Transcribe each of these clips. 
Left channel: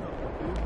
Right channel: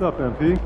What's up, MP?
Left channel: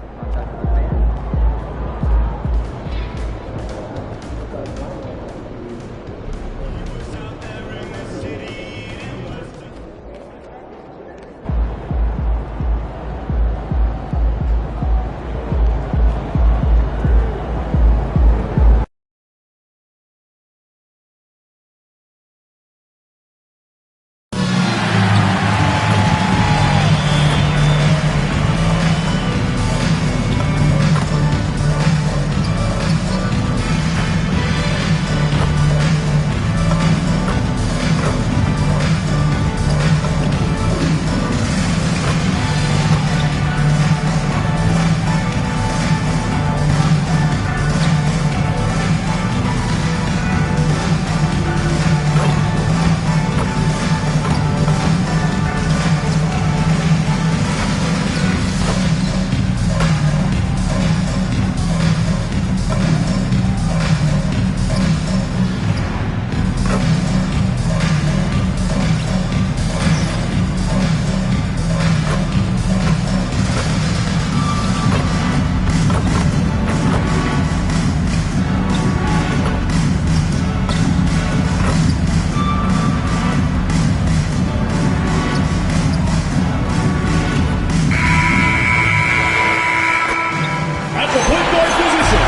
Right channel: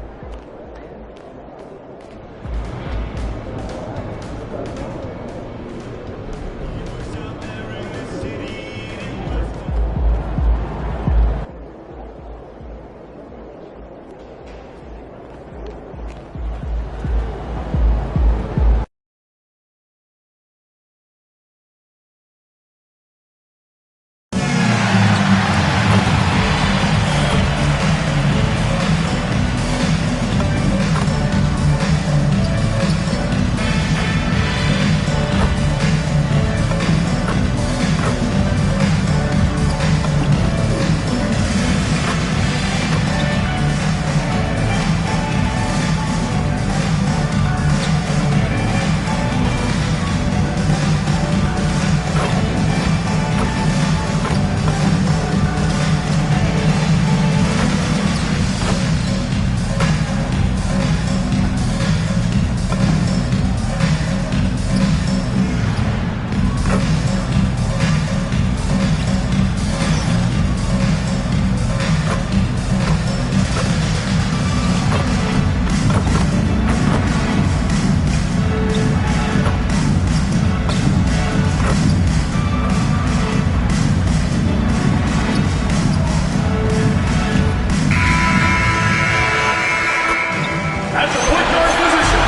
At the point guard position,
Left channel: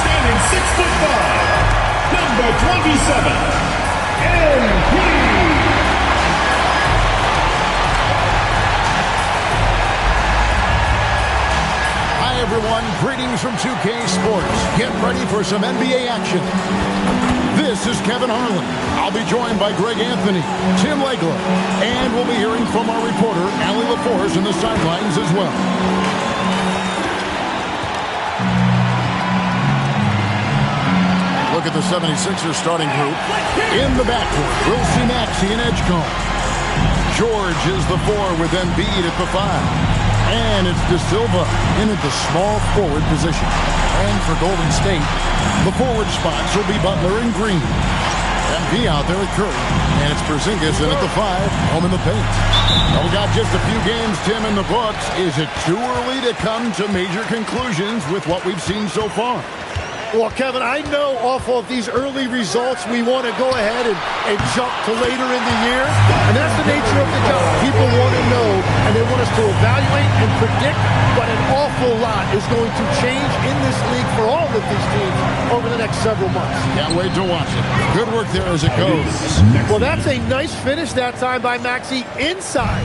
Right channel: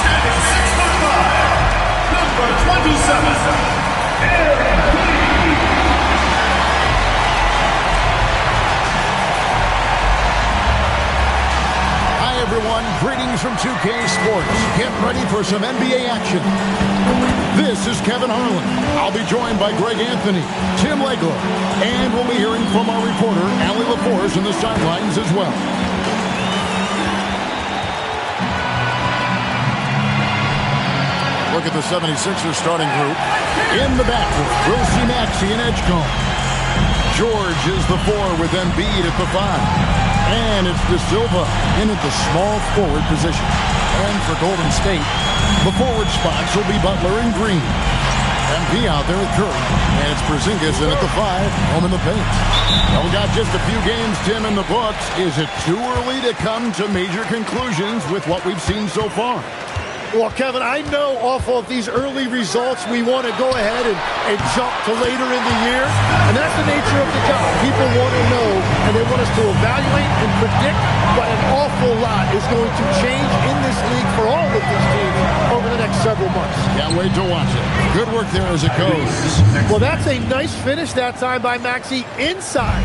standing 6'5", number 27, MP. Hi everyone, greetings from 2K Sports. Get ready for some NBA action. This is Kevin Harlan. I'll be joined by Greg Anthony, Tim Legler, and we'll be hearing from our reporter, Allie LaForce, in the sidelines as well. Look at the 76ers starting group. In the backcourt, we'll see Maxey and Edgecombe. George is the 4 with Embiid at the 5. And it's De Silva in at the small forward position. And for Golden State, the forward spots will be Butler and Green. MP out there with Curry. And it's Porzingis in at the 5, home in the paint. Well, we got just a few games, Tim, in the books. Is it too early to come to major conclusions with what we've seen so far? Well, Kevin, I know off of these early results, we want to go ahead and jump to later in the year. And that's the nature of the job. People want to know, and they want us to evaluate and predict, but an awful lot is going to change in this league for all of these teams over the next several months. Can't wait to watch it. Good work there as it goes. Well, that's a nice finish that time by Maxey inside,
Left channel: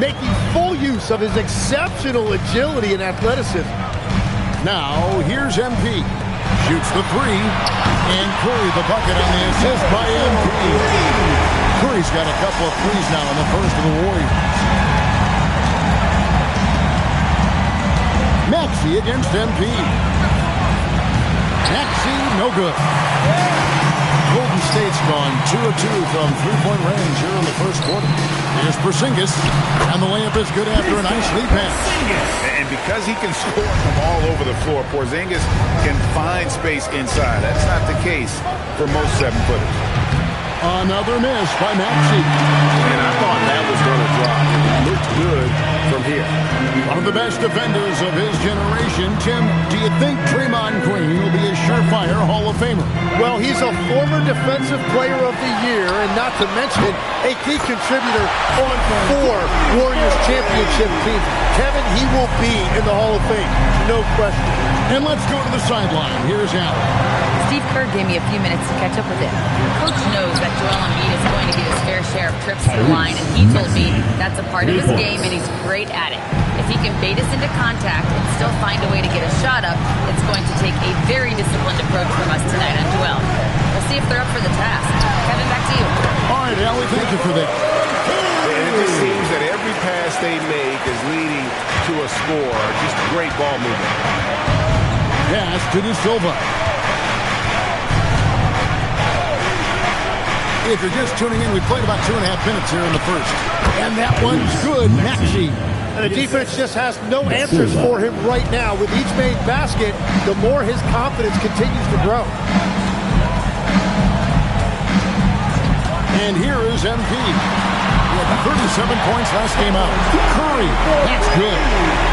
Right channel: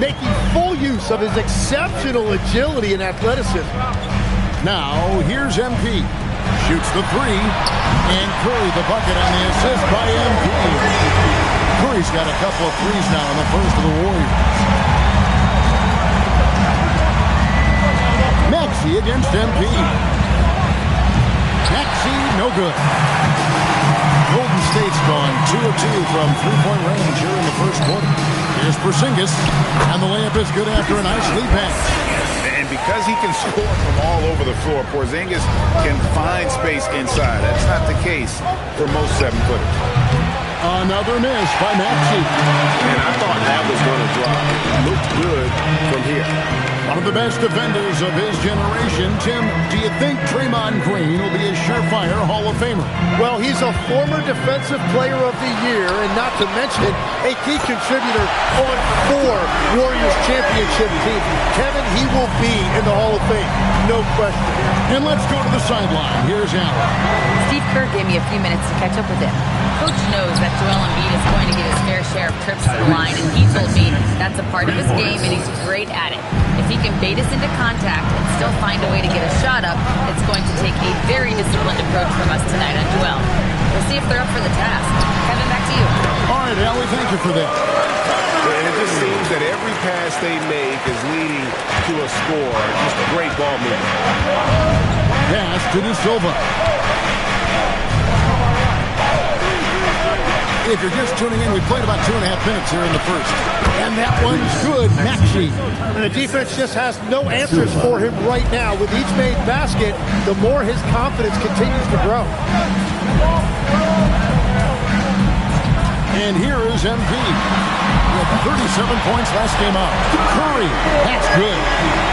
making full use of his exceptional agility and athleticism. Now, here's MP. Shoots the 3, and Curry the bucket on the assist by MP. Curry's got a couple of threes now in the first of the Warriors. Maxey against MP. Maxey, no good. Golden State's gone 2 of 2 from three-point range here in the first quarter. Here's Porzingis, and the layup is good after a nice lead pass. And because he can score from all over the floor, Porzingis can find space inside. That's not the case for most 7-footers. Another miss by Maxey. And I thought that was going to drop. It looked good from here. One of the best defenders of his generation. Tim, do you think Draymond Green will be a surefire Hall of Famer? Well, he's a former Defensive Player of the Year, and not to mention a key contributor on 4 Warriors championship teams. Kevin, he will be in the Hall of Fame, no question. And let's go to the sideline. Here's Allen. Steve Kerr gave me a few minutes to catch up with him. Coach knows that Joel Embiid is going to get his fair share of trips to the line, and he told me that's a part of his game, and he's great at it. If he can bait us into contact and still find a way to get a shot up, it's going to take a very disciplined approach from us tonight on Joel. We'll see if they're up for the task. Kevin, back to you. All right, Allie, thank you for that. And it just seems that every pass they make is leading to a score. Just great ball movement. Pass to De Silva. If you're just tuning in, we played about 2.5 minutes here in the first. And that one's good, Maxey. And the defense just has no answers for him right now. With each made basket, the more his confidence continues to grow. And here is MP. He had 37 points last game out. Curry, that's good.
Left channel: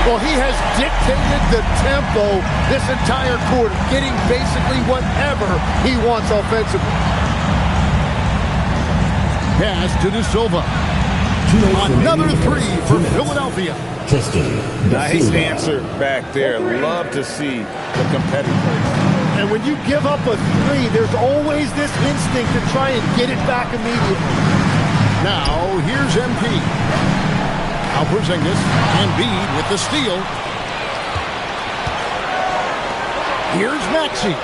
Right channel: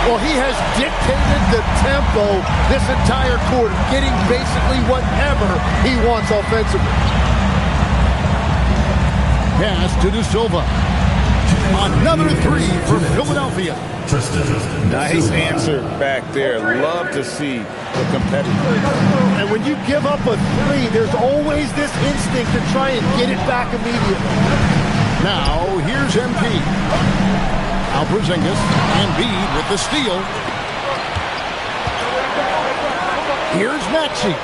Well, he has dictated the tempo this entire quarter, getting basically whatever he wants offensively. Pass to De Silva. Another three for Philadelphia. Nice answer back there. Love to see the competitor. And when you give up a three, there's always this instinct to try and get it back immediately. Now, here's MP. Now Porzingis, Embiid with the steal. Here's Maxey.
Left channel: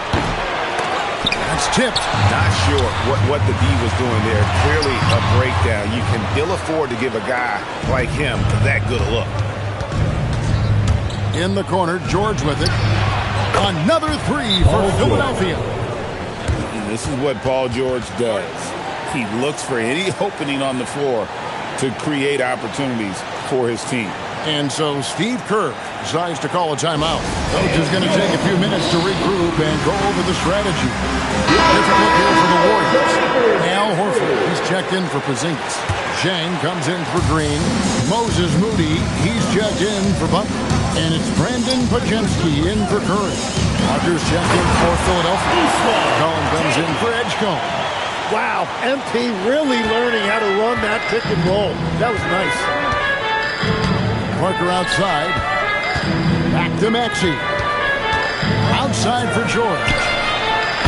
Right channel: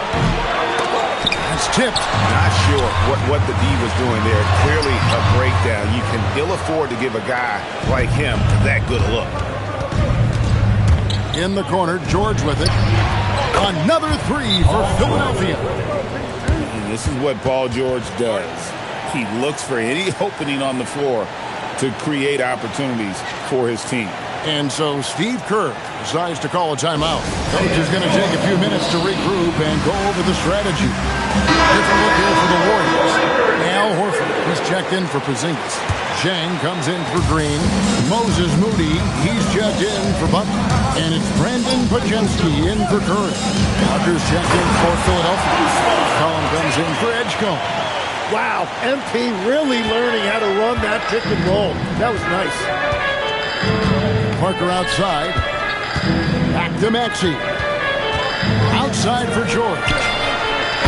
That's tipped. Not sure what the D was doing there. Clearly a breakdown. You can ill afford to give a guy like him that good a look. In the corner, George with it. Another three for Philadelphia. And this is what Paul George does. He looks for any opening on the floor to create opportunities for his team. And so Steve Kerr decides to call a timeout. Coach is going to take a few minutes to regroup and go over the strategy. Different look here for the Warriors. Al Horford, he's checked in for Porzingis. Zhang comes in for Green. Moses Moody, he's checked in for Butler. And it's Brandon Pajemski in for Curry. Walker's checked in for Philadelphia. Collum comes in for Edgecombe. Wow, MP really learning how to run that pick and roll. That was nice. Parker outside. Back to Maxey. Outside for George.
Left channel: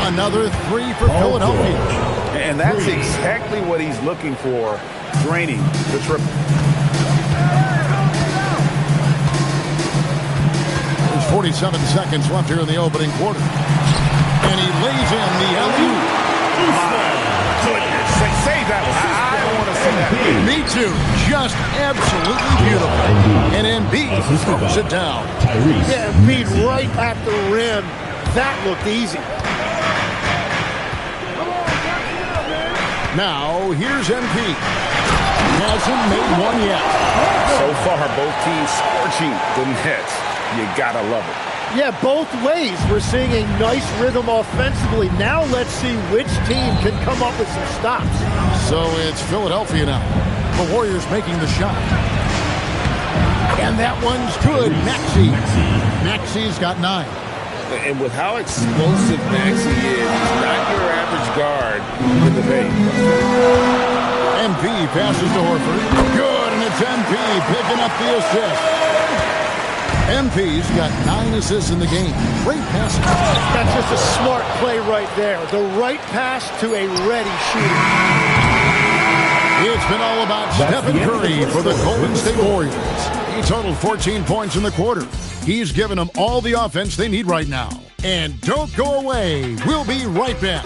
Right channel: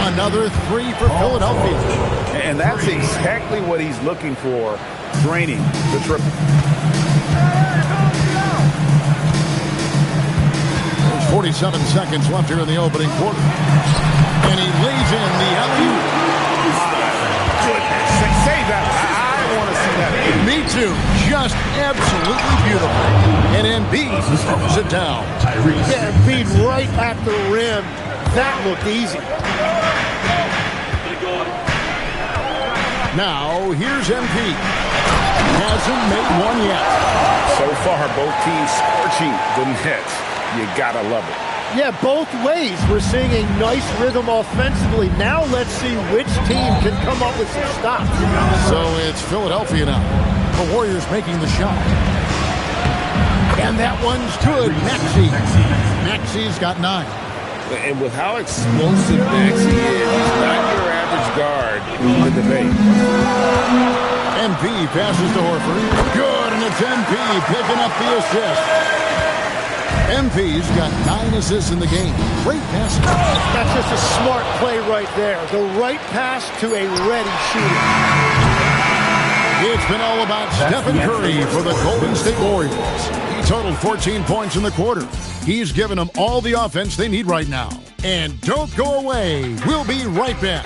Another three for Philadelphia. And that's exactly what he's looking for, draining the triple. There's 47 seconds left here in the opening quarter. And he lays in the alley-oop. My goodness. Save that one. I want to see that again. Me too. Just absolutely beautiful. And Embiid throws it down. Yeah, Embiid right at the rim. That looked easy. Now, here's MP. Hasn't made one yet. So far, both teams scorching the nets. You gotta love it. Yeah, both ways. We're seeing a nice rhythm offensively. Now let's see which team can come up with some stops. So it's Philadelphia now. The Warriors making the shot. And that one's good. Maxey. Maxey's got 9. And with how explosive Maxey is, he's not your average guard in the paint. MP passes to Horford. Good, and it's MP picking up the assist. MP's got 9 assists in the game. Great passing. That's just a smart play right there. The right pass to a ready shooter. It's been all about Stephen Curry for the Golden State Warriors. He totaled 14 points in the quarter. He's given them all the offense they need right now. And don't go away. We'll be right back.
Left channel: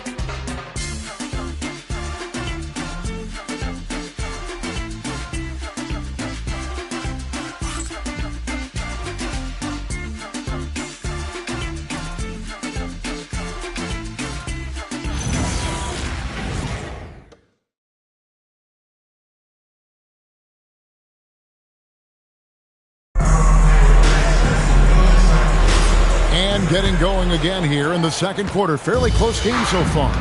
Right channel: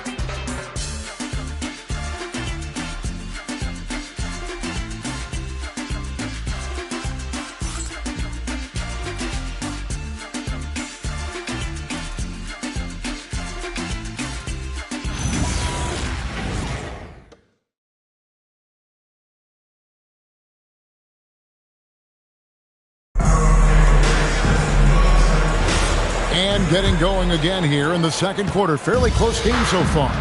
And getting going again here in the second quarter. Fairly close game so far.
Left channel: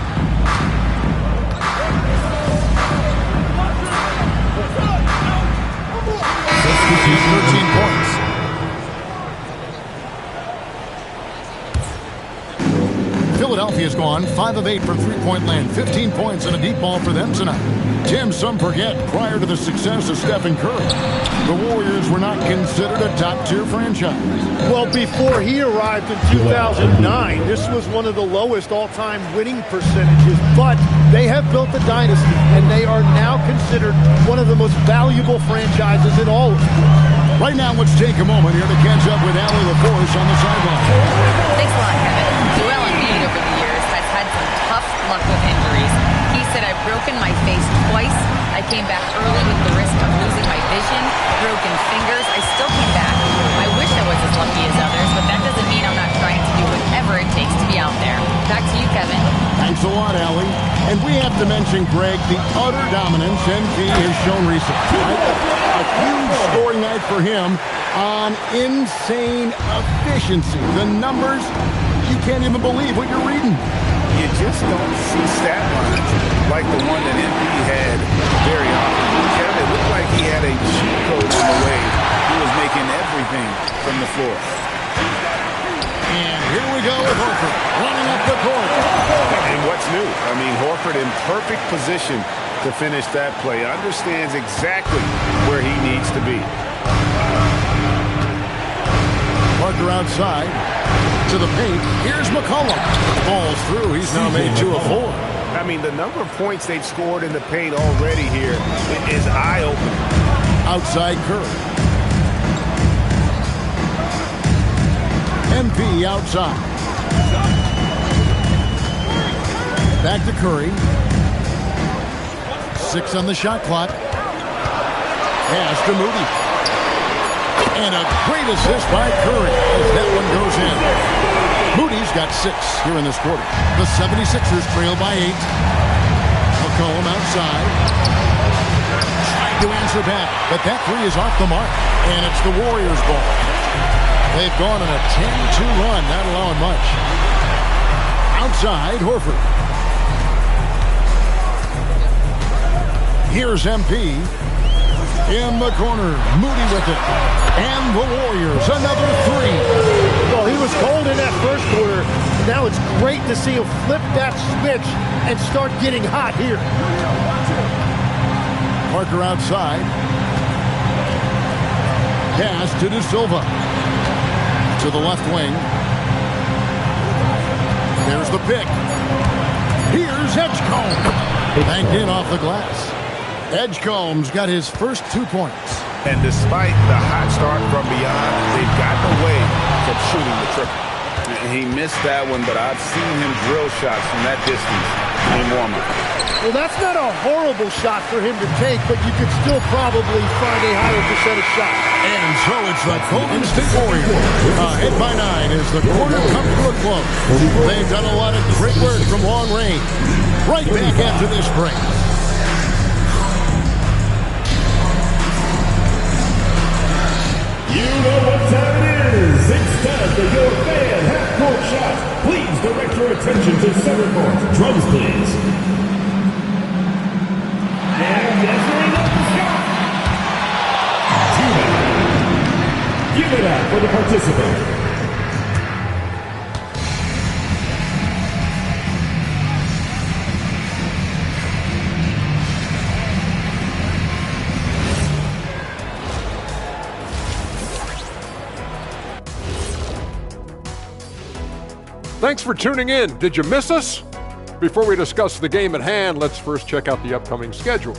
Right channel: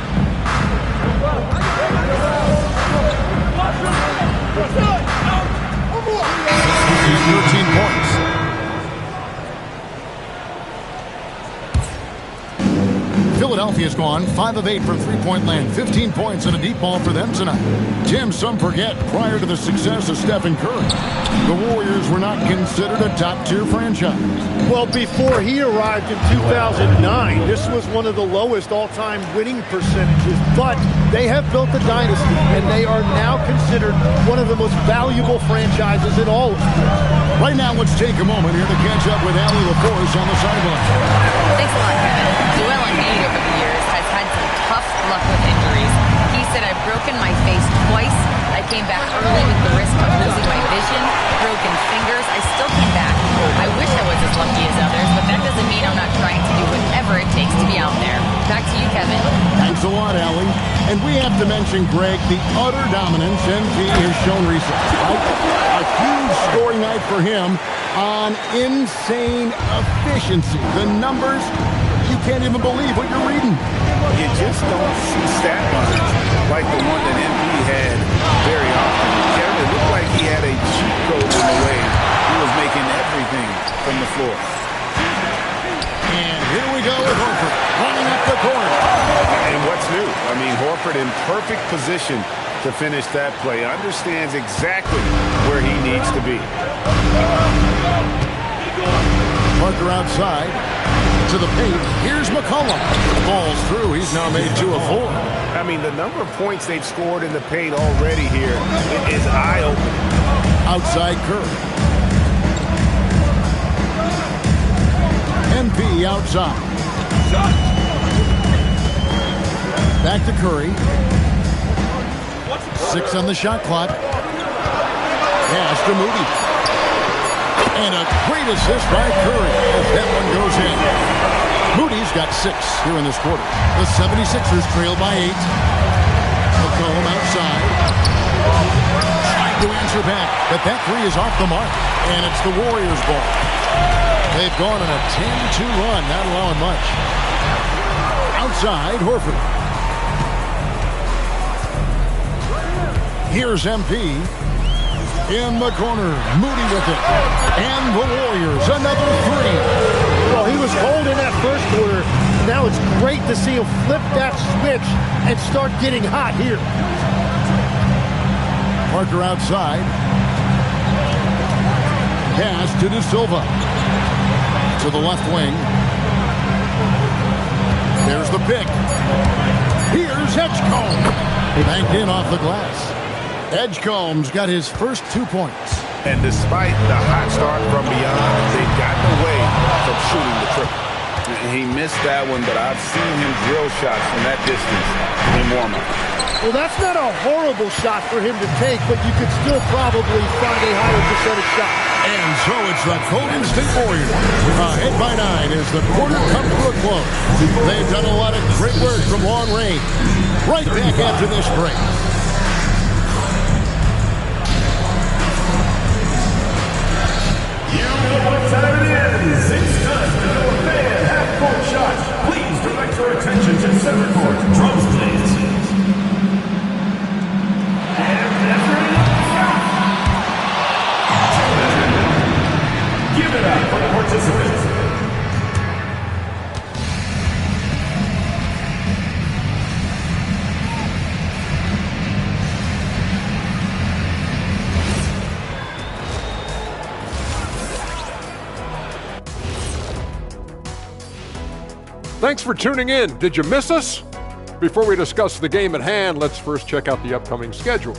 13 points. Philadelphia's gone 5 of 8 from three-point land. 15 points and a deep ball for them tonight. Tim, some forget, prior to the success of Stephen Curry, the Warriors were not considered a top-tier franchise. Well, before he arrived in 2009, this was one of the lowest all-time winning percentages, but they have built a dynasty, and they are now considered one of the most valuable franchises in all of sports. Right now, let's take a moment here to catch up with Allie LaForce on the sideline. Thanks a lot, Kevin. Joel Embiid over the years has had some tough luck with injuries. He said, I've broken my face twice. I came back early with the risk of losing my vision, broken fingers. I still came back. I wish I was as lucky as others, but that doesn't mean I'm not trying to do whatever it takes to be out there. Back to you, Kevin. Thanks a lot, Allie. And we have to mention, Greg, the utter dominance MP has shown recently, right? A huge scoring night for him on insane efficiency. The numbers, you can't even believe what you're reading. you just don't see stat lines like the one that MP had very often. Kevin, it looked like he had a cheat code in the way he was making everything from the floor. And here we go with Horford running up the court. And what's new? I mean, Horford in perfect position to finish that play. Understands exactly where he needs to be. Parker outside to the paint. Here's McCollum. Falls through. He's now made 2 of 4. I mean, the number of points they've scored in the paint already here is eye-opening. Outside Curry. MP outside. Back to Curry. 6 on the shot clock. Pass to Moody. And a great assist by Curry as that one goes in. Moody's got 6 here in this quarter. The 76ers trail by 8. McCollum outside. Trying to answer back, but that 3 is off the mark. And it's the Warriors' ball. They've gone on a 10-2 run, not allowing much. Outside, Horford. Here's MP. In the corner, Moody with it. And the Warriors, another 3. Well, he was cold in that first quarter. Now it's great to see him flip that switch and start getting hot here. Parker outside. Pass to De Silva. To the left wing. There's the pick. Here's Edgecombe. Banked in off the glass. Edgecombe's got his first 2 points. And despite the hot start from beyond, they've gotten away from shooting the triple. He missed that one, but I've seen him drill shots from that distance in warm-up. Well, that's not a horrible shot for him to take, but you could still probably find a higher percentage shot. And so it's the Golden State Warriors. Ahead by 9 as the quarter comes to a close. They've done a lot of great work from long range. Right back after this break. You know what time it is. It's time for your fan half-court shot. Please direct your attention to center court. Drums, please. And measuring up the shot. Give it up for the participants. Thanks for tuning in. Did you miss us? Before we discuss the game at hand, let's first check out the upcoming schedule.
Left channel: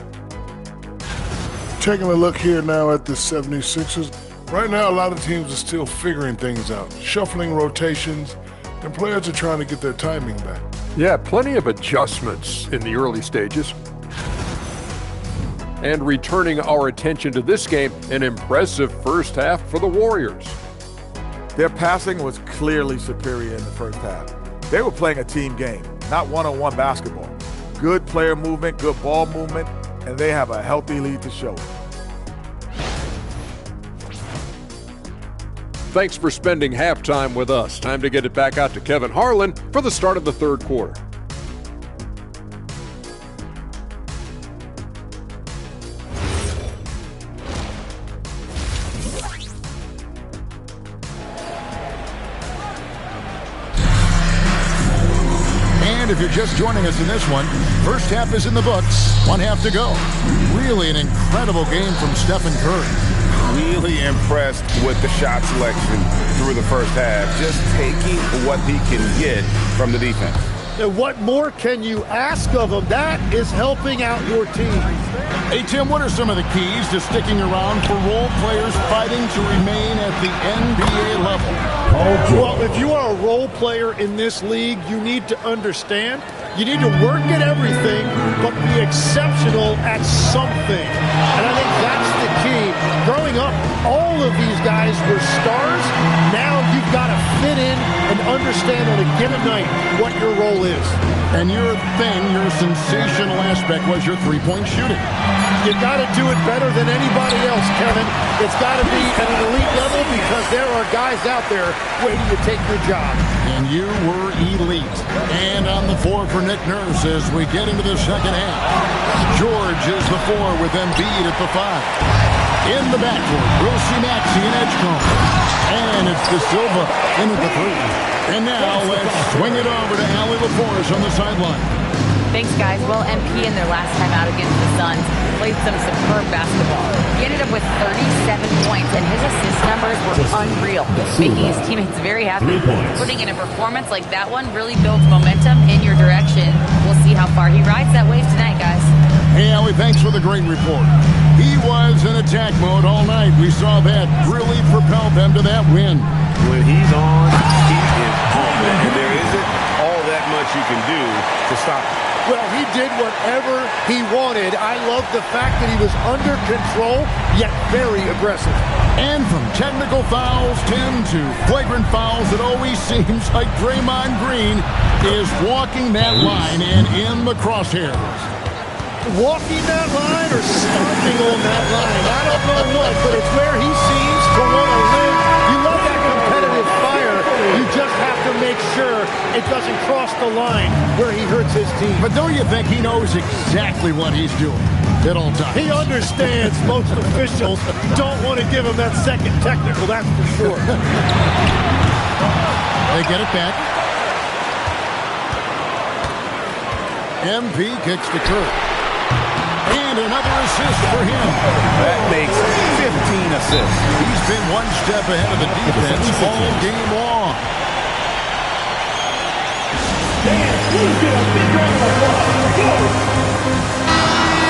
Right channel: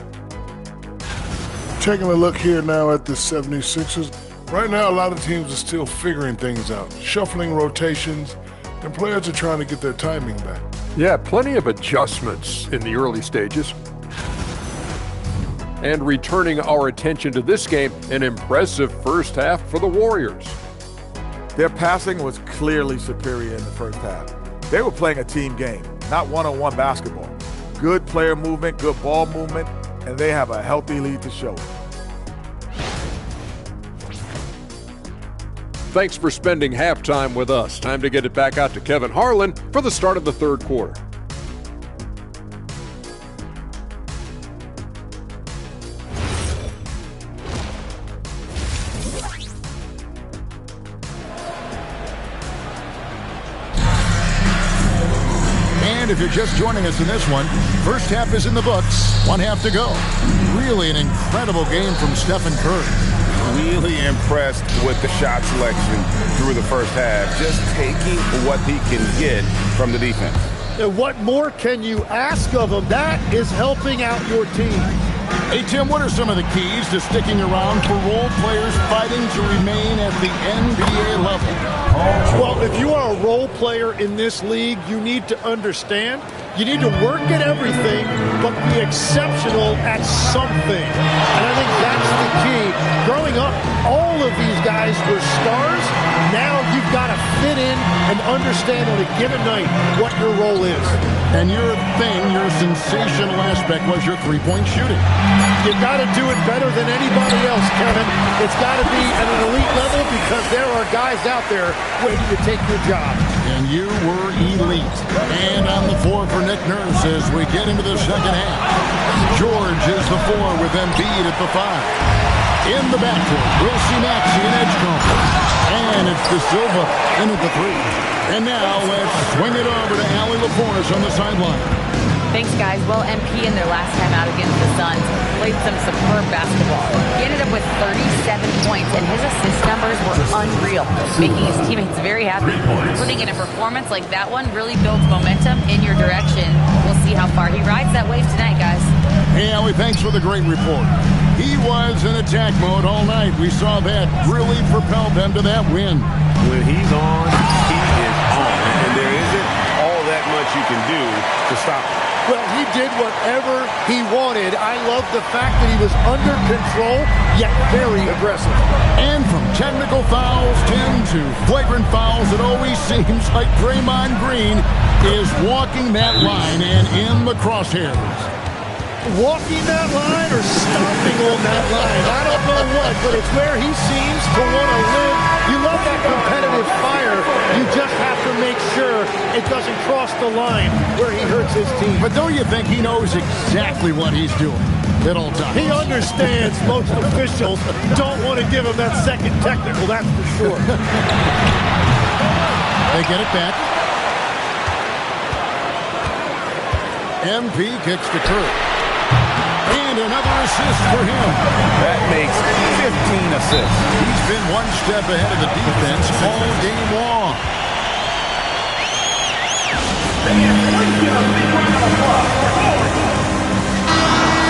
Taking a look here now at the 76ers. Right now, a lot of teams are still figuring things out, shuffling rotations, and players are trying to get their timing back. Yeah, plenty of adjustments in the early stages. And returning our attention to this game, an impressive first half for the Warriors. Their passing was clearly superior in the first half. They were playing a team game, not one-on-one basketball. Good player movement, good ball movement, and they have a healthy lead to show. Thanks for spending halftime with us. Time to get it back out to Kevin Harlan for the start of the third quarter. And if you're just joining us in this one, first half is in the books. 1 half to go. Really an incredible game from Stephen Curry. Really impressed with the shot selection through the first half. Just taking what he can get from the defense. And what more can you ask of him? That is helping out your team. Hey, Tim, what are some of the keys to sticking around for role players fighting to remain at the NBA level? Well, if you are a role player in this league, you need to understand you need to work at everything, but be exceptional at something. And I think that's the key. Growing up, all of these guys were stars. Now you've got to fit in and understand on a given night what your role is. And your thing, your sensational aspect was your three-point shooting. You got to do it better than anybody else, Kevin. It's got to be at an elite level because there are guys out there waiting to take your job. And you were elite. And on the floor for Nick Nurse as we get into the second half. George is the 4 with Embiid at the 5. In the backcourt, we'll see Maxey and Edgecombe. And it's De Silva in at the 3. And now let's swing it over to Allie LaForce on the sideline. Thanks, guys. Well, MP in their last time out against the Suns played some superb basketball. He ended up with 37 points, and his assist numbers were unreal, making his teammates very happy. Putting in a performance like that one really builds momentum in your direction. We'll see how far he rides that wave tonight, guys. Hey, Allie, thanks for the great report. He was in attack mode all night. We saw that really propelled them to that win. When he's on, he is on. And there isn't all that much you can do to stop him. Well, he did whatever he wanted. I love the fact that he was under control, yet very aggressive. And from technical fouls, Tim, to flagrant fouls, it always seems like Draymond Green is walking that line and in the crosshairs. Walking that line or stomping on that line. I don't know what, but it's where he seems to want to live. You love that competitive fire. You just have to make sure it doesn't cross the line where he hurts his team. But don't you think he knows exactly what he's doing at all times? He understands most officials don't want to give him that second technical, that's for sure. They get it back. MP kicks to Kurt. And another assist for him. That makes 15 assists. He's been one step ahead of the defense all game long.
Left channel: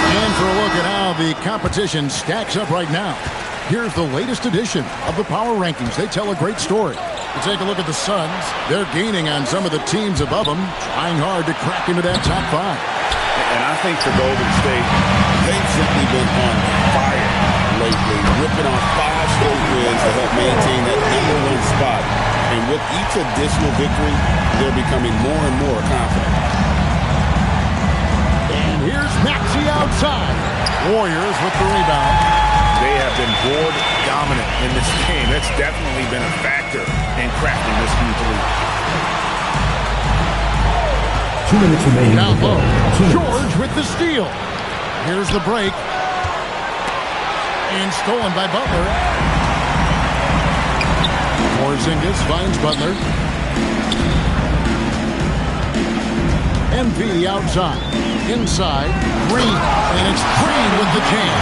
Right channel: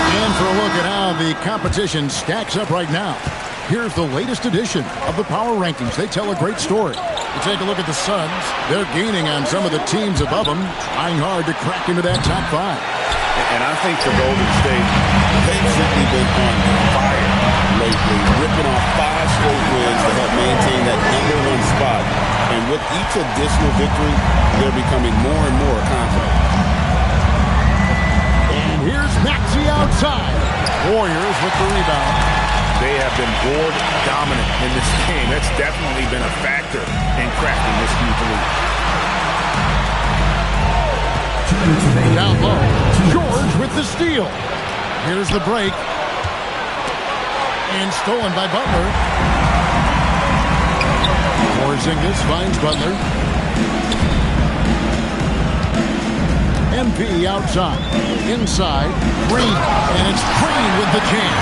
And for a look at how the competition stacks up right now, here's the latest edition of the Power Rankings. They tell a great story. You take a look at the Suns. They're gaining on some of the teams above them, trying hard to crack into that top 5. And I think for Golden State, They've simply been on fire lately, ripping off 5 straight wins to help maintain that #1 spot. And with each additional victory, they're becoming more and more confident. And here's Maxey outside. Warriors with the rebound. they have been board dominant in this game. That's definitely been a factor in cracking this huge lead. 2 minutes remaining. Down low. George with the steal. Here's the break. And stolen by Butler. Porzingis finds Butler. MP outside. Inside. Green. And it's Green with the jam.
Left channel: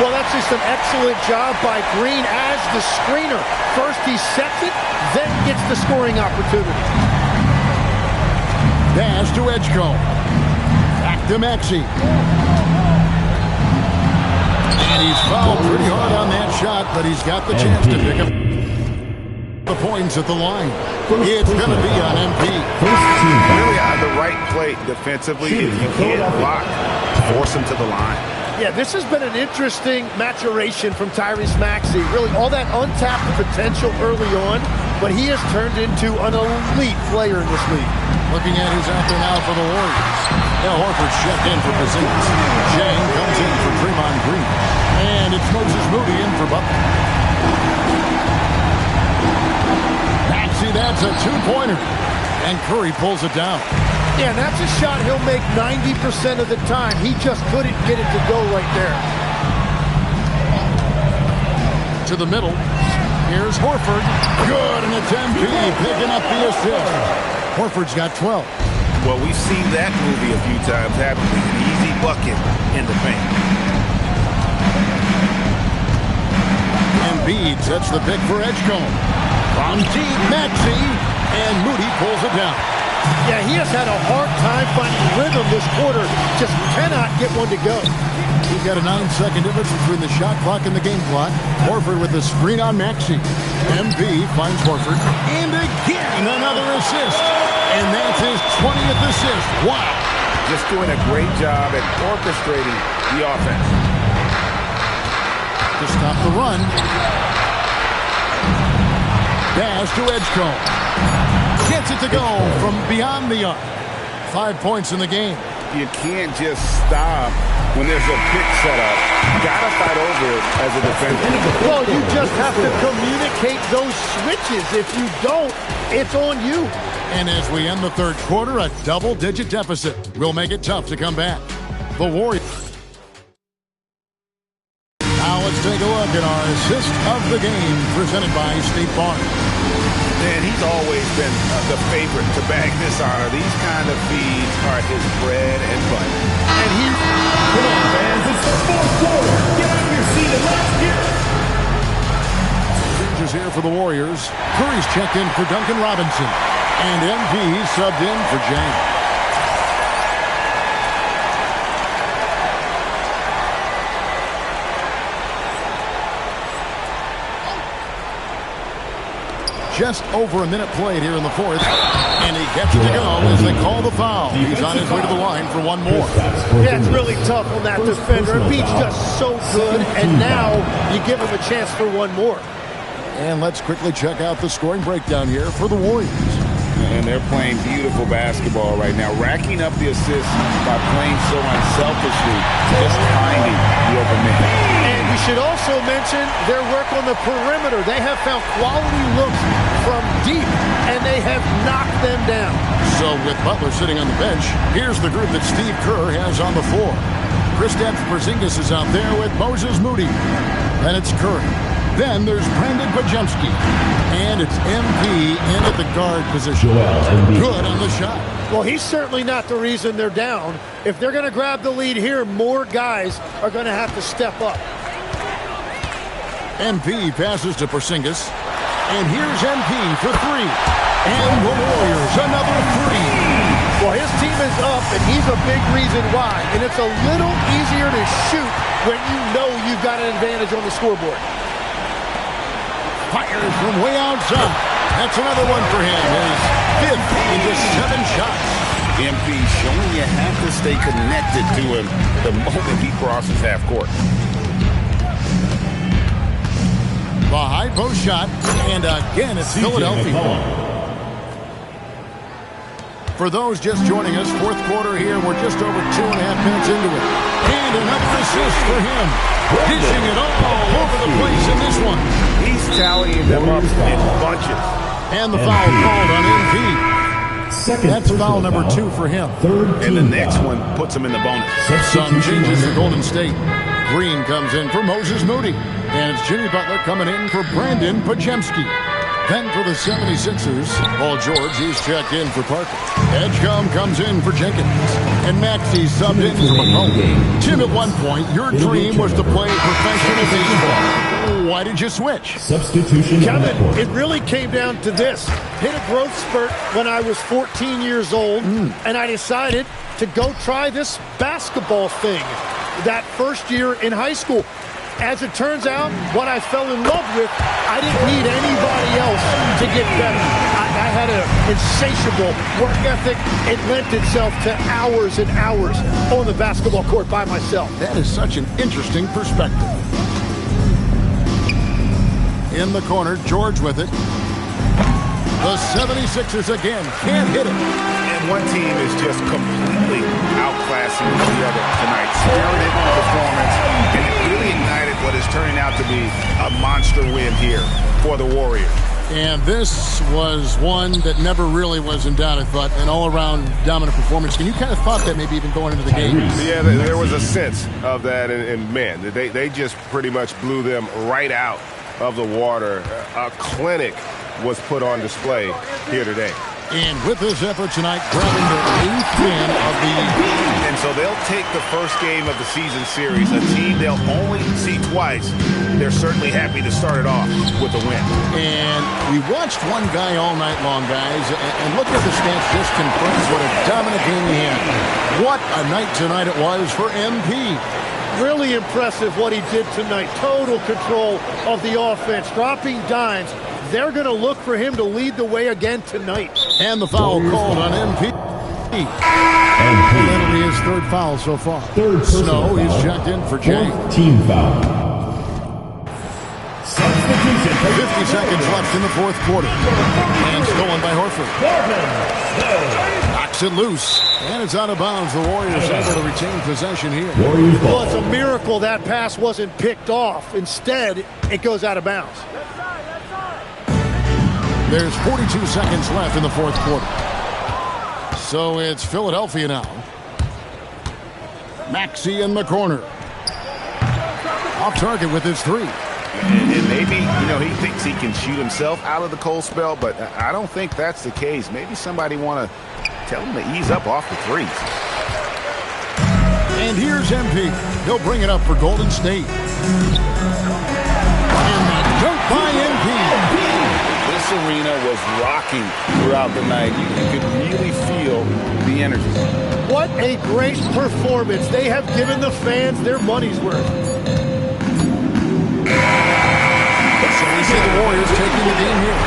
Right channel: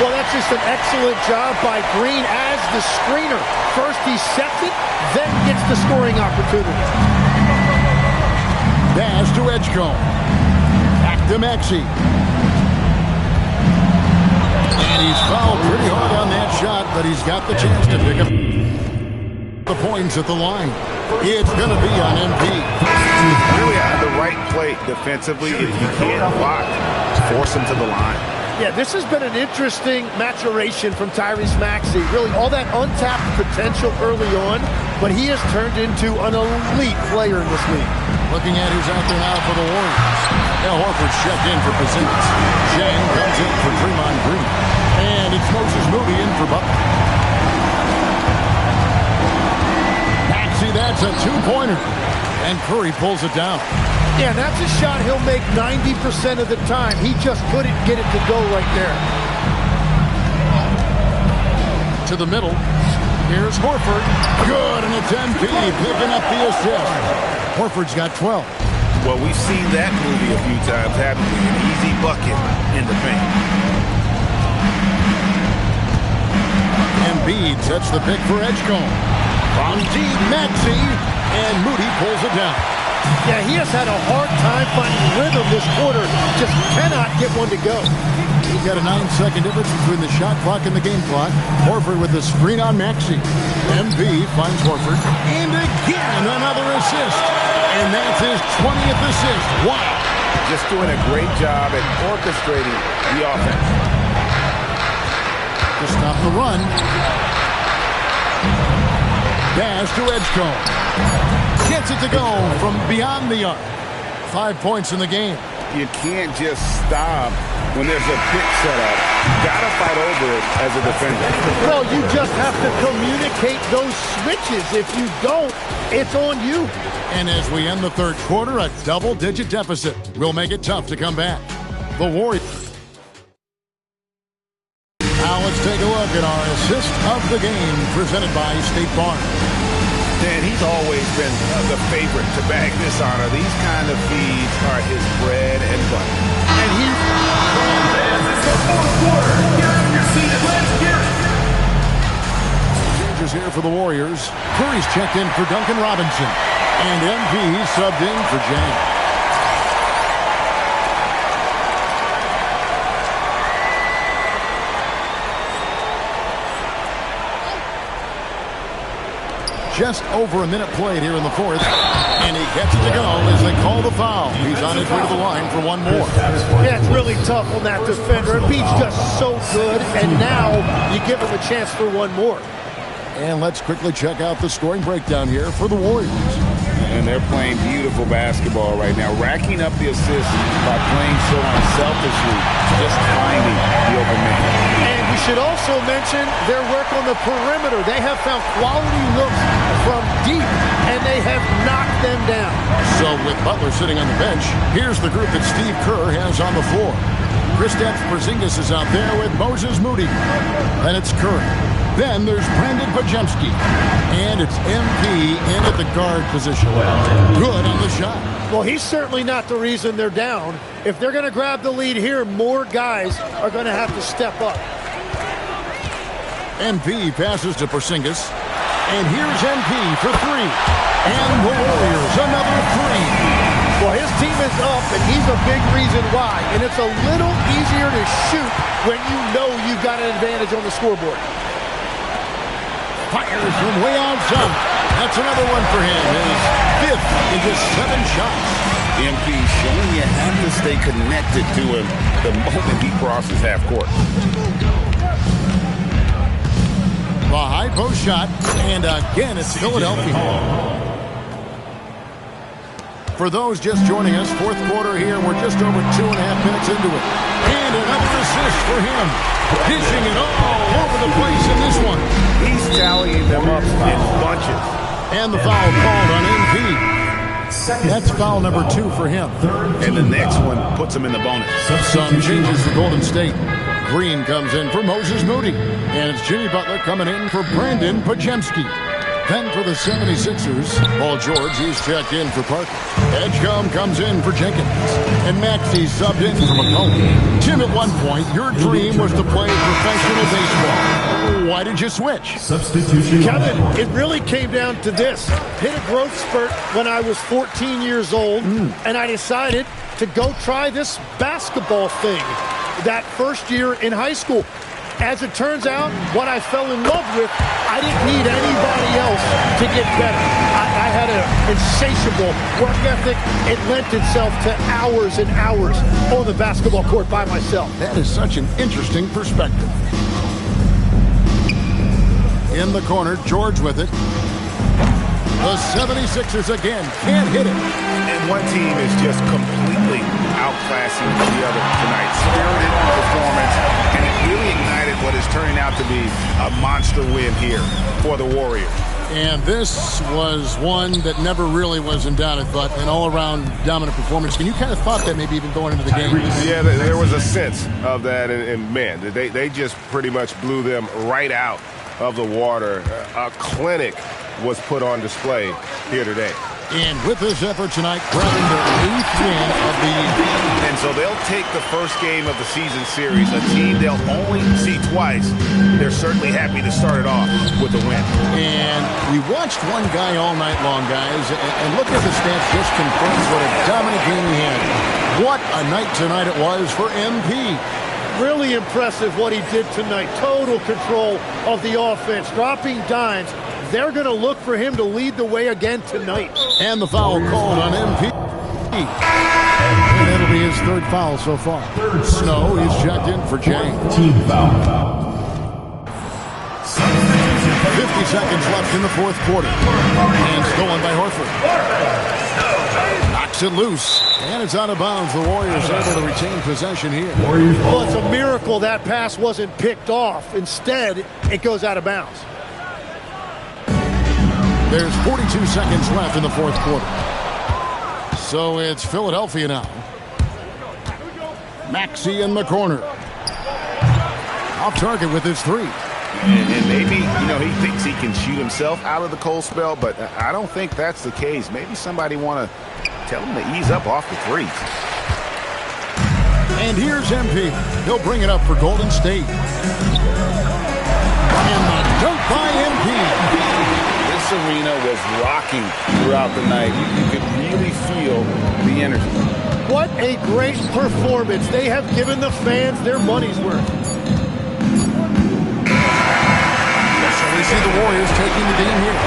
Well, that's just an excellent job by Green as the screener. First he sets it, then gets the scoring opportunity. Pass to Edgecombe. Back to Maxey. And he's fouled pretty hard on that shot, but he's got the chance to pick up the points at the line. It's going to be on MP. Really out of the right play defensively. If you can't block, force him to the line. Yeah, this has been an interesting maturation from Tyrese Maxey. Really, all that untapped potential early on, but he has turned into an elite player in this league. Looking at who's out there now for the Warriors. Now Horford's checked in for Porzingis. Shane comes in for Draymond Green. And it's Moses Moody in for Butler. Maxey, that's a two-pointer. And Curry pulls it down. Yeah, that's a shot he'll make 90% of the time. He just couldn't get it to go right there. To the middle. Here's Horford. Good, and it's MP picking up the assist. Horford's got 12. Well, we've seen that movie a few times, haven't we? An easy bucket in the paint. Embiid sets the pick for Edgecombe. From deep, Maxey, and Moody pulls it down. Yeah, he has had a hard time finding rhythm this quarter. Just cannot get one to go. We've got a 9-second difference between the shot clock and the game clock. Horford with the screen on Maxey. MB finds Horford. And again, another assist. And that's his 20th assist. Wow. Just doing a great job at orchestrating the offense. To stop the run. Pass to Edgecombe. Gets it to go from beyond the arc. 5 points in the game. you can't just stop when there's a pick set up. You got to fight over it as a defender. Well, you just have to communicate those switches. If you don't, it's on you. And as we end the third quarter, a double-digit deficit will make it tough to come back. The Warriors. Now let's take a look at our assist of the game presented by State Farm. And he's always been the favorite to bag this honor. These kind of feeds are his bread and butter. And he's... Come on, fans. It's the fourth quarter. Get out of your seat and let's hear it. Changes here for the Warriors. Curry's checked in for Duncan Robinson. And MP subbed in for Jang. Just over a minute played here in the fourth. And he gets it to go as they call the foul. He's on his way to the line for one more. Yeah, it's really tough on that defender. Embiid's just so good, and now you give him a chance for one more. And let's quickly check out the scoring breakdown here for the Warriors. And they're playing beautiful basketball right now, racking up the assists by playing so unselfishly, just finding the open man. And we should also mention their work on the perimeter. They have found quality looks from deep, and they have knocked them down. So with Butler sitting on the bench, here's the group that Steve Kerr has on the floor. Kristaps Porzingis is out there with Moses Moody. Then it's Curry. Then there's Brandon Pajemski. And it's MP in at the guard position. Good on the shot. Well, he's certainly not the reason they're down. If they're going to grab the lead here, more guys are going to have to step up. MP passes to Porzingis. And here's MP for three. And the Warriors, another three. Well, his team is up, and he's a big reason why. And it's a little easier to shoot when you know you've got an advantage on the scoreboard. Fires from way outside. That's another one for him. His fifth in just 7 shots. MP showing you have to stay connected to him the moment he crosses half court. The high post shot. And again, it's Philadelphia. For those just joining us, fourth quarter here. We're just over 2.5 minutes into it. And another assist for him. Dishing it all over the place in this one. He's tallying them up in bunches. And the foul called on MP. That's foul number 2 for him. And the next one puts him in the bonus. Some changes for Golden State. Green comes in for Moses Moody. And it's Jimmy Butler coming in for Brandon Pajemski. Then for the 76ers, Paul George, he's checked in for Parker. Edgecombe comes in for Jenkins. And Maxey subbed in for McCollum. Tim, at one point, your dream was to play professional baseball. Why did you switch? Substitution. Kevin, it really came down to this. Hit a growth spurt when I was 14 years old, and I decided to go try this basketball thing that first year in high school. As it turns out, what I fell in love with, I didn't need anybody else to get better. I had an insatiable work ethic. It lent itself to hours and hours on the basketball court by myself. That is such an interesting perspective. In the corner, George with it. The 76ers again can't hit it. And one team is just completely outclassing the other tonight. Spirited performance, and it really ignited what is turning out to be a monster win here for the Warriors. And this was one that never really was in doubt, I thought, an all-around dominant performance. And you kind of thought that maybe even going into the game. Yeah, there was a sense of that, and man, they just pretty much blew them right out of the water. A clinic was put on display here today. And with this effort tonight, grabbing their 8th win of the year. And so they'll take the first game of the season series, a team they'll only see twice. They're certainly happy to start it off with a win. And we watched one guy all night long, guys, and look at the stats just confirms what a dominant game he had. What a night tonight it was for MP. Really impressive what he did tonight. Total control of the offense, dropping dimes. They're going to look for him to lead the way again tonight. And the foul called on MP. And that'll be his 3rd foul so far. Snow is checked in for Jang. Team foul. Substitution 50 seconds left in the fourth quarter. And stolen by Horford. Knocks it loose. And it's out of bounds. The Warriors able to retain possession here. Well, it's a miracle that pass wasn't picked off. Instead, it goes out of bounds. There's 42 seconds left in the fourth quarter. So it's Philadelphia now. Maxey in the corner. Off target with his three. And maybe, he thinks he can shoot himself out of the cold spell, but I don't think that's the case. Maybe somebody want to tell him to ease up off the threes. And here's MP. He'll bring it up for Golden State. And the dunk by MP. This arena was rocking throughout the night. You could really feel the energy. What a great performance. They have given the fans their money's worth. So we see the Warriors taking the game here.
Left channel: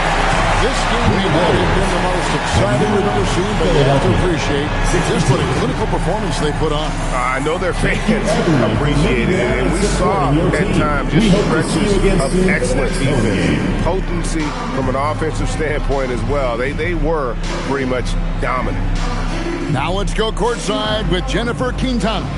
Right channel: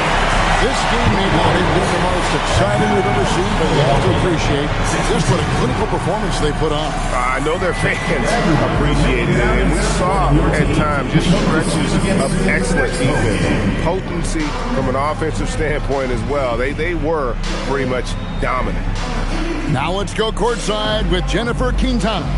This game may not have been the most exciting we've ever seen, but you have to appreciate just what a clinical performance they put on. I know their fans appreciated it, and we saw at times just stretches of excellent defense. Potency from an offensive standpoint as well. They were pretty much dominant. Now let's go courtside with Jennifer Quintana.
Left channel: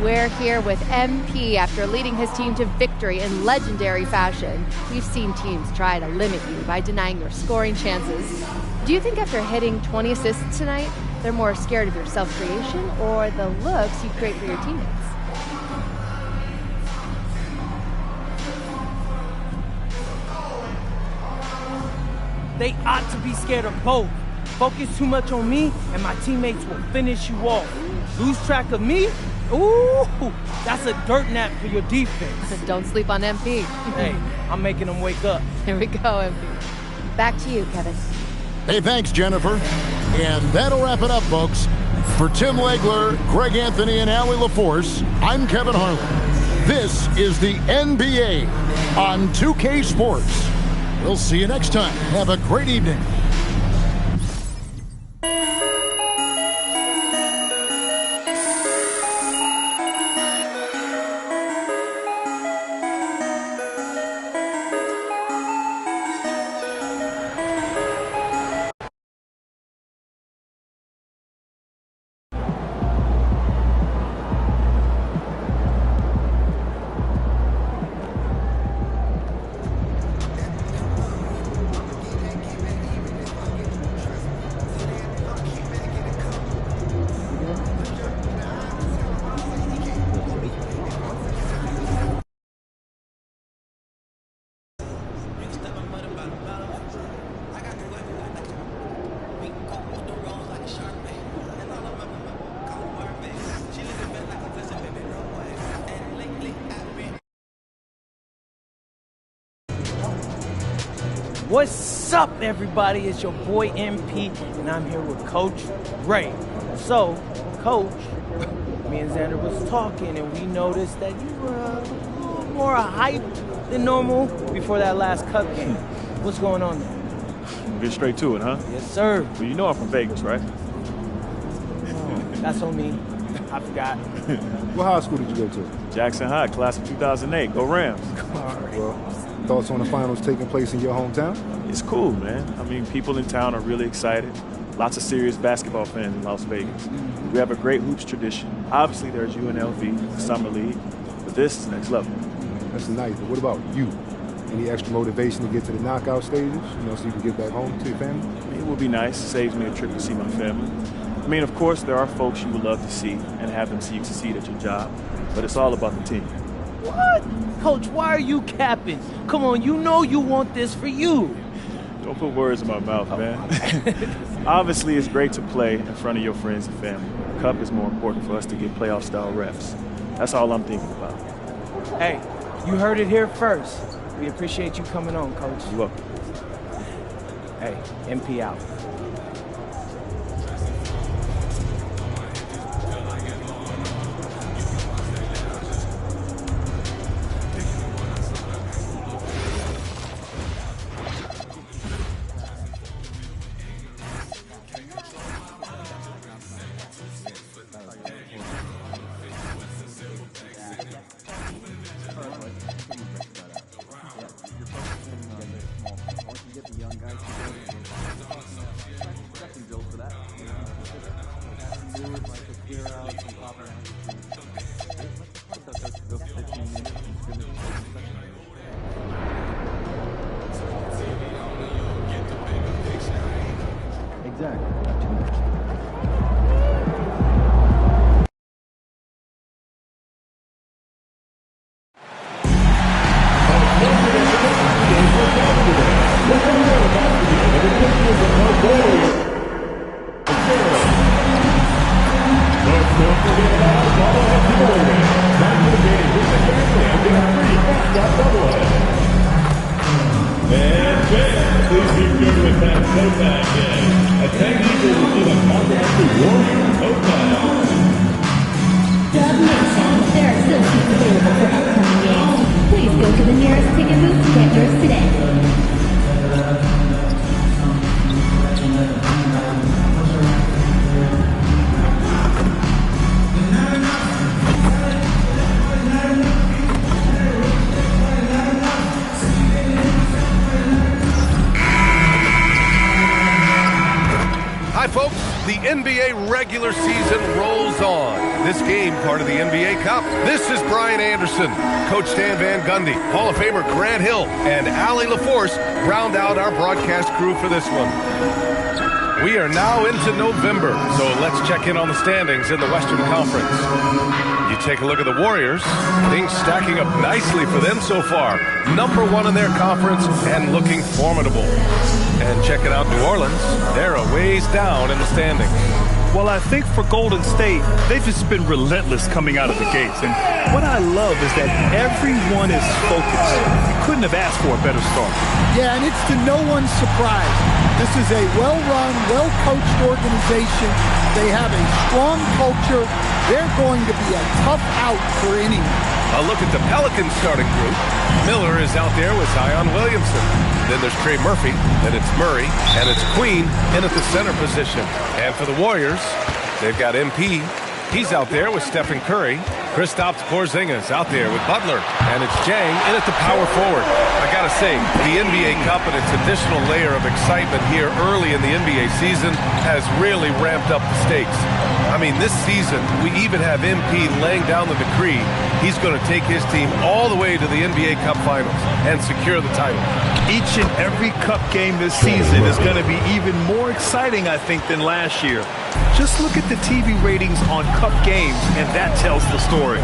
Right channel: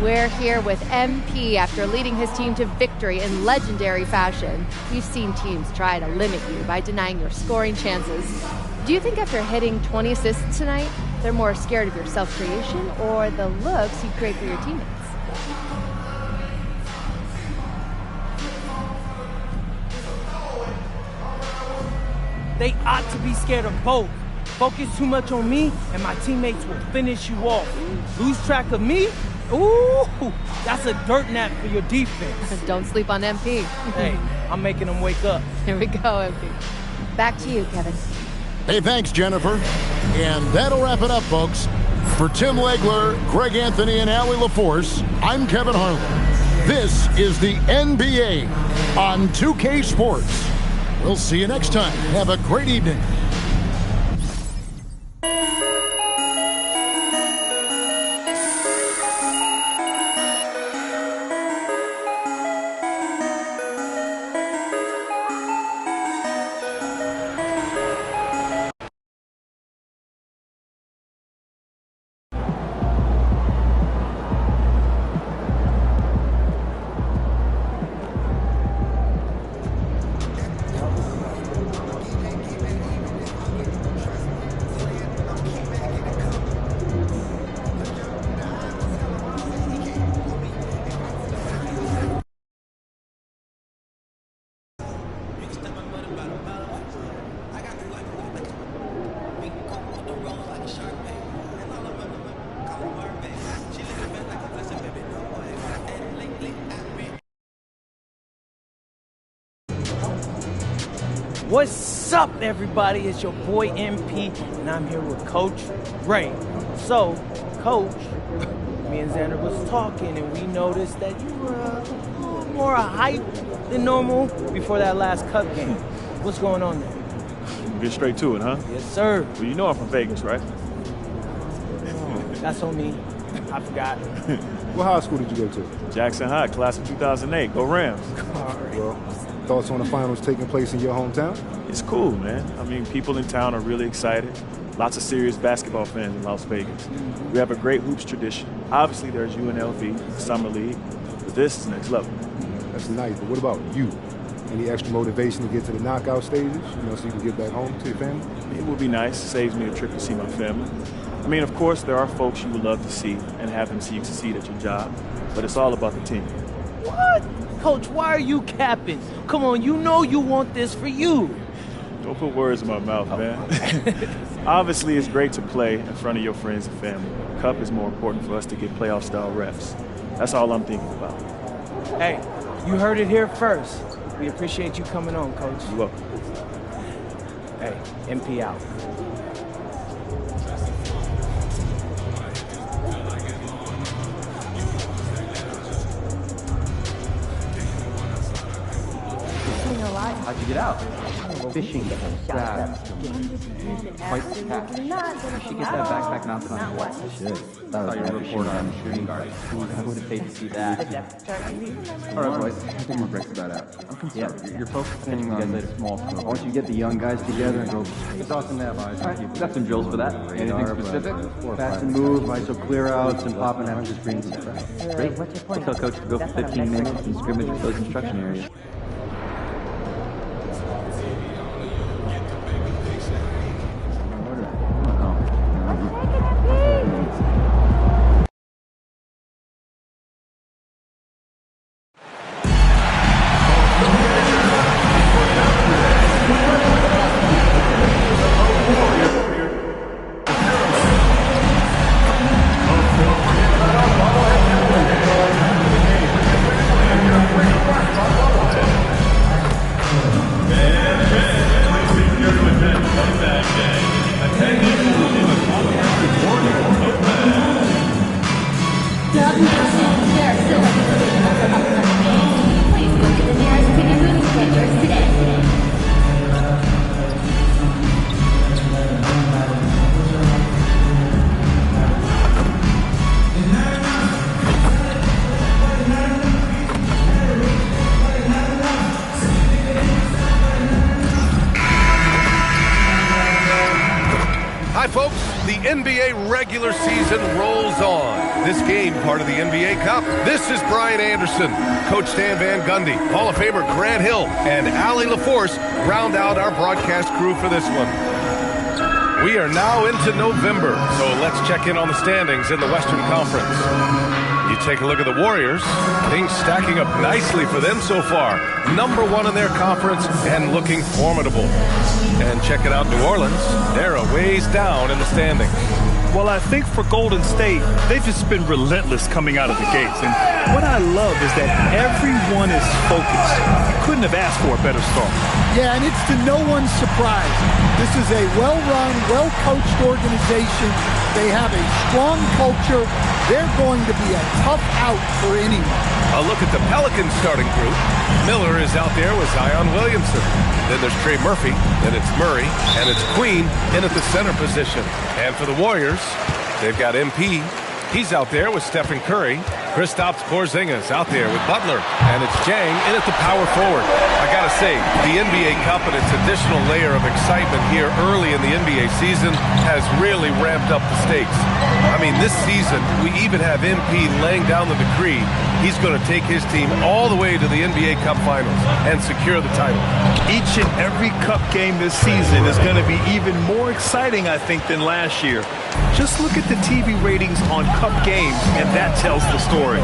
We're here with MP after leading his team to victory in legendary fashion. We've seen teams try to limit you by denying your scoring chances. Do you think after hitting 20 assists tonight, they're more scared of your self-creation or the looks you create for your teammates? They ought to be scared of both. Focus too much on me and my teammates will finish you off. Lose track of me? Ooh, that's a dirt nap for your defense. Don't sleep on MP. Hey, I'm making them wake up. Here we go, MP. Back to you, Kevin. Hey, thanks, Jennifer. And that'll wrap it up, folks. For Tim Legler, Greg Anthony, and Allie LaForce, I'm Kevin Harlan. This is the NBA on 2K Sports. We'll see you next time. Have a great evening. What's up, everybody? It's your boy MP, and I'm here with Coach Ray. So, Coach, me and Xander was talking, and we noticed that you were a little more hyped than normal before that last Cup game. What's going on there? We'll get straight to it, huh? Yes, sir. Well, you know I'm from Vegas, right? Oh, that's on me. I forgot. What high school did you go to? Jackson High, class of 2008. Go Rams. All right. Well, thoughts on the finals taking place in your hometown? It's cool, man. I mean, people in town are really excited. Lots of serious basketball fans in Las Vegas. We have a great hoops tradition. Obviously, there's UNLV, the Summer League, but this is next level. That's nice, but what about you? Any extra motivation to get to the knockout stages, so you can get back home to your family? It would be nice. Saves me a trip to see my family. I mean, of course, there are folks you would love to see and have them see you succeed at your job, but it's all about the team. What? Coach, why are you capping? Come on, you know you want this for you. Don't put words in my mouth, man. Obviously, it's great to play in front of your friends and family. The Cup is more important for us to get playoff-style reps. That's all I'm thinking about. Hey, you heard it here first. We appreciate you coming on, Coach. You're welcome. Hey, MP out. Get out. fishing crab. Quite fast. She get that backpack and off on what? Shit. That was your report on shooting guard. I would have paid to see that. All right, boys. I think we'll break that out. Yeah, you're focusing on a small program. I want you to get the young guys together and go. It's awesome to have eyes. All right, we've got some drills for that. Anything specific? Fast and move, ISO clear outs, and popping out just brings us back. Great. We'll tell coach to go for 15 minutes in scrimmage with those instruction areas. Hi, folks. The NBA regular season rolls on. This game, part of the NBA Cup. This is Brian Anderson, Coach Stan Van Gundy, Hall of Famer Grant Hill, and Allie LaForce round out our broadcast crew for this one. We are now into November, so let's check in on the standings in the Western Conference. You take a look at the Warriors, things stacking up nicely for them so far. Number one in their conference and looking formidable. And check it out, New Orleans, they're a ways down in the standings. Well, I think for Golden State, they've just been relentless coming out of the gates. And what I love is that everyone is focused. You couldn't have asked for a better start. Yeah, and it's to no one's surprise. This is a well-run, well-coached organization. They have a strong culture. They're going to be a tough out for anyone. A look at the Pelicans starting group. Miller is out there with Zion Williamson. Then there's Trey Murphy, then it's Murray, and it's Queen in at the center position. And for the Warriors, they've got MP. He's out there with Stephen Curry. Kristaps Porzingis out there with Butler. And it's Jang in at the power forward. I gotta say, the NBA Cup and its additional layer of excitement here early in the NBA season has really ramped up the stakes. I mean, this season, we even have MP laying down the decree. He's going to take his team all the way to the NBA Cup Finals and secure the title. Each and every Cup game this season is going to be even more exciting, I think, than last year. Just look at the TV ratings on Cup games, and that tells the story.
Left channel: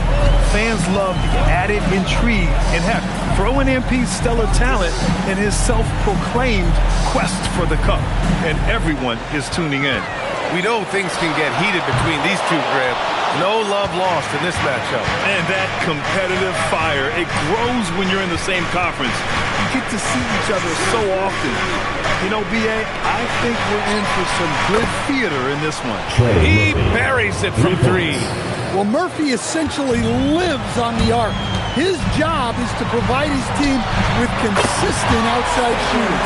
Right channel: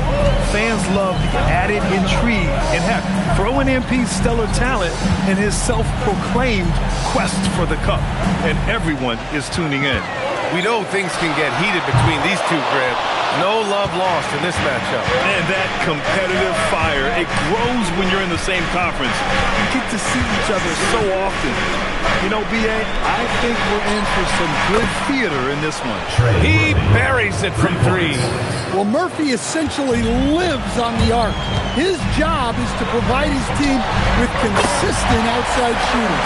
Fans love the added intrigue and, heck, throw in MP's stellar talent and his self-proclaimed quest for the Cup. And everyone is tuning in. We know things can get heated between these two, Grant. No love lost in this matchup. And that competitive fire, it grows when you're in the same conference. You get to see each other so often. You know, B.A., I think we're in for some good theater in this one. He buries it from three. Well, Murphy essentially lives on the arc. His job is to provide his team with consistent outside shooting.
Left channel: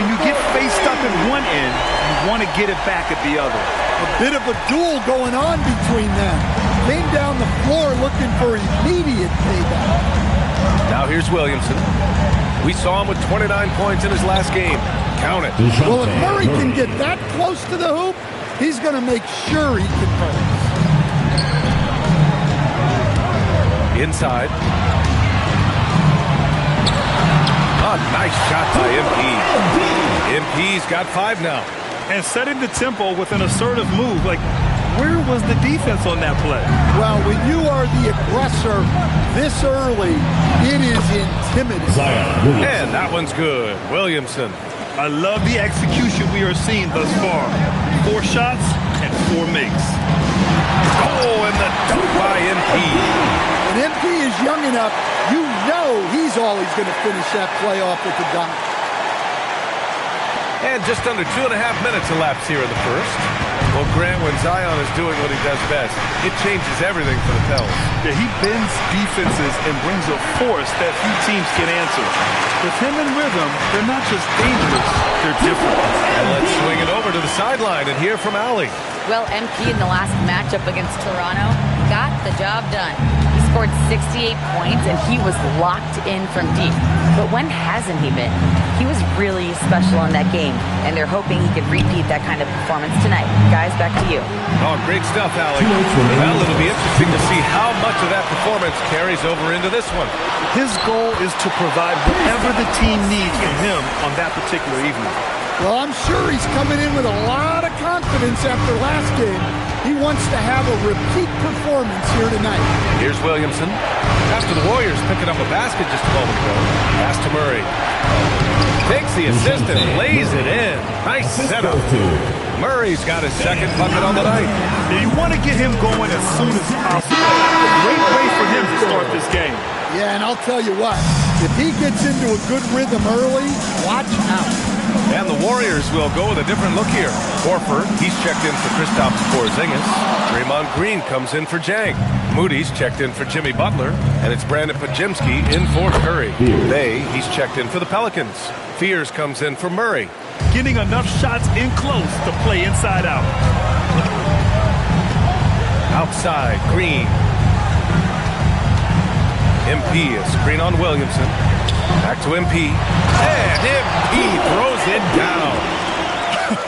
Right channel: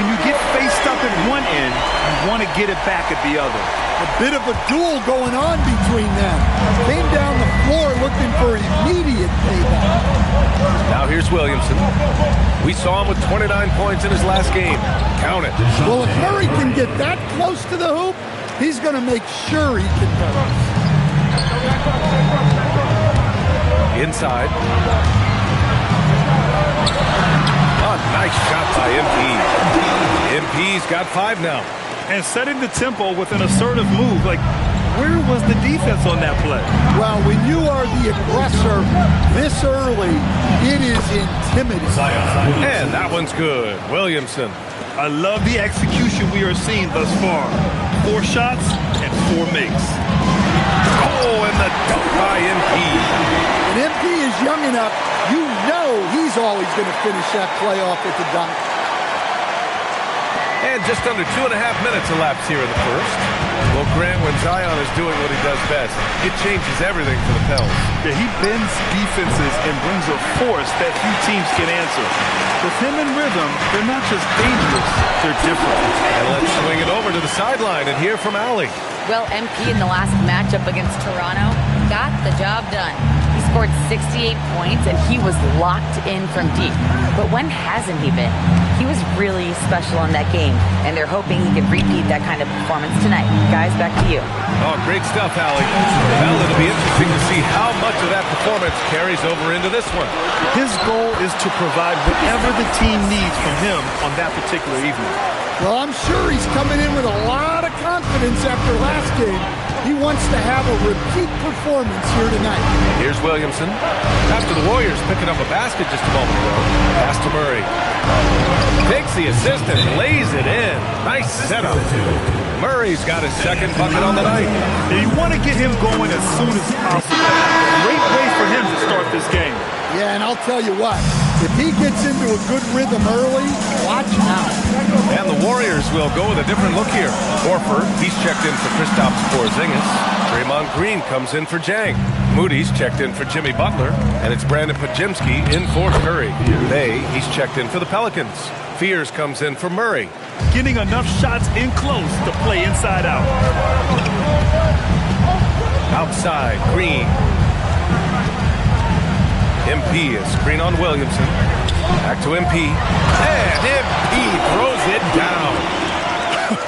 When you get faced up at one end, you want to get it back at the other. A bit of a duel going on between them. Came down the floor looking for immediate payback. Now here's Williamson. We saw him with 29 points in his last game. Count it. Well, if Murray can get that close to the hoop, he's going to make sure he converts. Inside. A nice shot by MP. MP's got 5 now. And setting the tempo with an assertive move. Like, where was the defense on that play? Well, when you are the aggressor this early, it is intimidating. And that one's good. Williamson. I love the execution we are seeing thus far. 4 shots and 4 makes. Oh, and the dunk by MP. And MP is young enough, you know he's always going to finish that play off with the dunk. And just under 2.5 minutes elapsed here in the first. Well, Grant, when Zion is doing what he does best, it changes everything for the Pels. Yeah, he bends defenses and brings a force that few teams can answer. With him in rhythm, they're not just dangerous, they're different. And let's swing it over to the sideline and hear from Allie. Well, MP in the last matchup against Toronto got the job done. He scored 68 points, and he was locked in from deep. But when hasn't he been? He was really special in that game, and they're hoping he can repeat that kind of performance tonight. Guys, back to you. Oh, great stuff, Allie. Well, it'll be interesting to see how much of that performance carries over into this one. His goal is to provide whatever the team needs from him on that particular evening. Well, I'm sure he's coming in with a lot of confidence after last game. He wants to have a repeat performance here tonight. Here's Williamson. After the Warriors picking up a basket just a moment ago. Pass to Murray. Takes the assist and lays it in. Nice setup. Murray's got his second bucket on the night. And you want to get him going as soon as possible. Great way for him to start this game. Yeah, and I'll tell you what, if he gets into a good rhythm early, watch out. And the Warriors will go with a different look here. Horford, he's checked in for Kristaps Porzingis. Draymond Green comes in for Jang. Moody's checked in for Jimmy Butler. And it's Brandon Podziemski in for Curry. He's checked in for the Pelicans. Fears comes in for Murray. Getting enough shots in close to play inside out. Outside, Green. MP is screen on Williamson. Back to MP. And MP throws it down.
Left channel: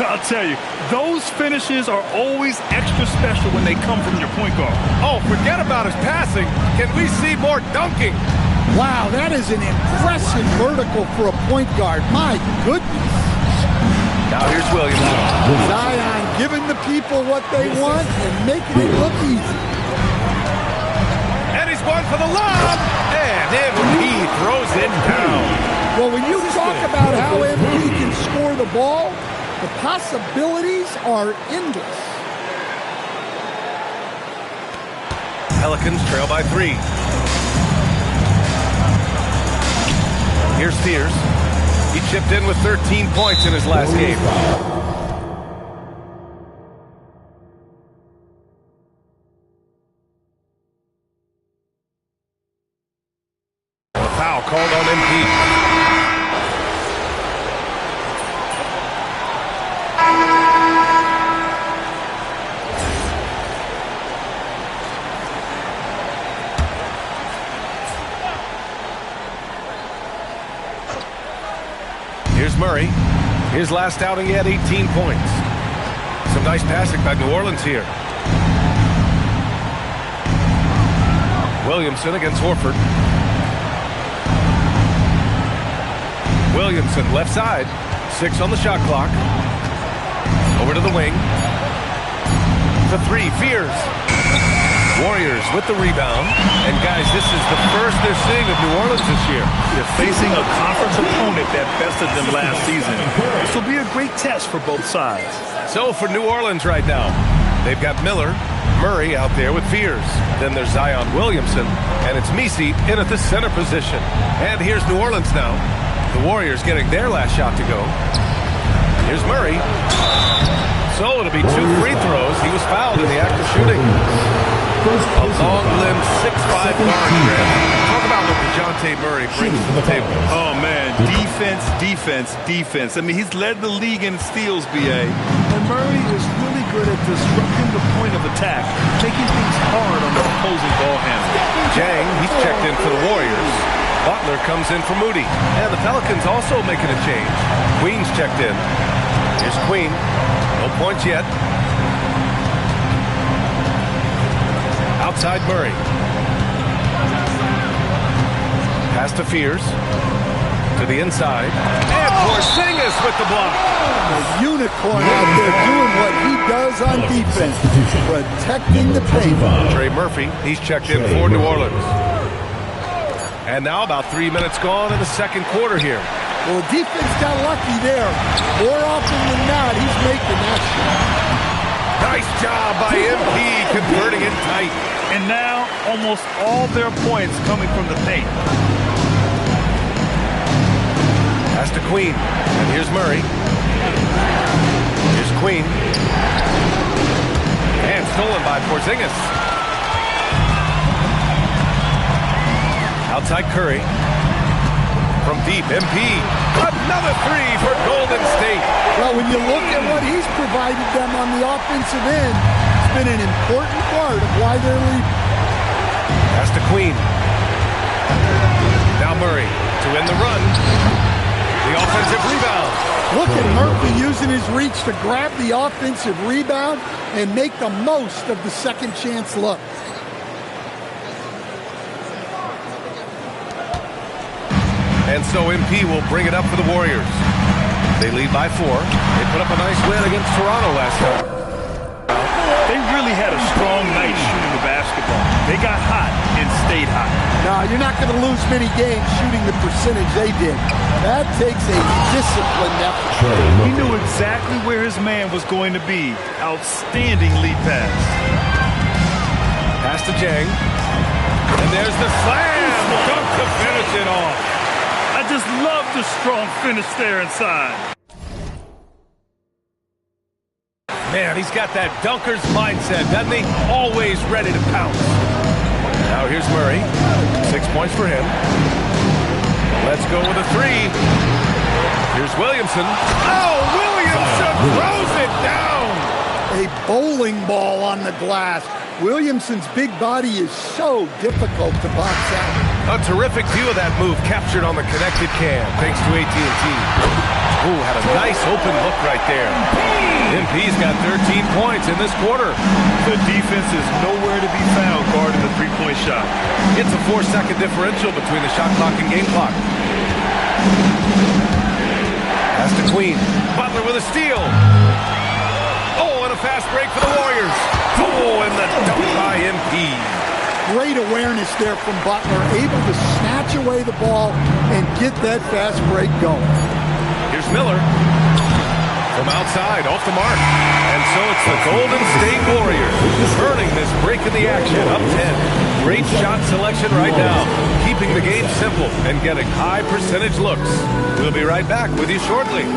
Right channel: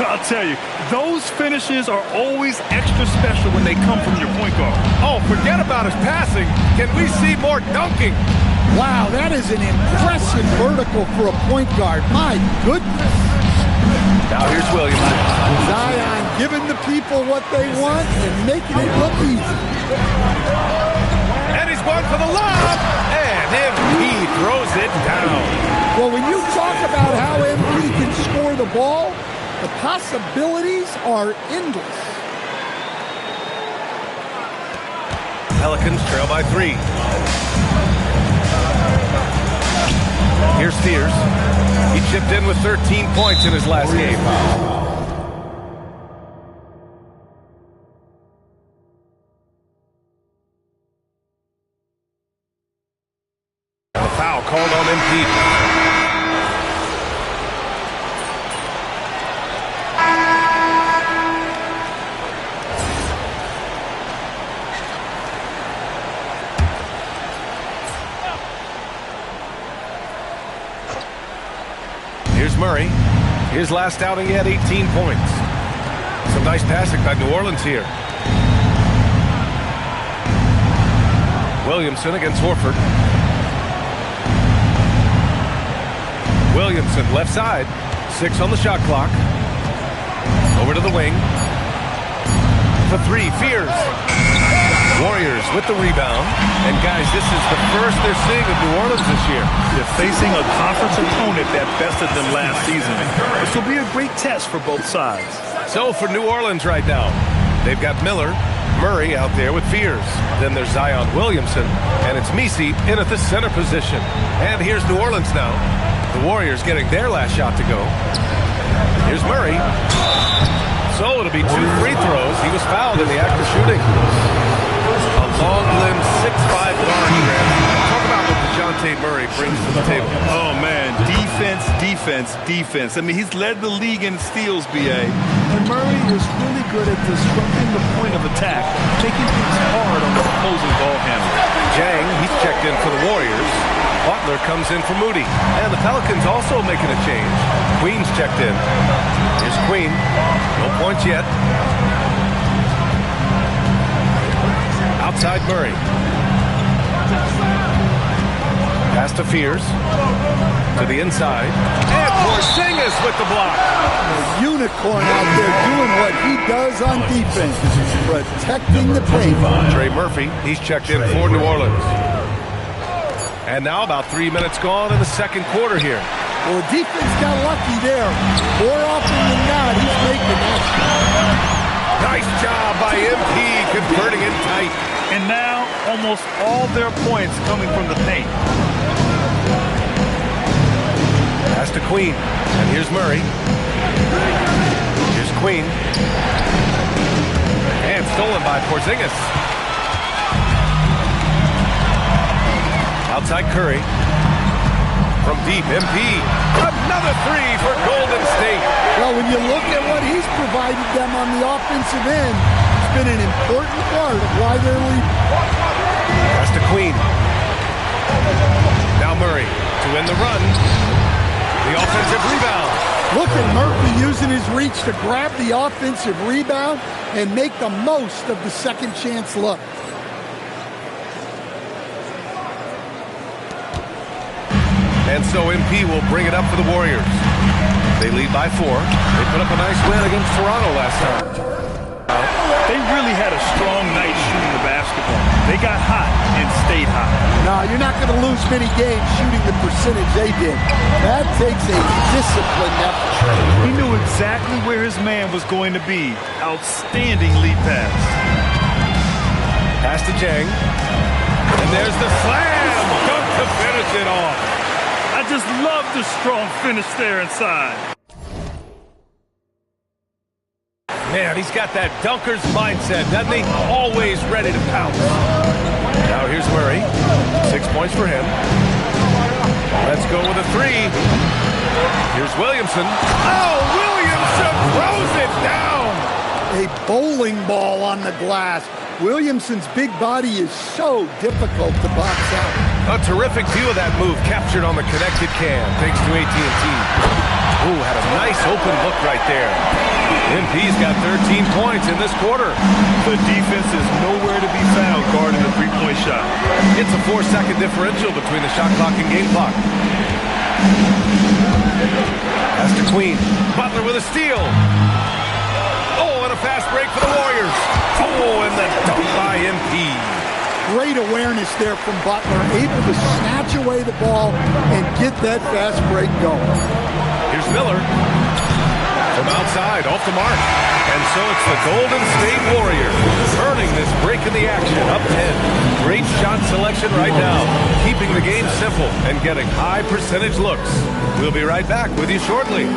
I'll tell you, those finishes are always extra special when they come from your point guard. Oh, forget about his passing. Can we see more dunking? Wow, that is an impressive vertical for a point guard. My goodness. Now here's Williamson. Zion giving the people what they want and making it look easy. And he's going for the lob. And MP throws it down. Well, when you talk about how MP can score the ball, the possibilities are endless. Pelicans trail by 3. Here's Fears. He chipped in with 13 points in his last game. And the foul called on MP. Here's Murray. His last outing, he had 18 points. Some nice passing by New Orleans here. Williamson against Horford. Williamson left side. 6 on the shot clock. Over to the wing. For 3, Fears. Warriors with the rebound. And guys, this is the first they're seeing of New Orleans this year. They're facing a conference opponent that bested them last season. This will be a great test for both sides. So for New Orleans right now, they've got Miller, Murray out there with Fears. Then there's Zion Williamson, and it's Messi in at the center position. And here's New Orleans now. The Warriors getting their last shot to go. Here's Murray. So it'll be 2 free throws. He was fouled in the act of shooting. A long-limbed 6'5" guard, Grant. Talk about what DeJounte Murray brings to the table. Oh, man. Defense, defense, defense. I mean, he's led the league in steals, B.A. And Murray is really good at disrupting the point of attack, making things hard on the opposing ball handler. Jang, he's checked in for the Warriors. Butler comes in for Moody. And the Pelicans also making a change. Queen's checked in. Here's Queen. No points yet. Outside Murray. Pass to Fears. To the inside. And Porzingis with the block. A unicorn out there doing what he does on defense. Protecting the paint. Trey Murphy, he's checked in for New Orleans. And now about 3 minutes gone in the second quarter here. Well, the defense got lucky there. More often than not, he's making that shot. Nice job by MP converting it tight. And now almost all their points coming from the paint. Pass to Queen. And here's Murray. Here's Queen. And stolen by Porzingis. Outside Curry. From deep, MP. Another three for Golden State. Well, when you look at what he's provided them on the offensive end, it's been an important part of why they're leading. Pass to Queen. Now Murray to end the run. The offensive rebound. Look at Murphy using his reach to grab the offensive rebound and make the most of the second chance look. And so MP will bring it up for the Warriors. They lead by 4. They put up a nice win against Toronto last time. They really had a strong night shooting the basketball. They got hot and stayed hot. No, you're not going to lose many games shooting the percentage they did. That takes a disciplined effort. He knew exactly where his man was going to be. Outstanding lead pass. Pass to Jang. And there's the slam dunk to finish it off. I just love the strong finish there inside. Man, he's got that dunker's mindset, doesn't he? Always ready to pounce. Now here's Murray. 6 points for him. Let's go with a 3. Here's Williamson. Oh, Williamson throws it down. A bowling ball on the glass. Williamson's big body is so difficult to box out. A terrific view of that move captured on the connected cam, thanks to AT&T. Ooh, had a nice open look right there. MP's got 13 points in this quarter. The defense is nowhere to be found guarding the three-point shot. It's a 4-second differential between the shot clock and game clock. Pass to Queen. Butler with a steal. Oh, and a fast break for the Warriors. Oh, and the dunk by MP. Great awareness there from Butler, able to snatch away the ball and get that fast break going. Here's Miller. From outside, off the mark. And so it's the Golden State Warriors earning this break in the action, up 10. Great shot selection right now, keeping the game simple and getting high percentage looks. We'll be right back with you shortly.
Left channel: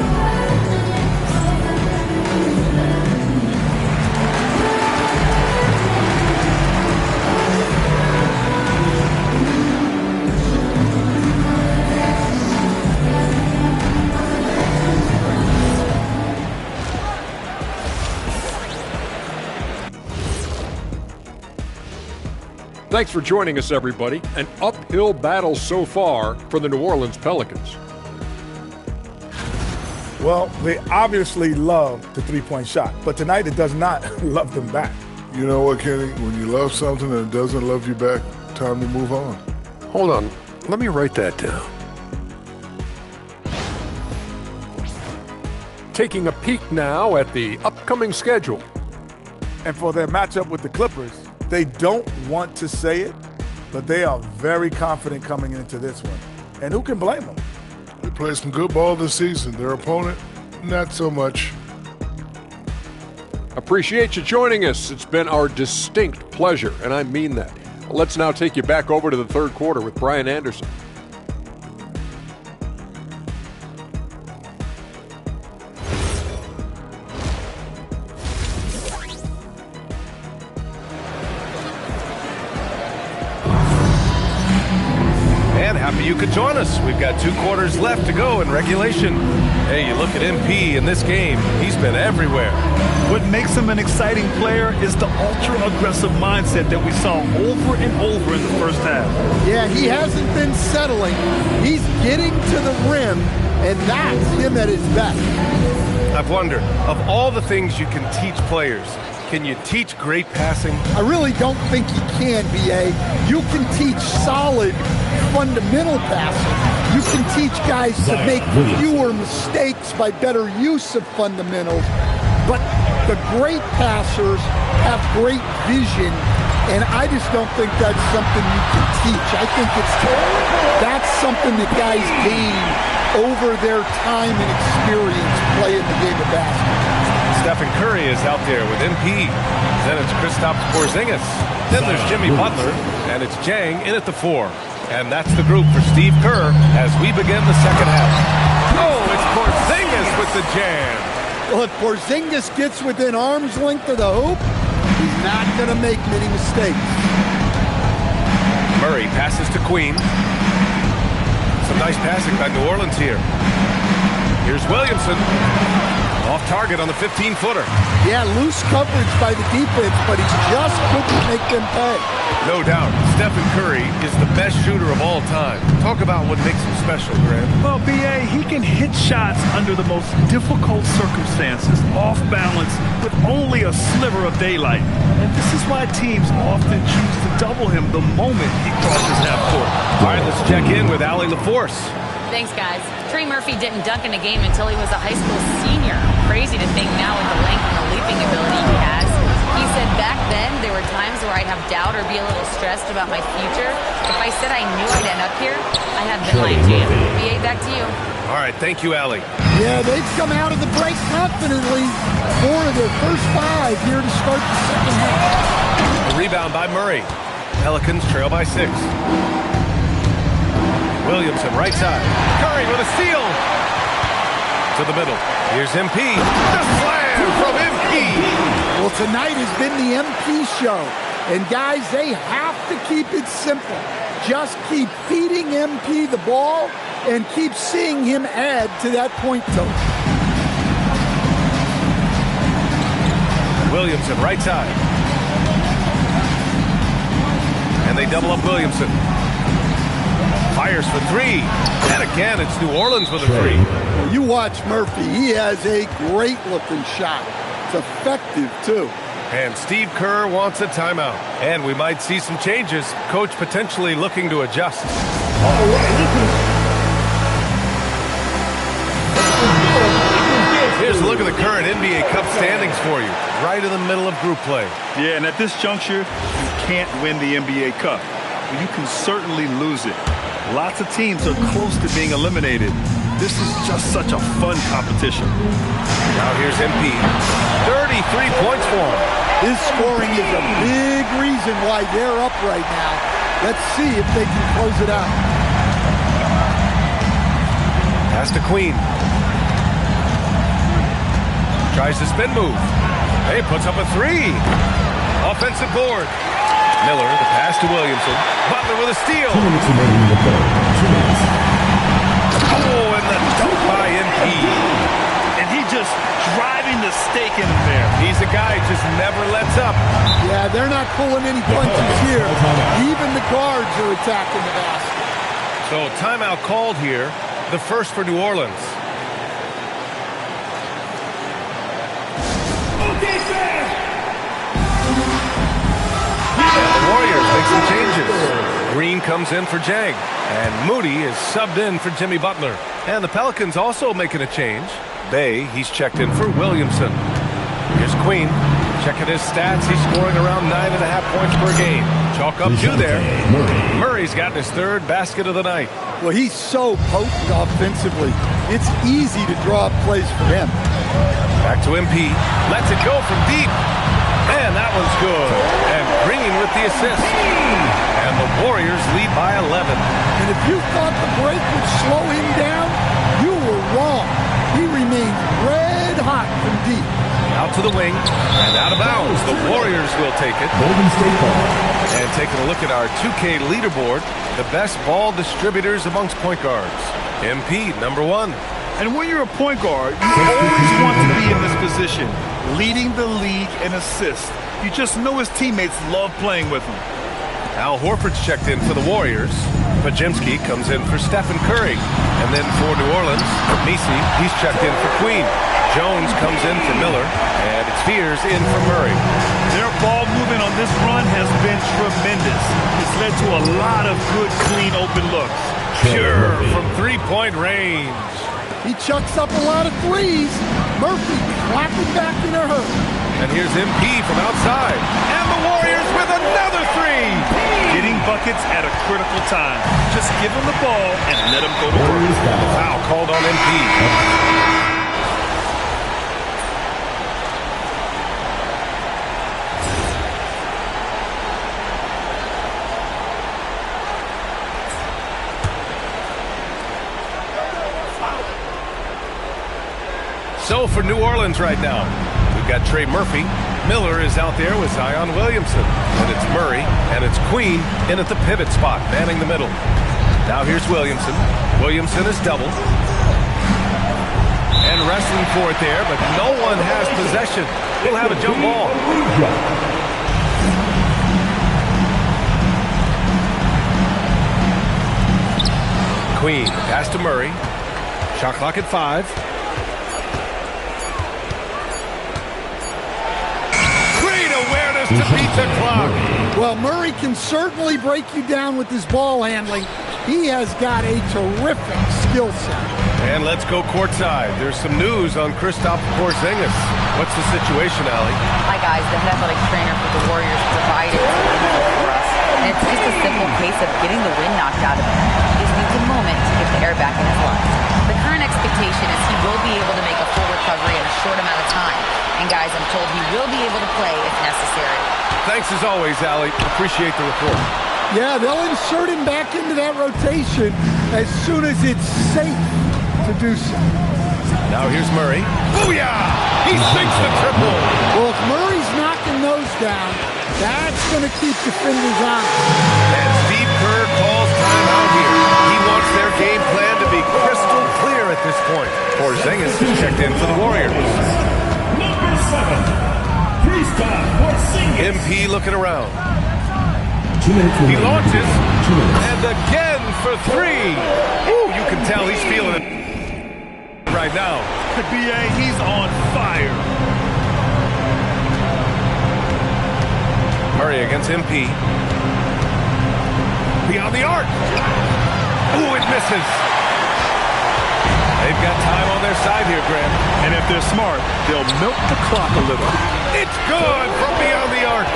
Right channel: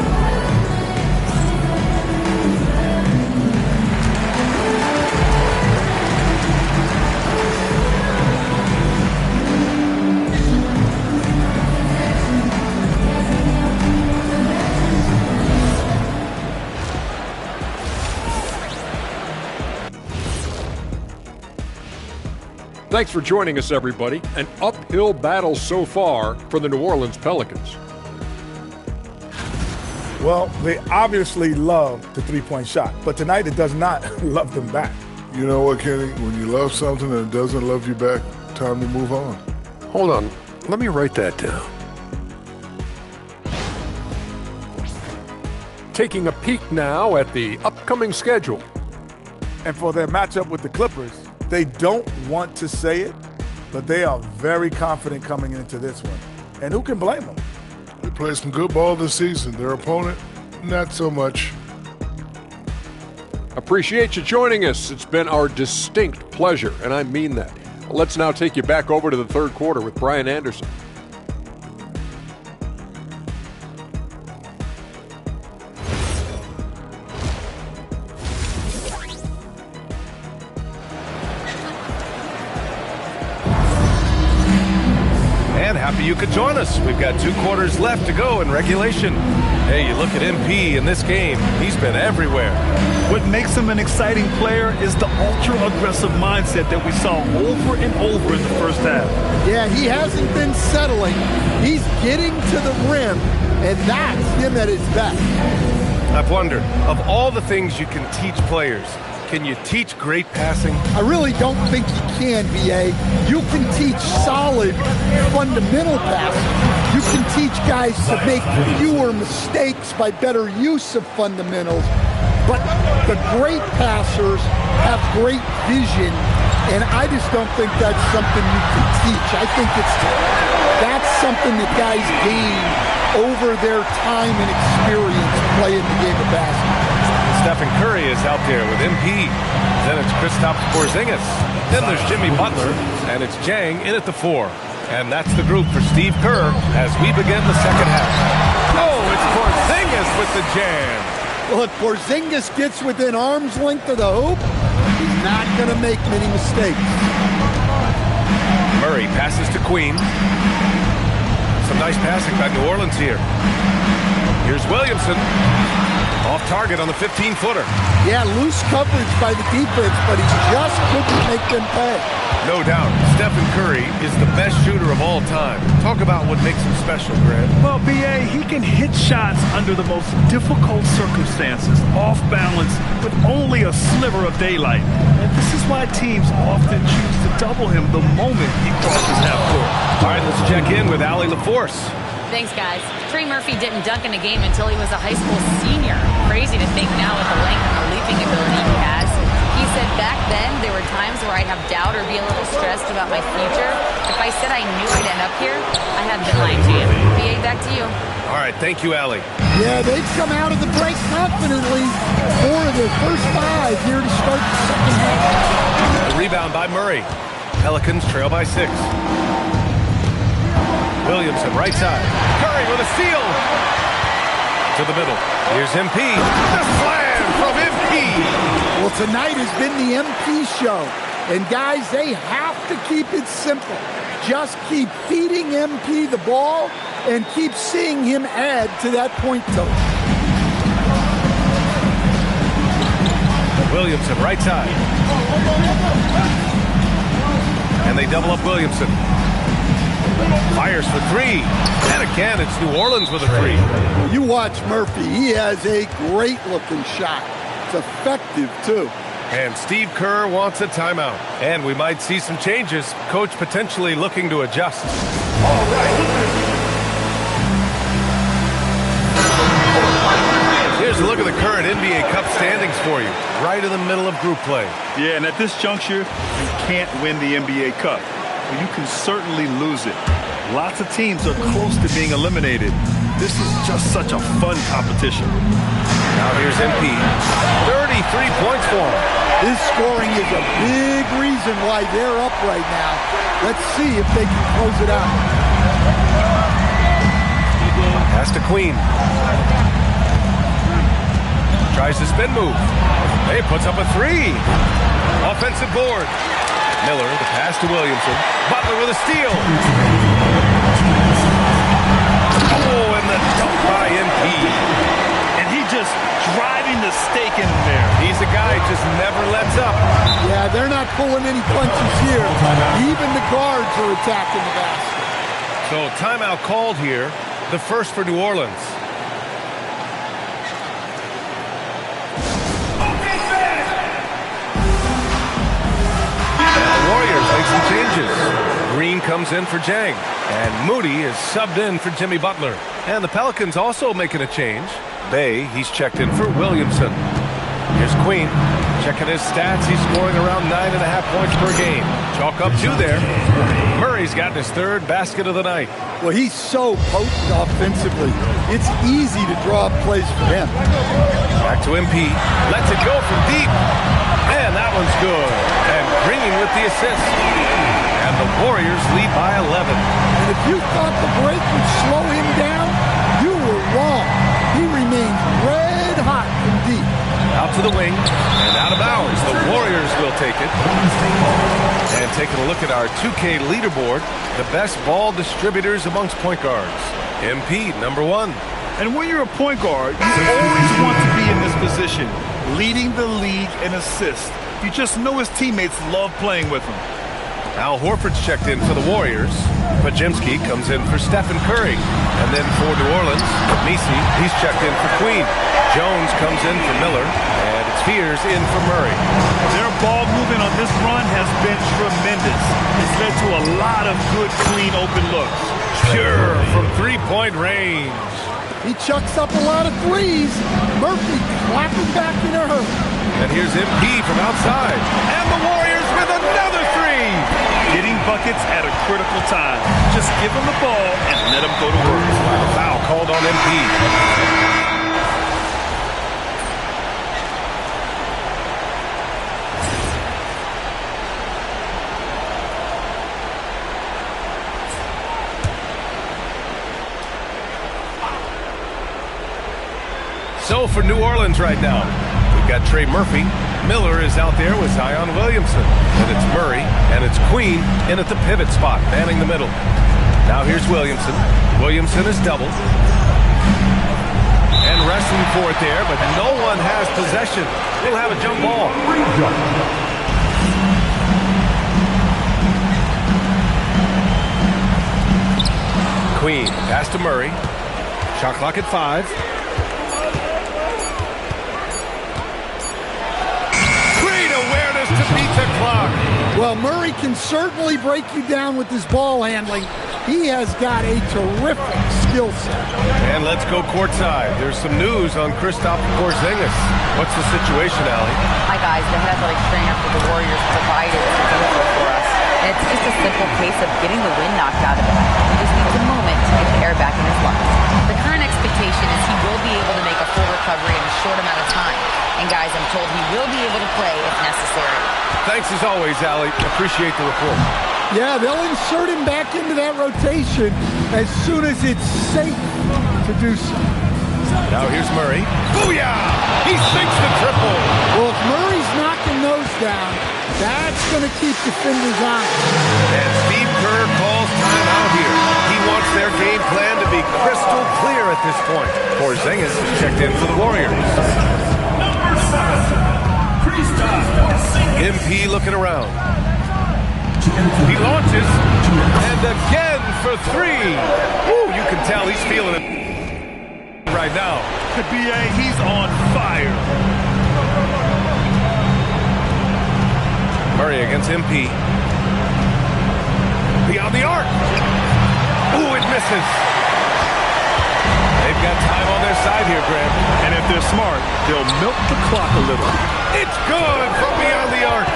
Thanks for joining us, everybody. An uphill battle so far for the New Orleans Pelicans. Well, they obviously love the three-point shot, but tonight it does not love them back. You know what, Kenny? When you love something and it doesn't love you back, time to move on. Hold on. Let me write that down. Taking a peek now at the upcoming schedule. And for their matchup with the Clippers, they don't want to say it, but they are very confident coming into this one. And who can blame them? They played some good ball this season. Their opponent, not so much. Appreciate you joining us. It's been our distinct pleasure, and I mean that. Let's now take you back over to the third quarter with Brian Anderson. And happy you could join us. We've got 2 quarters left to go in regulation. Hey, you look at MP in this game. He's been everywhere. What makes him an exciting player is the ultra-aggressive mindset that we saw over and over in the first half. Yeah, he hasn't been settling. He's getting to the rim, and that's him at his best. I've wondered, of all the things you can teach players, can you teach great passing? I really don't think you can, B.A. You can teach solid, fundamental passing. You can teach guys to make fewer mistakes by better use of fundamentals. But the great passers have great vision, and I just don't think that's something you can teach. I think that's something that guys gain over their time and experience playing the game of basketball. Stephen Curry is out there with MP. Then it's Kristaps Porzingis. Then there's Jimmy Butler, and it's Jang in at the 4. And that's the group for Steve Kerr as we begin the second half. Oh, it's Porzingis with the jam. Well, if Porzingis gets within arm's length of the hoop, he's not going to make many mistakes. Murray passes to Queen. Some nice passing by New Orleans here. Here's Williamson. Off target on the 15-footer. Yeah, loose coverage by the defense, but he just couldn't make them pay. No doubt, Stephen Curry is the best shooter of all time. Talk about what makes him special, Grant. Well, B.A., he can hit shots under the most difficult circumstances, off balance, with only a sliver of daylight. And this is why teams often choose to double him the moment he crosses half court. All right, let's check in with Allie LaForce. Thanks, guys. Trey Murphy didn't dunk in a game until he was a high school senior. Crazy to think now with the length and the leaping ability he has. He said back then there were times where I'd have doubt or be a little stressed about my future. If I said I knew I'd end up here, I have been lying to you. B.A., back to you. All right, thank you, Allie. Yeah, they've come out of the break confidently. 4 of their first 5 here to start the second half. The rebound by Murray. Pelicans trail by 6. Williamson, right side. Curry with a steal. To the middle. Here's MP. The slam from MP. Well, tonight has been the MP show. And, guys, they have to keep it simple. Just keep feeding MP the ball and keep seeing him add to that point total. Williamson, right side. And they double up Williamson. Fires for 3. And again, it's New Orleans with a 3. Well, you watch Murphy. He has a great-looking shot. It's effective, too. And Steve Kerr wants a timeout. And we might see some changes. Coach potentially looking to adjust. All right. Here's a look at the current NBA Cup standings for you. Right in the middle of group play. Yeah, and at this juncture, you can't win the NBA Cup. Well, you can certainly lose it. Lots of teams are close to being eliminated. This is just such a fun competition. Now here's MP. 33 points for him. His scoring is a big reason why they're up right now. Let's see if they can close it out. Pass to Queen. Tries to spin move. Hey, puts up a 3. Offensive board. Miller, the pass to Williamson. Butler with a steal. Oh, and the dunk by MP. And he just driving the stake in him there. He's a guy who just never lets up. Yeah, they're not pulling any punches here. Even the guards are attacking the basket. So timeout called here. The first for New Orleans. Warriors make some changes. Green comes in for Jang. And Moody is subbed in for Jimmy Butler. And the Pelicans also making a change. Bay, he's checked in for Williamson. Here's Queen. Checking his stats, he's scoring around 9.5 points per game. Chalk up 2 there. Murray's got his 3rd basket of the night. Well, he's so potent offensively. It's easy to draw up plays for him. Back to MP. Lets it go from deep. And that one's good. And Green with the assist. And the Warriors lead by 11. And if you thought the break would slow him down, you were wrong. He remains red hot from deep. Out to the wing and out of bounds. The Warriors will take it. And taking a look at our 2K leaderboard, the best ball distributors amongst point guards. MP, number 1. And when you're a point guard, you always want to be in this position, leading the league in assists. You just know his teammates love playing with him. Al Horford's checked in for the Warriors. Pajimski comes in for Stephen Curry. And then for New Orleans, Misi, he's checked in for Queen. Jones comes in for Miller. And it's Fears in for Murray. Their ball movement on this run has been tremendous. It's led to a lot of good, clean, open looks. Pure from three-point range. He chucks up a lot of threes. Murphy clapping back in a hurry. And here's MP from outside. And the Warriors with another 3. Getting buckets at a critical time. Just give him the ball and let him go to work. The foul called on MP. go for New Orleans right now. We've got Trey Murphy. Miller is out there with Zion Williamson. And it's Murray, and it's Queen in at the pivot spot, manning the middle. Now here's Williamson. Williamson is doubled. And wrestling for it there, but no one has possession. We'll have a jump ball. Queen, pass to Murray. Shot clock at 5. Great awareness to beat the clock. Well, Murray can certainly break you down with his ball handling. He has got a terrific skill set. And let's go courtside. There's some news on Kristaps Porzingis. What's the situation, Allie? Hi, guys. The head athletic trainer for the Warriors provided some info for us. And it's just a simple case of getting the wind knocked out of him. He just needs a moment to get the air back in his lungs. The current expectation is he will be able to make a full recovery in a short amount of time. And, guys, I'm told he will be able to play if necessary. Thanks as always, Allie. Appreciate the report. Yeah, they'll insert him back into that rotation as soon as it's safe to do so. Now here's Murray. Booyah! He sinks the triple. Well, if Murray's knocking those down, that's going to keep defenders honest. And Steve Kerr calls timeout here. He wants their game plan to be crystal clear at this point. Porzingis is checked in for the Warriors. Number 7, Kristaps Porzingis. MP looking around. He launches, and again for 3. Ooh, you can tell he's feeling it right now. B.A., he's on fire. Murray against MP. Beyond the arc. Ooh, it misses. They've got time on their side here, Graham. And if they're smart, they'll milk the clock a little. It's good from beyond the arc.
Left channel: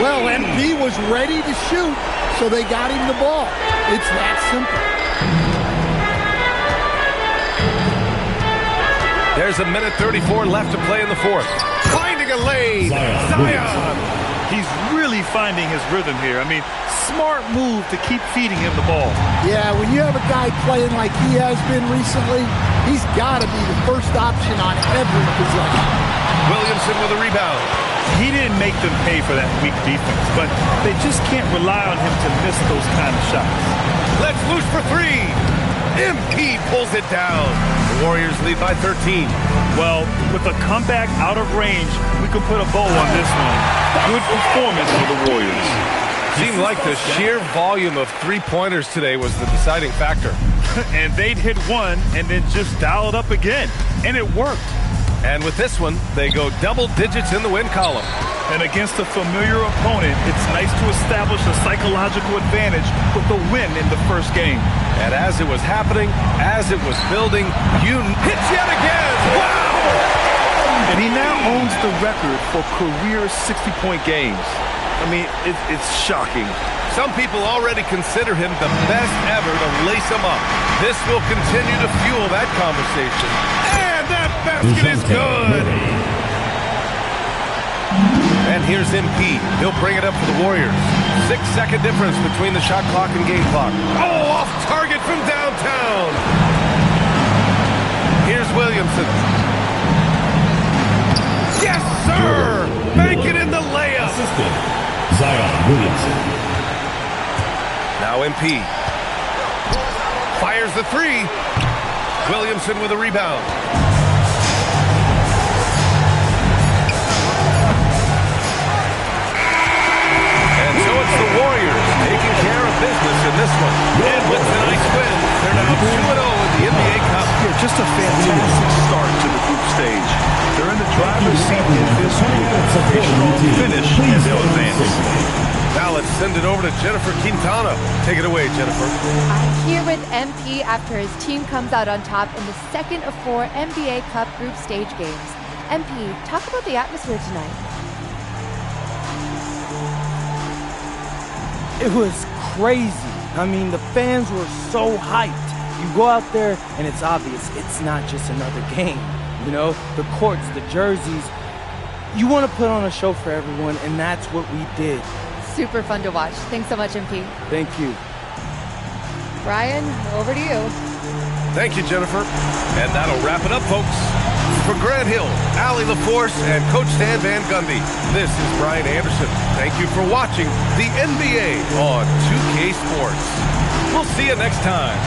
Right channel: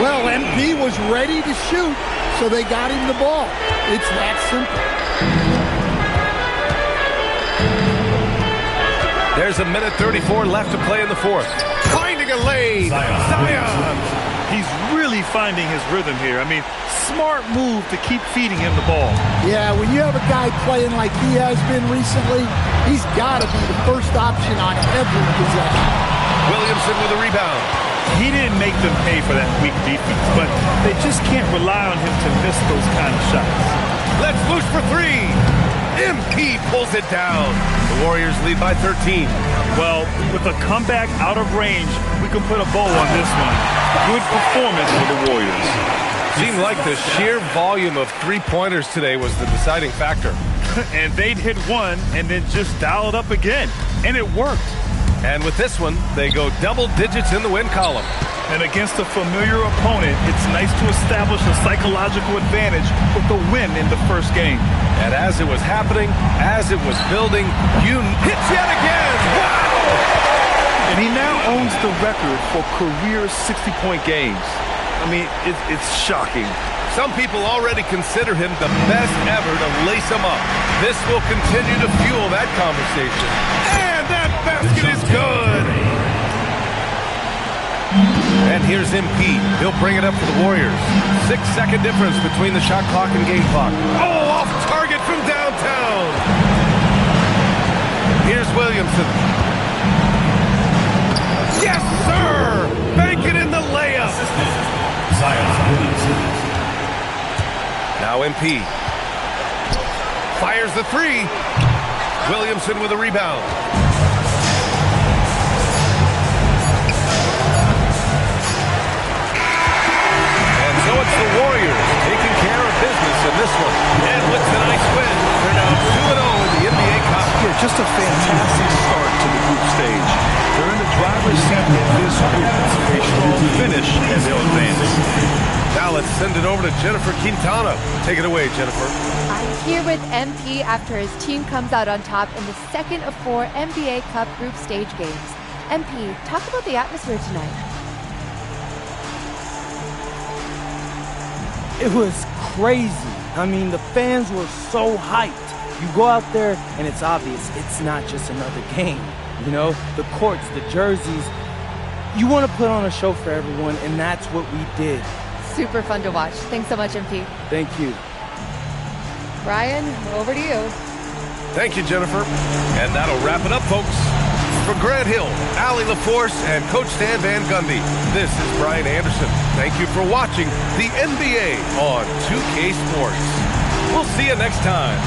Well, MP was ready to shoot, so they got him the ball. It's that simple. There's a minute 34 left to play in the fourth. Finding a lane. Zion. He's really finding his rhythm here. I mean, smart move to keep feeding him the ball. Yeah, when you have a guy playing like he has been recently, he's got to be the first option on every possession. Williamson with a rebound. He didn't make them pay for that weak defense, but they just can't rely on him to miss those kind of shots. Let's loose for 3. MP pulls it down. The Warriors lead by 13. Well, with a comeback out of range, we can put a bow on this one. Good performance for the Warriors. Seemed like the sheer volume of three-pointers today was the deciding factor. And they'd hit one and then just dial it up again. And it worked. And with this one, they go double digits in the win column. And against a familiar opponent, it's nice to establish a psychological advantage with the win in the first game. And as it was happening, as it was building, hits yet again. Wow! And he now owns the record for career 60-point games. I mean, it's shocking. Some people already consider him the best ever to lace him up. This will continue to fuel that conversation. And that basket is good. And here's MP. He'll bring it up for the Warriors. 6-second difference between the shot clock and game clock. Oh, off target from downtown. Here's Williamson. Yes, sir! Bank it in the layup. Zion Williamson. Now MP. Fires the 3. Williamson with a rebound. And so it's the Warriors taking care of business in this one. And with tonight's win, they're now 2-0 in the NBA Cup. Yeah, just a fantastic start to the group stage. They're in the driver's seat in this group. A strong finish, and they'll advance. Now let's send it over to Jennifer Quintana. Take it away, Jennifer. I'm here with MP after his team comes out on top in the second of 4 NBA Cup group stage games. MP, talk about the atmosphere tonight. It was crazy. I mean, the fans were so hyped. You go out there and it's obvious it's not just another game. You know, the courts, the jerseys. You want to put on a show for everyone, and that's what we did. Super fun to watch. Thanks so much, MP. Thank you. Brian, over to you. Thank you, Jennifer. And that'll wrap it up, folks. For Grant Hill, Allie LaForce, and Coach Stan Van Gundy, this is Brian Anderson. Thank you for watching the NBA on 2K Sports. We'll see you next time.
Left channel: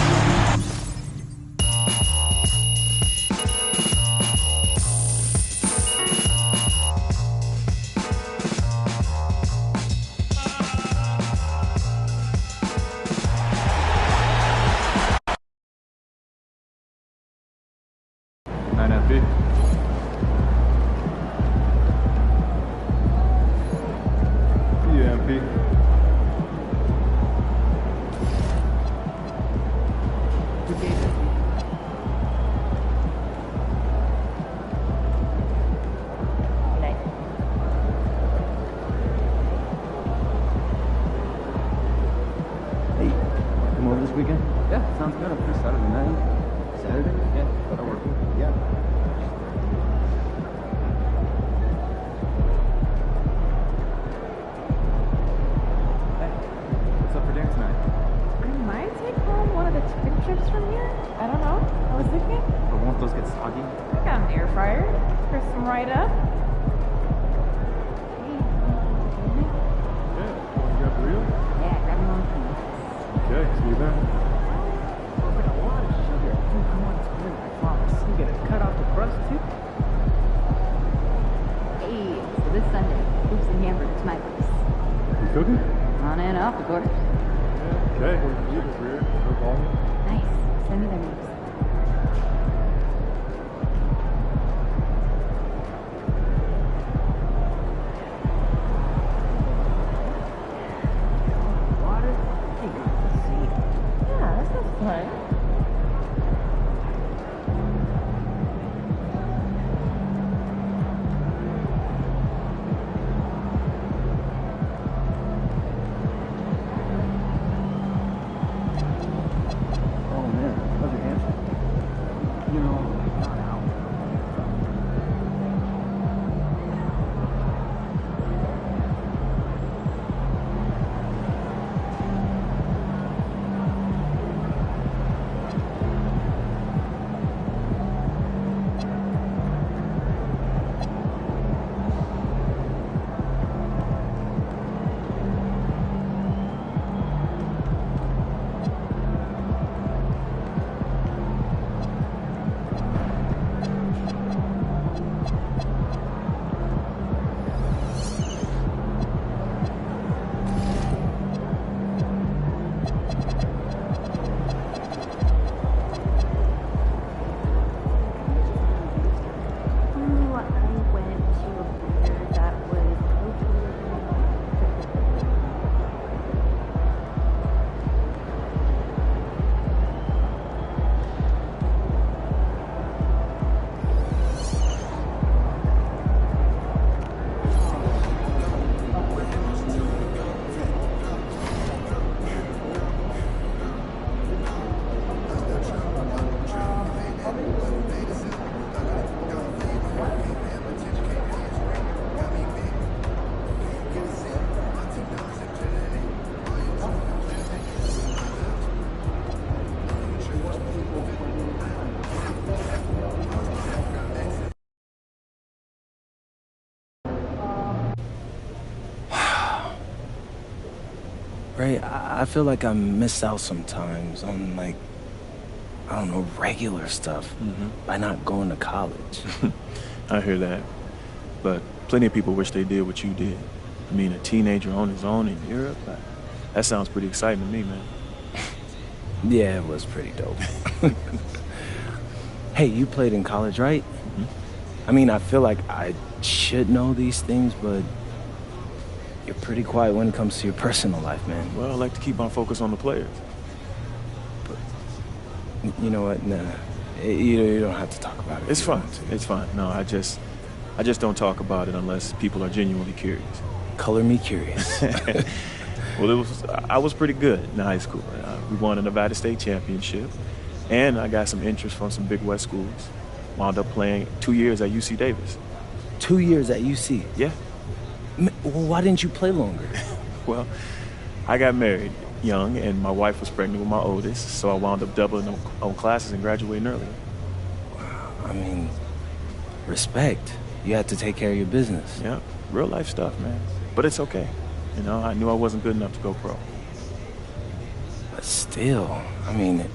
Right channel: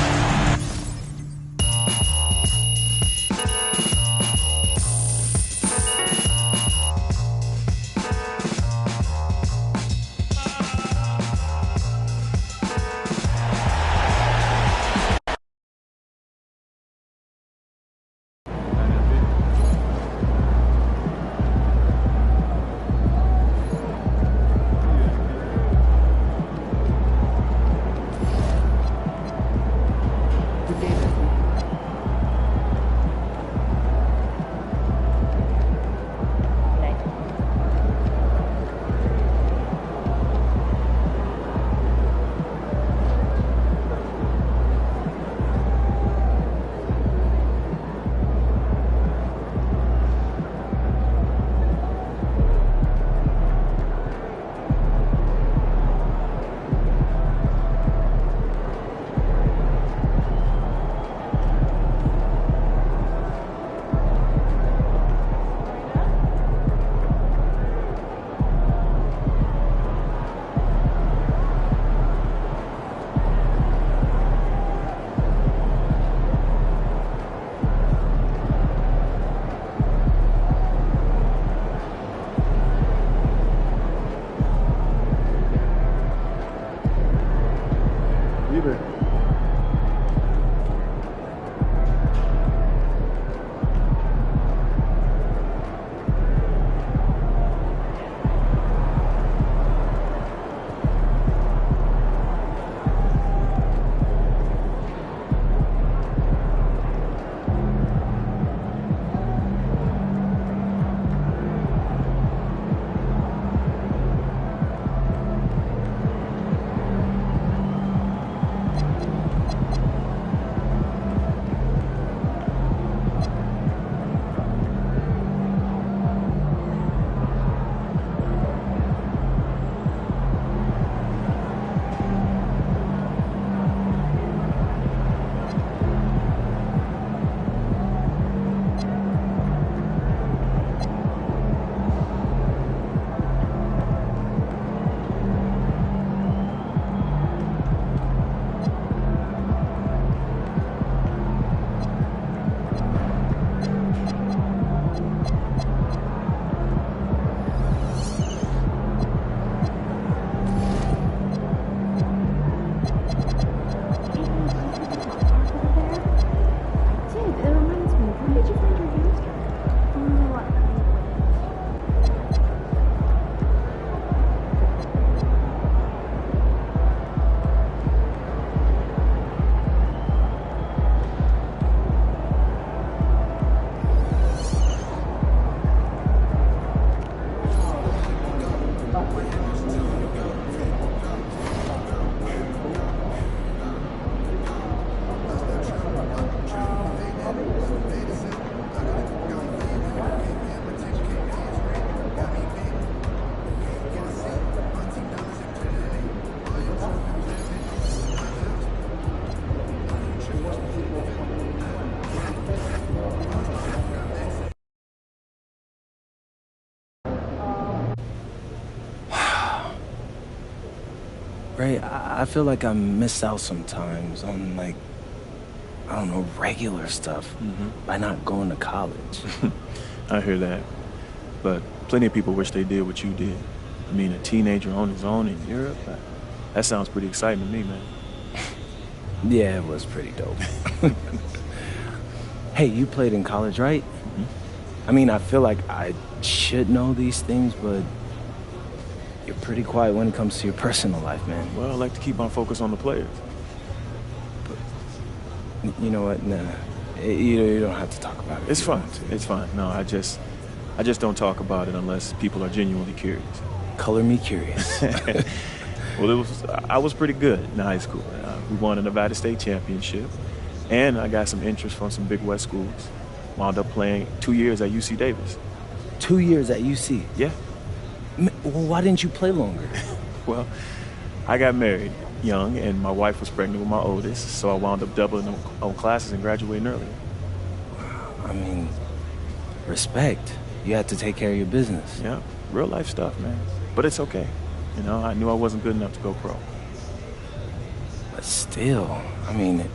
Ray, I feel like I miss out sometimes on, like, I don't know, regular stuff by not going to college. I hear that. But plenty of people wish they did what you did. I mean, a teenager on his own in Europe, that sounds pretty exciting to me, man. Yeah, it was pretty dope. Hey, you played in college, right? I mean, I feel like I should know these things, but you're pretty quiet when it comes to your personal life, man. Well, I like to keep my focus on the players. But you know what? Nah, you don't have to talk about it. It's fine. It's fine. No, I just don't talk about it unless people are genuinely curious. Color me curious. Well, I was pretty good in high school. We won a Nevada State championship, and I got some interest from some Big West schools. Wound up playing 2 years at UC Davis. 2 years at UC? Yeah. Well, why didn't you play longer? Well, I got married young, and my wife was pregnant with my oldest, so I wound up doubling on classes and graduating earlier. I mean, respect. You have to take care of your business. Yeah, real life stuff, man. But it's okay. You know, I knew I wasn't good enough to go pro. But still, I mean, it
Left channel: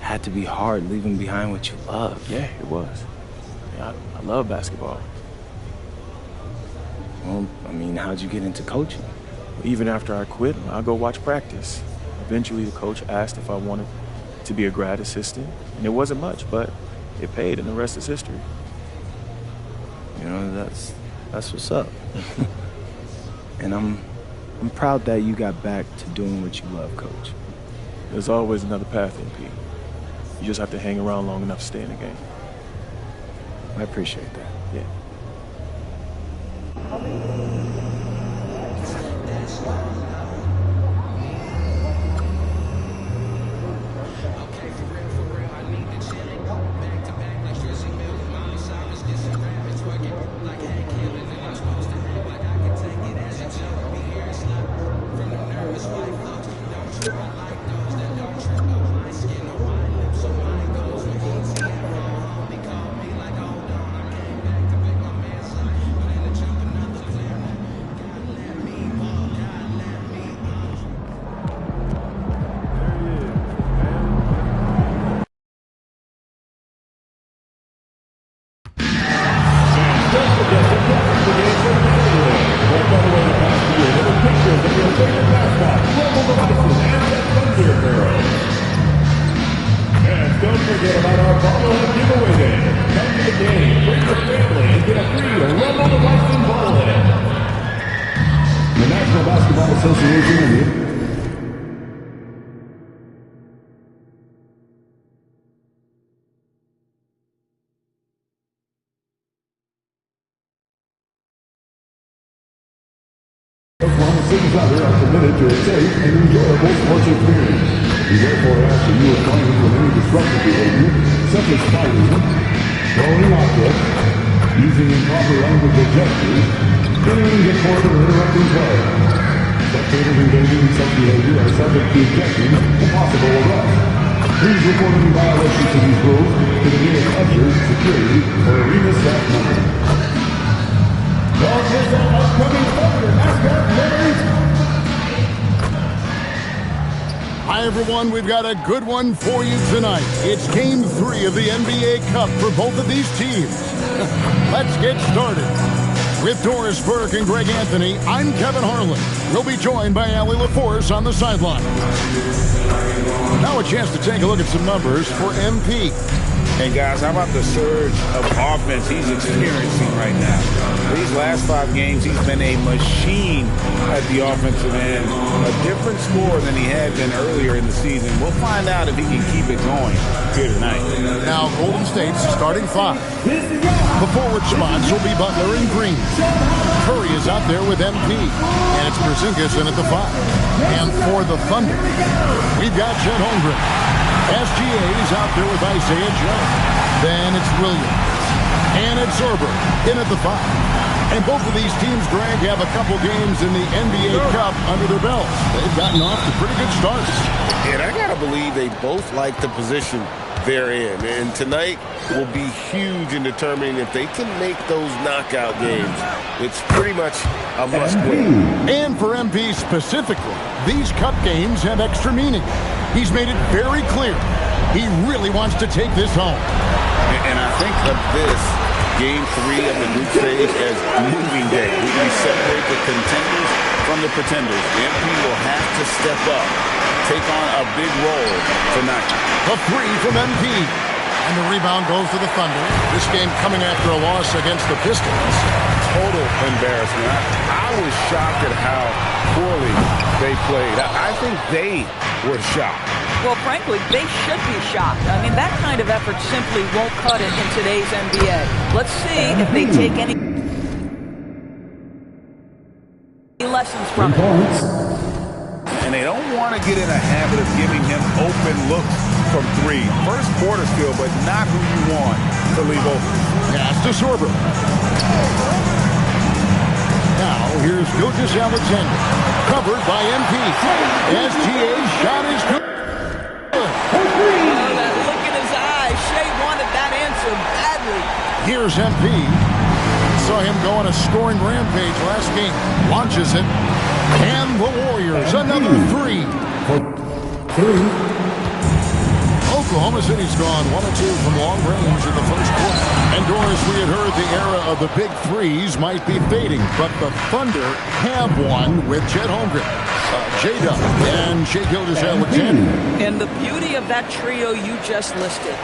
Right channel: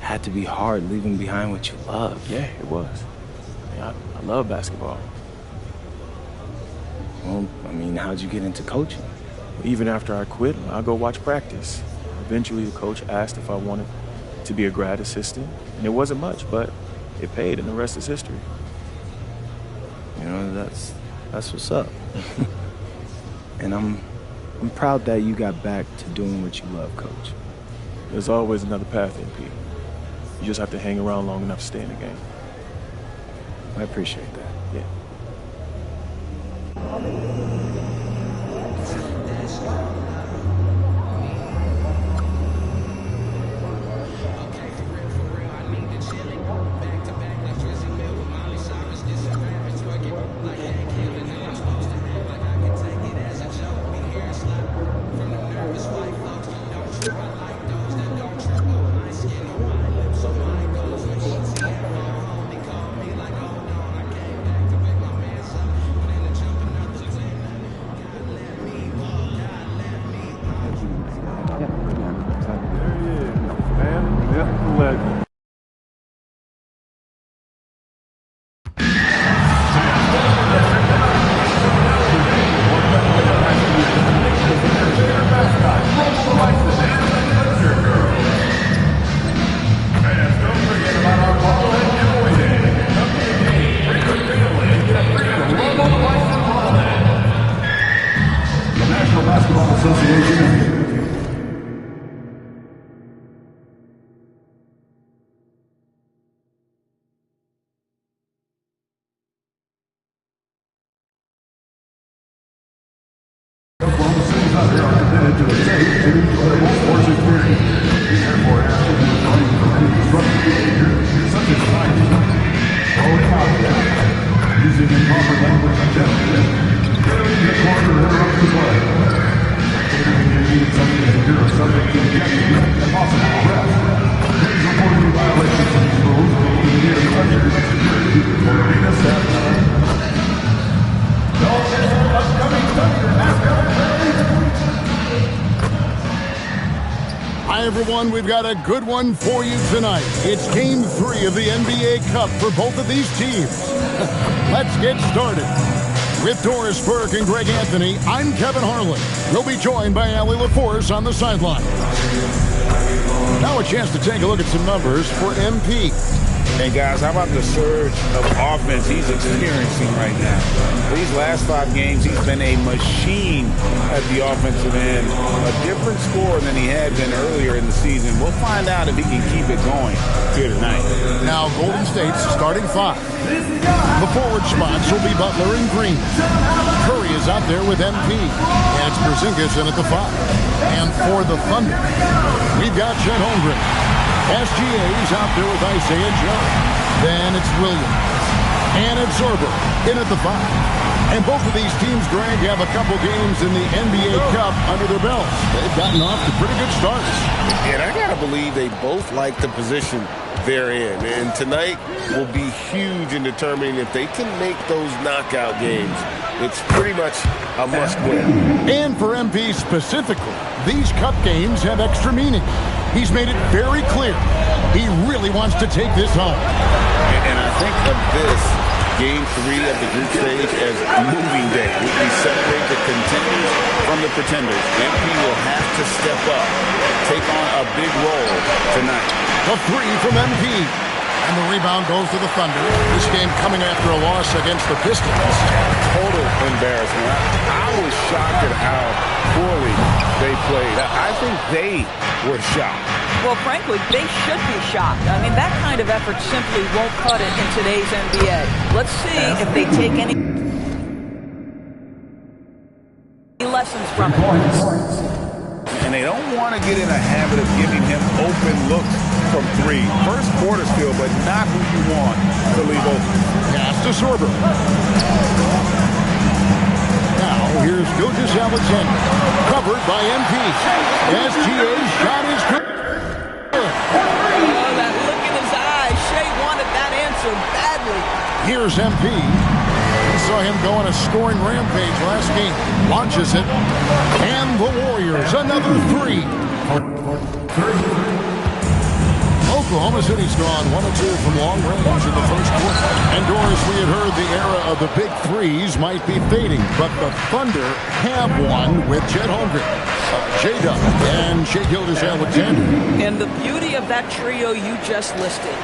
had to be hard leaving behind what you love. Yeah, it was. I love basketball. Well, I mean, how'd you get into coaching? Even after I quit, I'll go watch practice. Eventually, the coach asked if I wanted to be a grad assistant, and it wasn't much, but it paid, and the rest is history. You know, that's what's up. And I'm proud that you got back to doing what you love, Coach. There's always another path, MP. You just have to hang around long enough to stay in the game. I appreciate that. Yeah. Are committed to a safe and enjoyable sports experience. We therefore ask that you refrain from any disruptive behavior, such as fighting, throwing objects, using improper language or gestures, clearing the court or interrupting play. Spectators engaging in such behavior are subject to ejection and possible arrest. Please report any violations of these rules to the nearest usher, security, or arena staff member. Don't miss the upcoming Thunder mascot parade. Hi, everyone. We've got a good one for you tonight. It's Game 3 of the NBA Cup for both of these teams. Let's get started. With Doris Burke and Greg Anthony, I'm Kevin Harlan. We'll be joined by Allie LaForce on the sideline. Now a chance to take a look at some numbers for MP. And guys, how about the surge of offense he's experiencing right now? These last 5 games, he's been a machine at the offensive end. A different score than he had been earlier in the season. We'll find out if he can keep it going here tonight. Now Golden State's starting 5. The forward spots will be Butler and Green. Curry is out there with MP. And it's Porzingis in at the 5. And for the Thunder, we've got Chet Holmgren. SGA's out there with Isaiah Joe. Then it's Williams. And it's Zorber in at the 5. And both of these teams, Greg, have a couple games in the NBA Cup under their belts. They've gotten off to pretty good starts. And I got to believe they both like the position they're in. And tonight will be huge in determining if they can make those knockout games. It's pretty much a must-win. And for MP specifically, these Cup games have extra meaning. He's made it very clear he really wants to take this home. And I think of this Game 3 of the group stage as moving day. We separate the contenders from the pretenders. MP will have to step up, take on a big role tonight. The 3 from MP. And the rebound goes to the Thunder. This game coming after a loss against the Pistons. Total embarrassment. I was shocked at how poorly they played. I think they were shocked. Well, frankly, they should be shocked. I mean, that kind of effort simply won't cut it in today's NBA. Let's see if they take any lessons from it. And they don't want to get in a habit of giving him open looks from 3. First quarter still, but not who you want to leave open. Pass to Sorber. Now, here's Gilgeous Alexander. Covered by MP. SGA's shot is good. Oh, that look in his eyes. Shea wanted that answer badly. Here's MP. We saw him go on a scoring rampage last game. Launches it. And the Warriors, another three. Oklahoma City's gone 1 of 2 from long range in the first quarter. And Doris, we had heard the era of the big threes might be fading, but the Thunder have one with Chet Holmgren, J-Dub, and Shai Gilgeous-Alexander. And the beauty of that trio you just listed,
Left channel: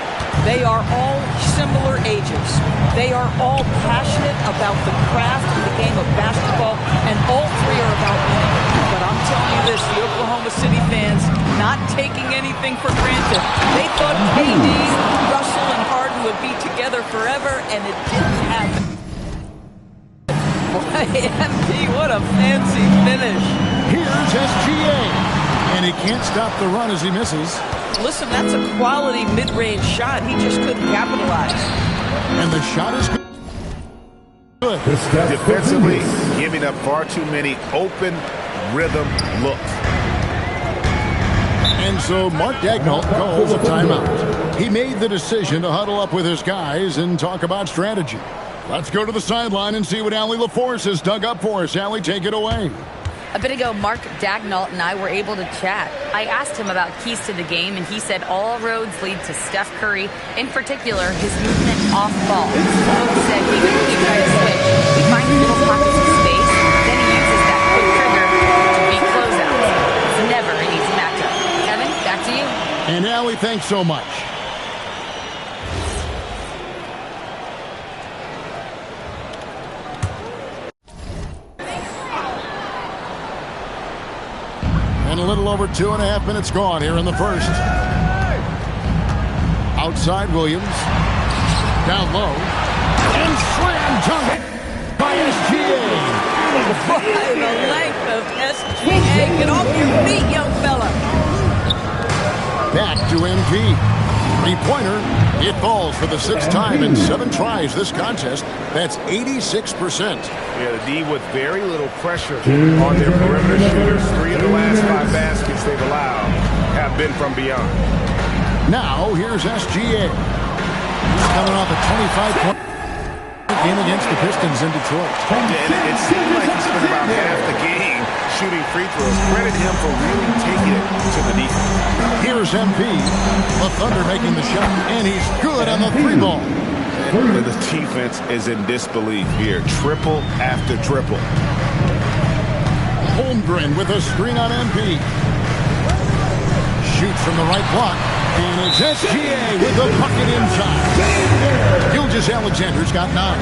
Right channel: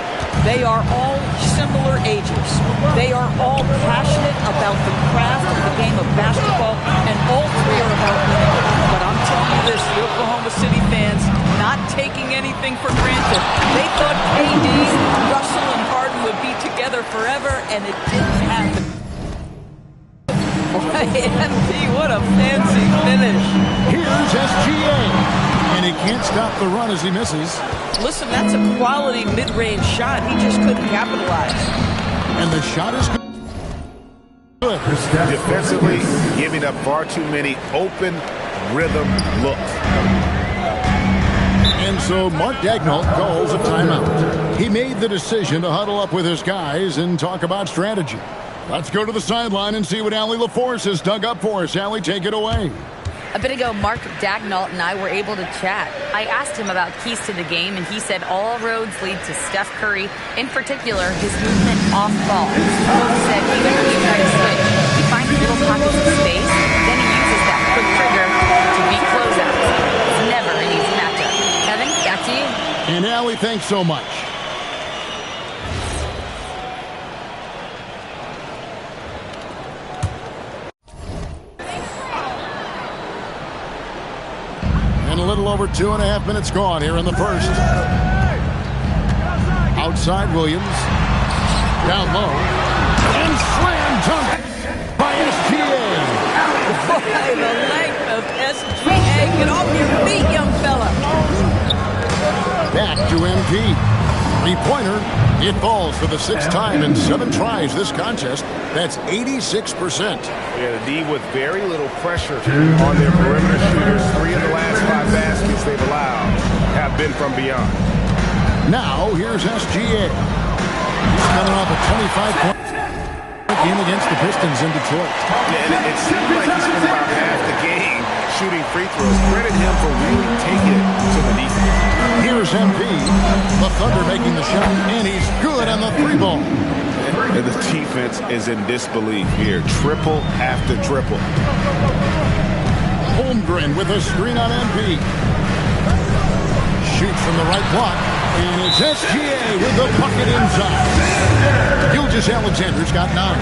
they are all similar ages. They are all passionate about the craft of the game of basketball, and all three are about winning. But I'm telling you this, the Oklahoma City fans not taking anything for granted. They thought KD, Russell, and Harden would be together forever, and it didn't happen. Boy, MP, what a fancy finish. Here's SGA, and he can't stop the run as he misses. Listen, that's a quality mid-range shot. He just couldn't capitalize. And the shot is good. Defensively, giving up far too many open rhythm looks. And so Mark Daigneault calls a timeout. He made the decision to huddle up with his guys and talk about strategy. Let's go to the sideline and see what Allie LaForce has dug up for us. Allie, take it away. A bit ago, Mark Daigneault and I were able to chat. I asked him about keys to the game, and he said all roads lead to Steph Curry, in particular, his movement off ball. Coach said even when you try to switch, he finds little pockets of space, then he uses that quick trigger to beat closeouts. It's never an easy matchup. Kevin, back to you. And Allie, thanks so much. And a little over 2.5 minutes gone here in the first. Outside Williams. Down low. And slam dunk by SGA. Boy, the length of SGA. Get off your feet, young fella. Back to MP. Three-pointer. It falls for the 6th time in 7 tries this contest. That's 86%. Yeah, the D with very little pressure on their perimeter shooters. 3 of the last 5 baskets they've allowed have been from beyond. Now, here's SGA. He's coming off a 25-point game against the Pistons in Detroit. Yeah, and it seemed like he spent about half the game shooting free throws. Credit him for really taking it to the defense. Here's MP. The Thunder making the shot, and he's good on the 3-ball. And the defense is in disbelief here. Triple after triple. Holmgren with a screen on MP. Shoots from the right block, and it's SGA with the bucket inside. Gilgeous-Alexander's got 9.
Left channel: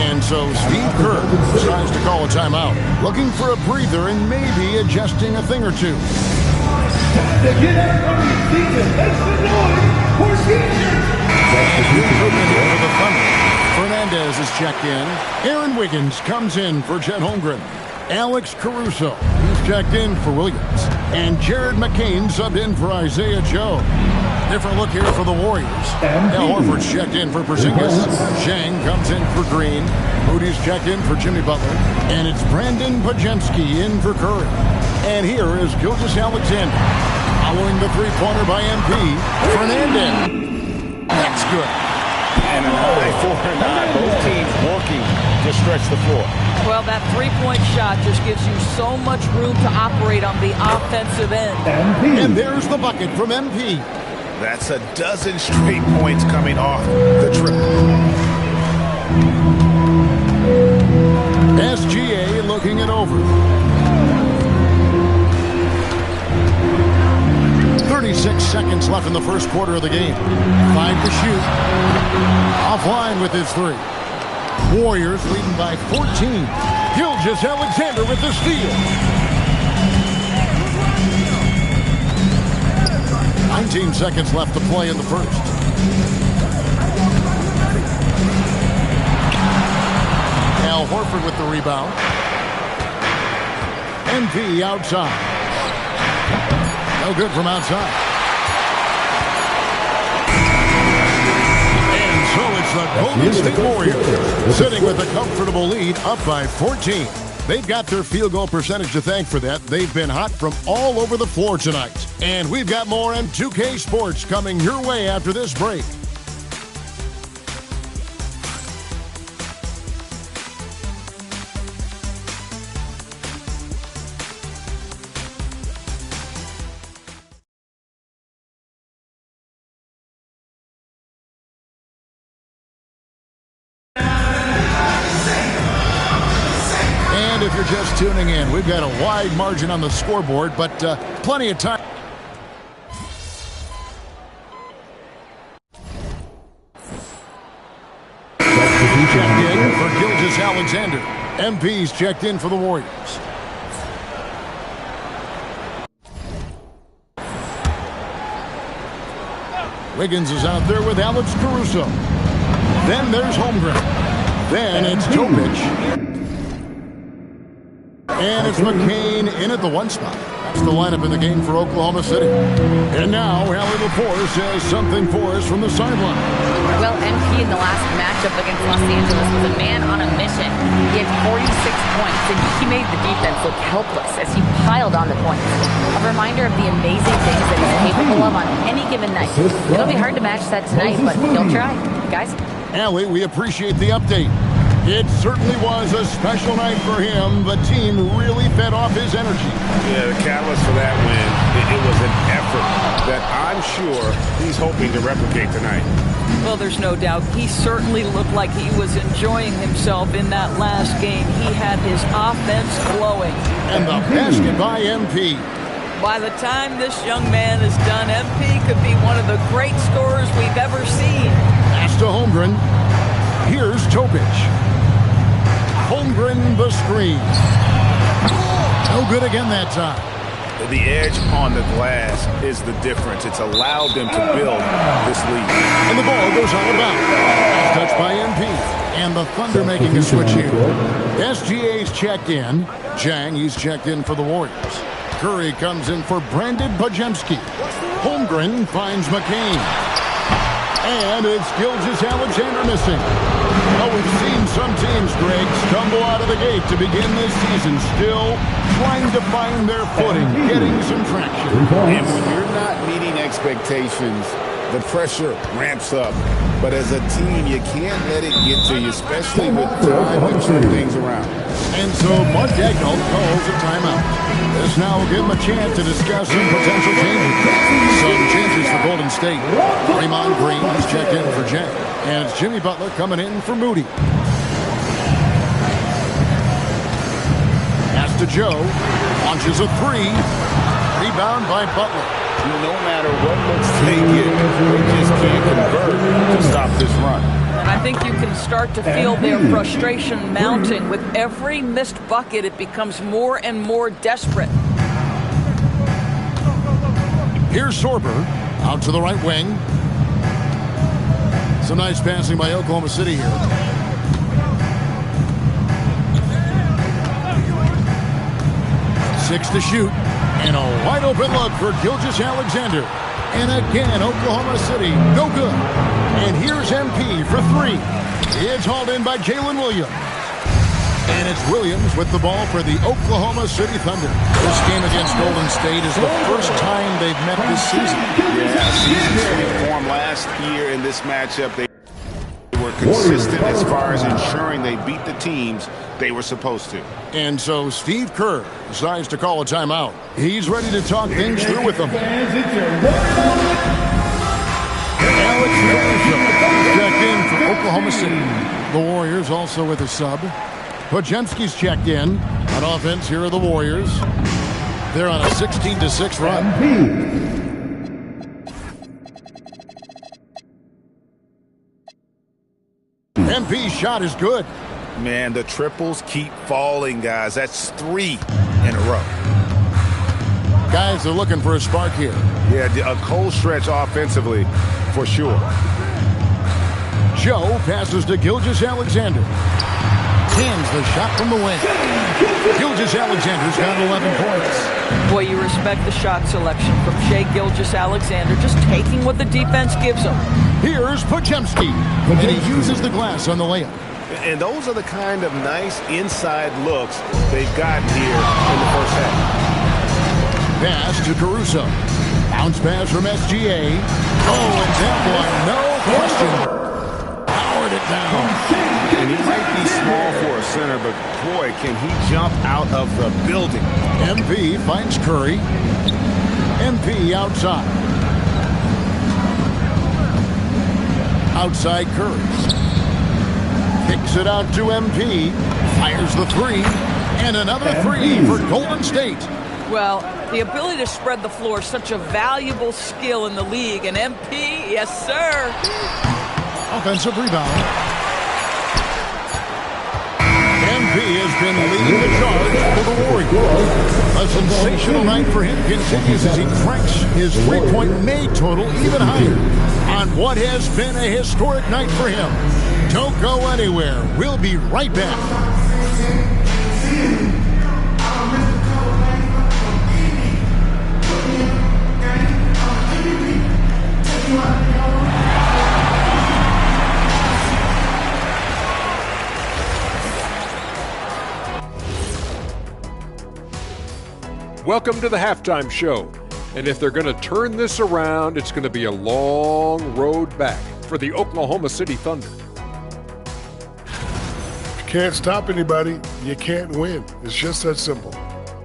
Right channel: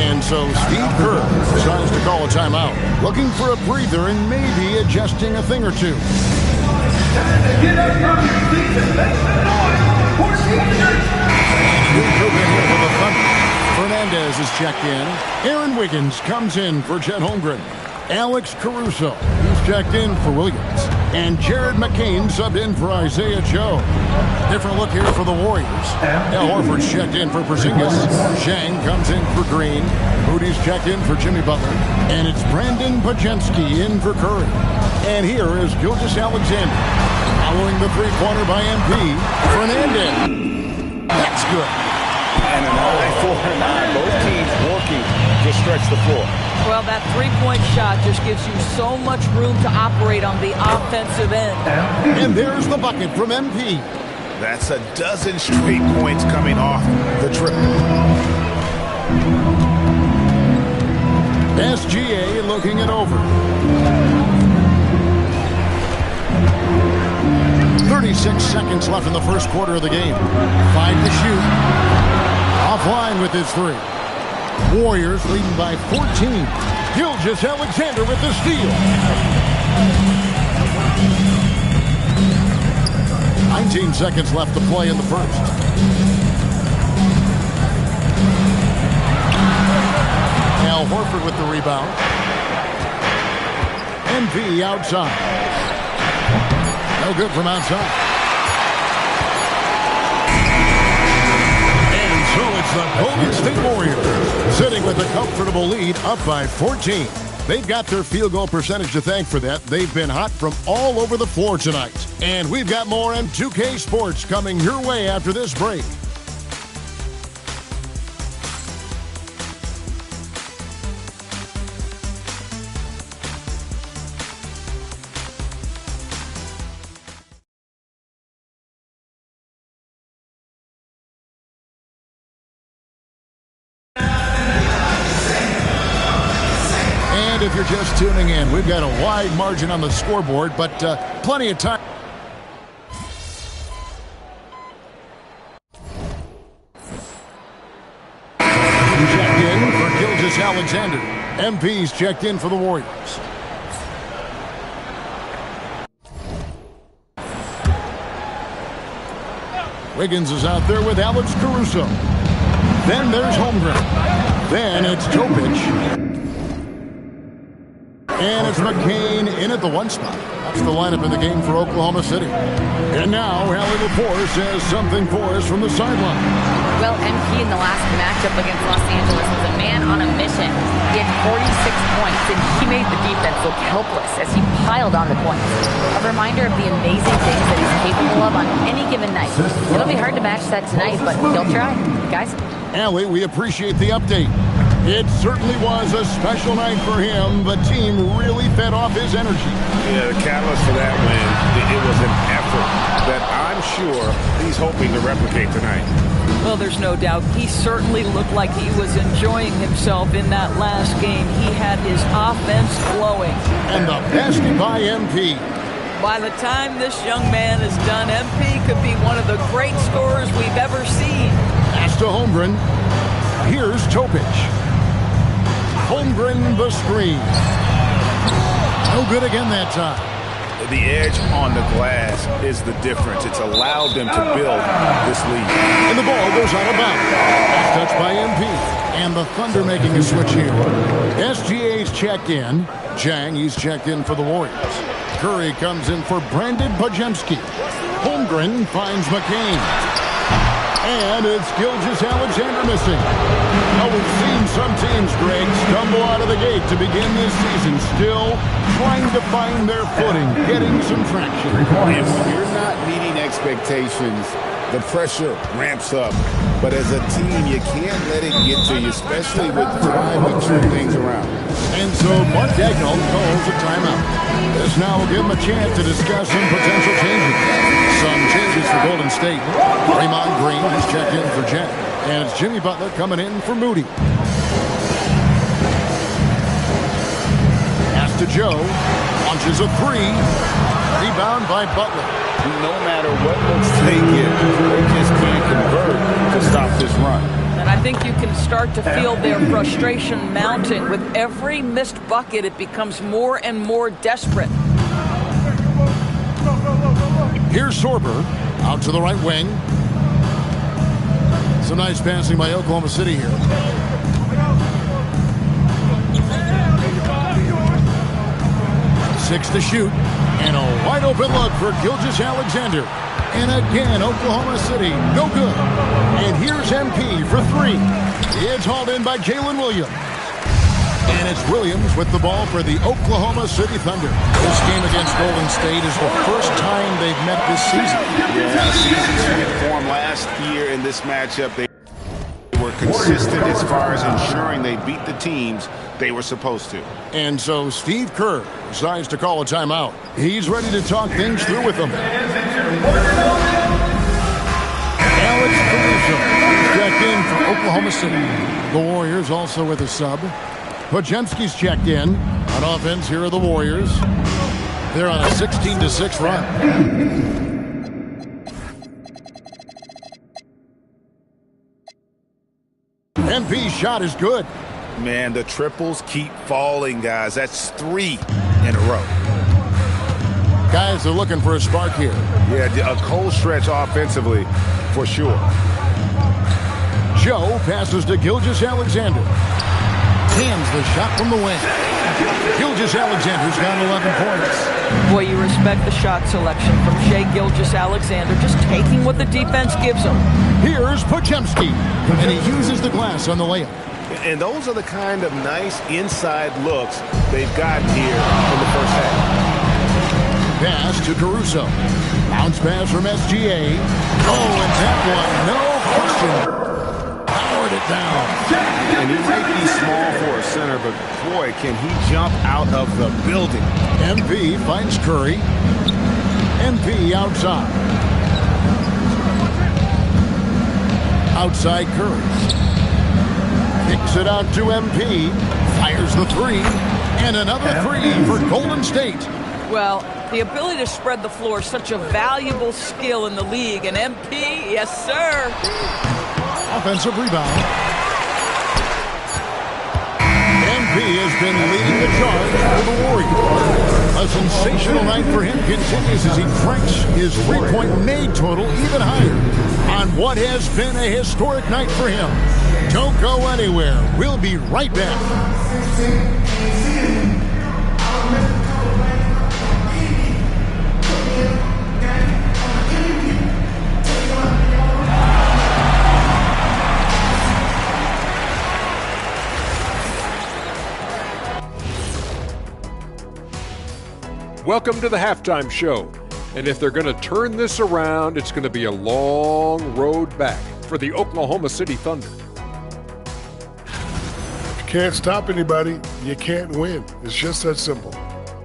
And so Steve Kerr decides to call a timeout, looking for a breather and maybe adjusting a thing or two. And a new group in here for the Thunder. Fernandez is checked in. Aaron Wiggins comes in for Chet Holmgren. Alex Caruso, he's checked in for Williams. And Jared McCain subbed in for Isaiah Joe. Different look here for the Warriors. Al Horford's checked in for Porzingis. Zhang comes in for Green. Moody's checked in for Jimmy Butler. And it's Brandon Podziemski in for Curry. And here is Gilgeous-Alexander. Following the three-pointer by MP, Fernandez. That's good. And an eye for an eye. Both teams working to stretch the floor. Well, that three-point shot just gives you so much room to operate on the offensive end. And there's the bucket from MP. That's a dozen straight points coming off the triple. SGA looking it over. 36 seconds left in the first quarter of the game. 5 to shoot. Offline with his 3. Warriors leading by 14. Gilgeous-Alexander with the steal. 19 seconds left to play in the first. Al Horford with the rebound. MP outside. No good from outside. And so it's the Golden State Warriors sitting with a comfortable lead up by 14. They've got their field goal percentage to thank for that. They've been hot from all over the floor tonight. And we've got more M2K Sports coming your way after this break. if you're just tuning in, we've got a wide margin on the scoreboard, but plenty of time. Checked in for Gilgeous Alexander. MP's checked in for the Warriors. Wiggins is out there with Alex Caruso. Then there's Holmgren. Then it's Topic. And it's McCain in at the 1 spot. That's the lineup in the game for Oklahoma City. And now Allie Laporte says something for us from the sideline. Well, MP in the last matchup against Los Angeles was a man on a mission. He had 46 points, and he made the defense look helpless as he piled on the points. A reminder of the amazing things that he's capable of on any given night. It'll be hard to match that tonight, but he'll try. Guys? Allie, we appreciate the update. It certainly was a special night for him. The team really fed off his energy. Yeah, the catalyst for that win, it was an effort that I'm sure he's hoping to replicate tonight. Well, there's no doubt. He certainly looked like he was enjoying himself in that last game. He had his offense flowing. And the basket by MP. By the time this young man is done, MP could be one of the great scorers we've ever seen. Pass to Holmgren. Here's Topic. Holmgren the screen. No good again that time. The edge on the glass is the difference. It's allowed them to build this lead. And the ball goes out of bounds. That's touched by MP. And the Thunder making a switch here. SGA's checked in. Jang, he's checked in for the Warriors. Curry comes in for Brandon Bajemski. Holmgren finds McCain. And it's Gilgeous Alexander missing. Well, we've seen some teams, Greg, stumble out of the gate to begin this season, still trying to find their footing, getting some traction. And when you're not meeting expectations, the pressure ramps up. But as a team, you can't let it get to you, especially with time to turn things around. And so Mark Daigneault calls a timeout. This now will give him a chance to discuss some potential changes. Some changes for Golden State. Draymond Green is checked in for Jang. And it's Jimmy Butler coming in for Moody. Pass to Joe. Launches a 3. Rebound by Butler. No matter what looks they get, they just can't convert to stop this run. And I think you can start to feel their frustration mounting. With every missed bucket, it becomes more and more desperate. Here's Sorber out to the right wing. Some nice passing by Oklahoma City here. Six to shoot. And a wide open look for Gilgeous Alexander. And again, Oklahoma City, no good. And here's MP for 3. It's hauled in by Jalen Williams. And it's Williams with the ball for the Oklahoma City Thunder. This game against Golden State is the first time they've met this season. Yeah, season sweep form last year in this matchup. They were consistent as far as ensuring they beat the teams they were supposed to. And so Steve Kerr decides to call a timeout. He's ready to talk things through with them. Alex Caruso checked in for Oklahoma City. The Warriors also with a sub. Podziemski's checked in. On offense, here are the Warriors. They're on a 16-6 run. MP's shot is good. Man, the triples keep falling, guys. That's 3 in a row. Guys are looking for a spark here. Yeah, a cold stretch offensively, for sure. Joe passes to Gilgeous Alexander. Hands the shot from the wing. Gilgeous Alexander's got 11 points. Boy, you respect the shot selection from Shai Gilgeous Alexander, just taking what the defense gives him. Here's Podziemski, and he uses the glass on the layup. And those are the kind of nice inside looks they've gotten here in the first half. Pass to Caruso. Bounce pass from SGA. Oh, and that one, no question. Powered it down. And he might be small for a center, but boy, can he jump out of the building. MP finds Curry. MP outside. Outside Curry. Kicks it out to MP. Fires the 3. And another three for Golden State. Well, the ability to spread the floor is such a valuable skill in the league. And MP, yes, sir. Offensive rebound. MP has been leading the charge for the Warriors. A sensational night for him continues as he cranks his three-point made total even higher on what has been a historic night for him. Don't go anywhere. We'll be right back. Welcome to the halftime show. And if they're going to turn this around, it's going to be a long road back for the Oklahoma City Thunder. You can't stop anybody. You can't win. It's just that simple.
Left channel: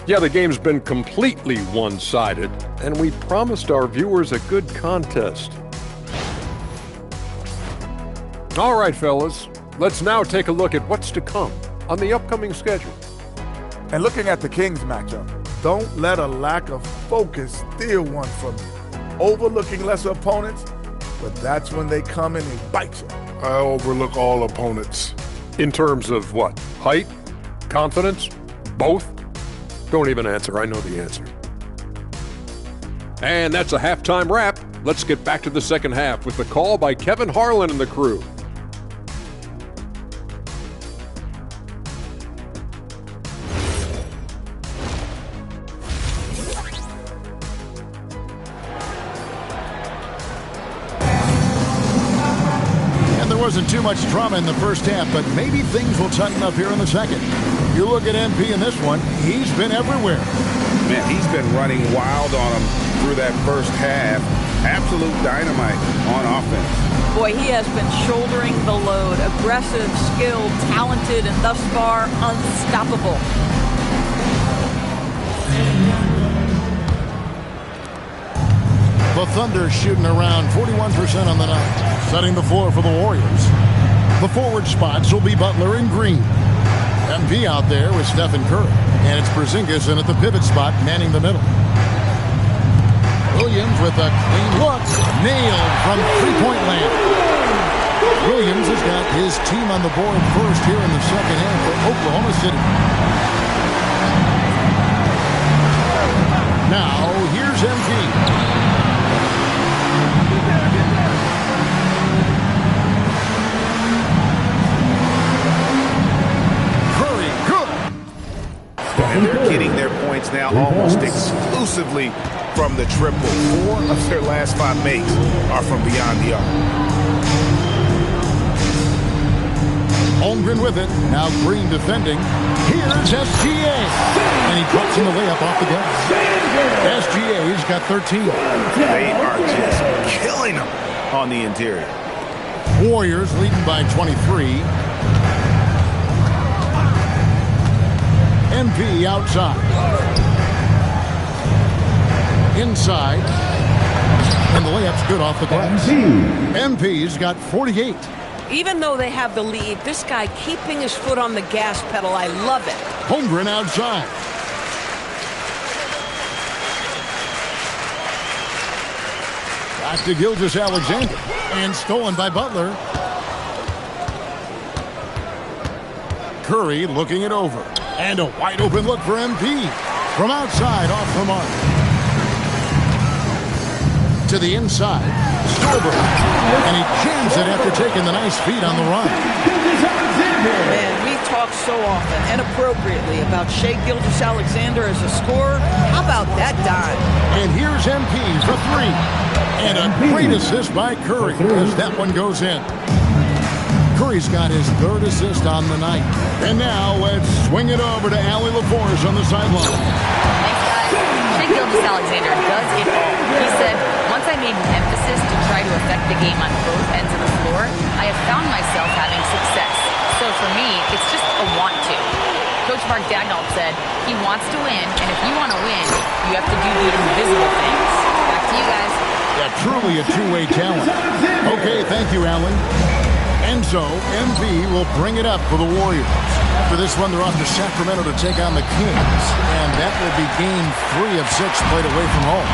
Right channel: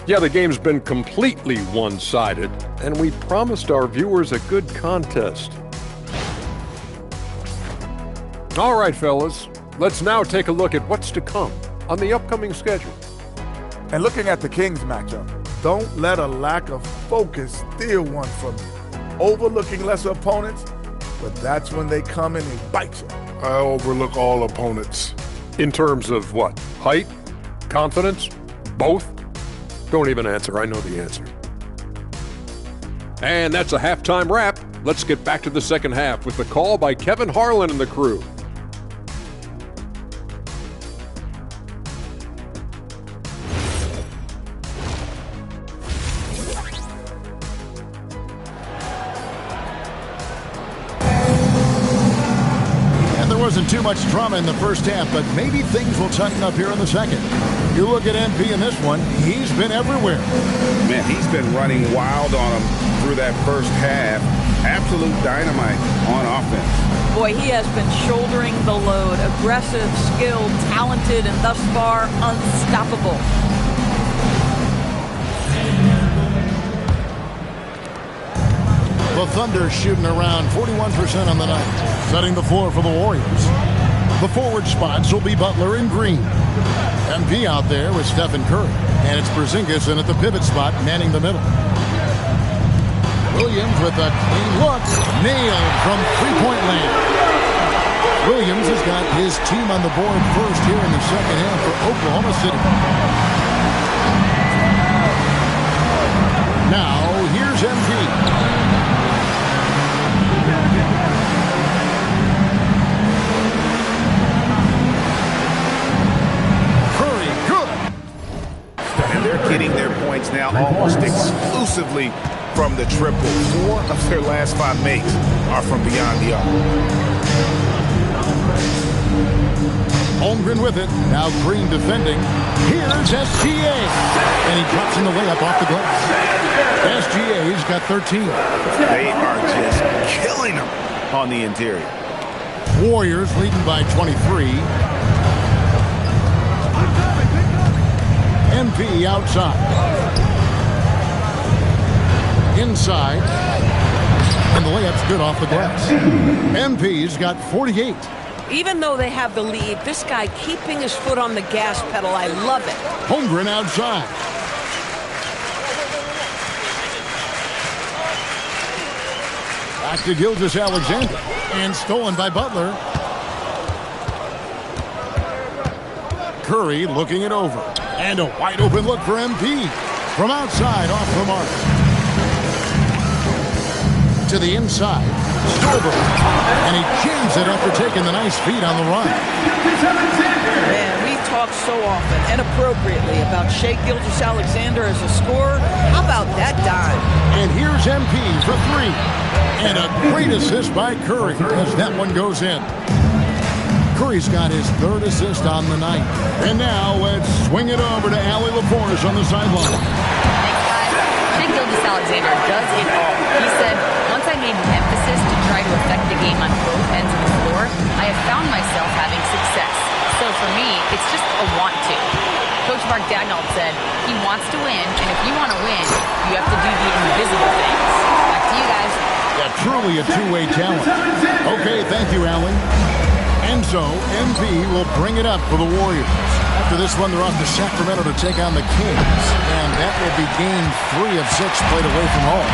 Yeah, the game's been completely one-sided, and we promised our viewers a good contest. All right, fellas, let's now take a look at what's to come on the upcoming schedule. And looking at the Kings matchup, don't let a lack of focus steal one from you. Overlooking lesser opponents, but that's when they come in and bite you. I overlook all opponents. In terms of what? Height? Confidence? Both? Don't even answer. I know the answer. And that's a halftime wrap. Let's get back to the second half with the call by Kevin Harlan and the crew. Wasn't too much drama in the first half, but maybe things will tighten up here in the second. You look at MP in this one, he's been everywhere. Man, he's been running wild on him through that first half. Absolute dynamite on offense. Boy, he has been shouldering the load. Aggressive, skilled, talented, and thus far unstoppable. The Thunder shooting around 41% on the night, setting the floor for the Warriors. The forward spots will be Butler and Green. MP out there with Stephen Curry, and it's Porzingis in at the pivot spot, manning the middle. Williams with a clean look, nailed from three-point land. Williams has got his team on the board first here in the second half for Oklahoma City. Now, here's MP. And they're getting their points now almost exclusively from the triple. 4 of their last 5 makes are from beyond the arc. Holmgren with it. Now Green defending. Here's SGA. And he drops in the layup off the glass. SGA's got 13. They are just killing them on the interior. Warriors leading by 23. MP outside. Inside. And the layup's good off the glass. MP's got 48. Even though they have the lead, this guy keeping his foot on the gas pedal, I love it. Holmgren outside. Back to Gilgeous-Alexander. And stolen by Butler. Curry looking it over. And a wide open look for MP. From outside, off the mark. To the inside. Stolberg. And he jams it after taking the nice feed on the run. Man, we talk so often and appropriately about Shai Gilgeous-Alexander as a scorer. How about that dime? And here's MP for 3. And a great assist by Curry as that one goes in. Curry's got his 3rd assist on the night. And now let's swing it over to Allie LaForce on the sideline. Thanks, guys. Shai Gilgeous-Alexander does it all. He said, once I made an emphasis to try to affect the game on both ends of the floor, I have found myself having success. So for me, it's just a want to. Coach Mark Dagnall said he wants to win, and if you want to win, you have to do the invisible things. Back to you guys. Yeah, truly a two-way talent. Okay, thank you, Allie. And so, MP will bring it up for the Warriors. After this one, they're off to Sacramento to take on the Kings. And that will be game 3 of 6 played away from home.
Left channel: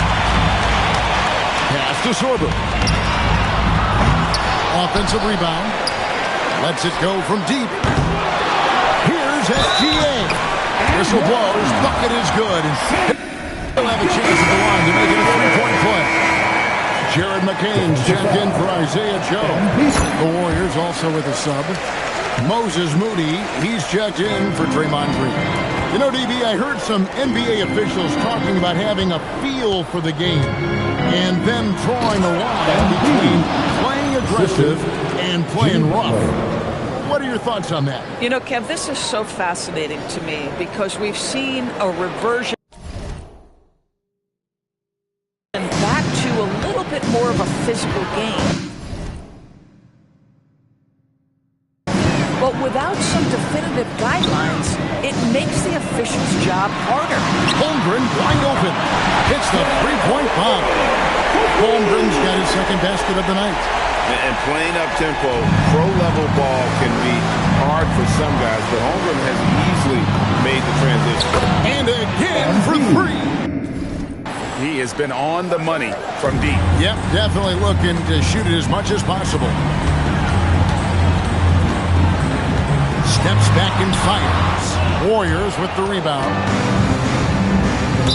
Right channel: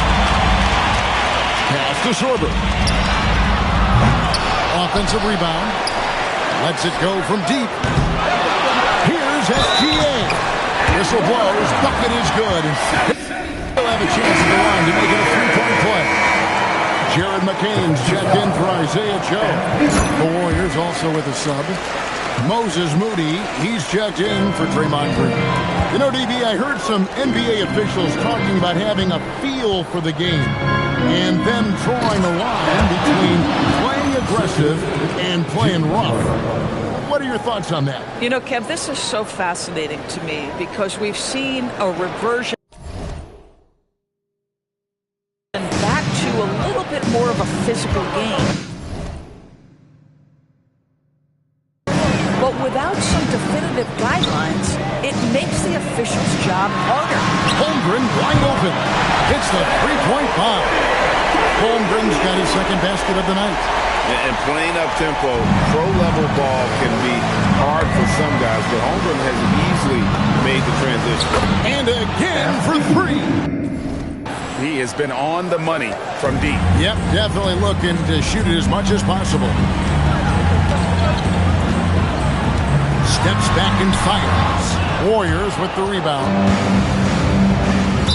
Pass to Sorber. Offensive rebound. Lets it go from deep. Here's SGA. Whistle blows. Bucket is good. And he'll have a chance at the line to make it a 3-point play. Jared McCain's checked in for Isaiah Joe. The Warriors also with a sub. Moses Moody, he's checked in for Draymond Green. You know, DB, I heard some NBA officials talking about having a feel for the game and them drawing a line between playing aggressive and playing rough. What are your thoughts on that? You know, Kev, this is so fascinating to me because we've seen a reversion back to a little bit more of a physical game. But without some definitive guidelines, it makes the officials' job harder. Holmgren wide open. Hits the three-point bomb. Holmgren's got his second basket of the night. And playing up-tempo, pro-level ball can be hard for some guys, but Holmgren has easily made the transition. And again for 3. He has been on the money from deep. Yep, definitely looking to shoot it as much as possible. Steps back and fires. Warriors with the rebound.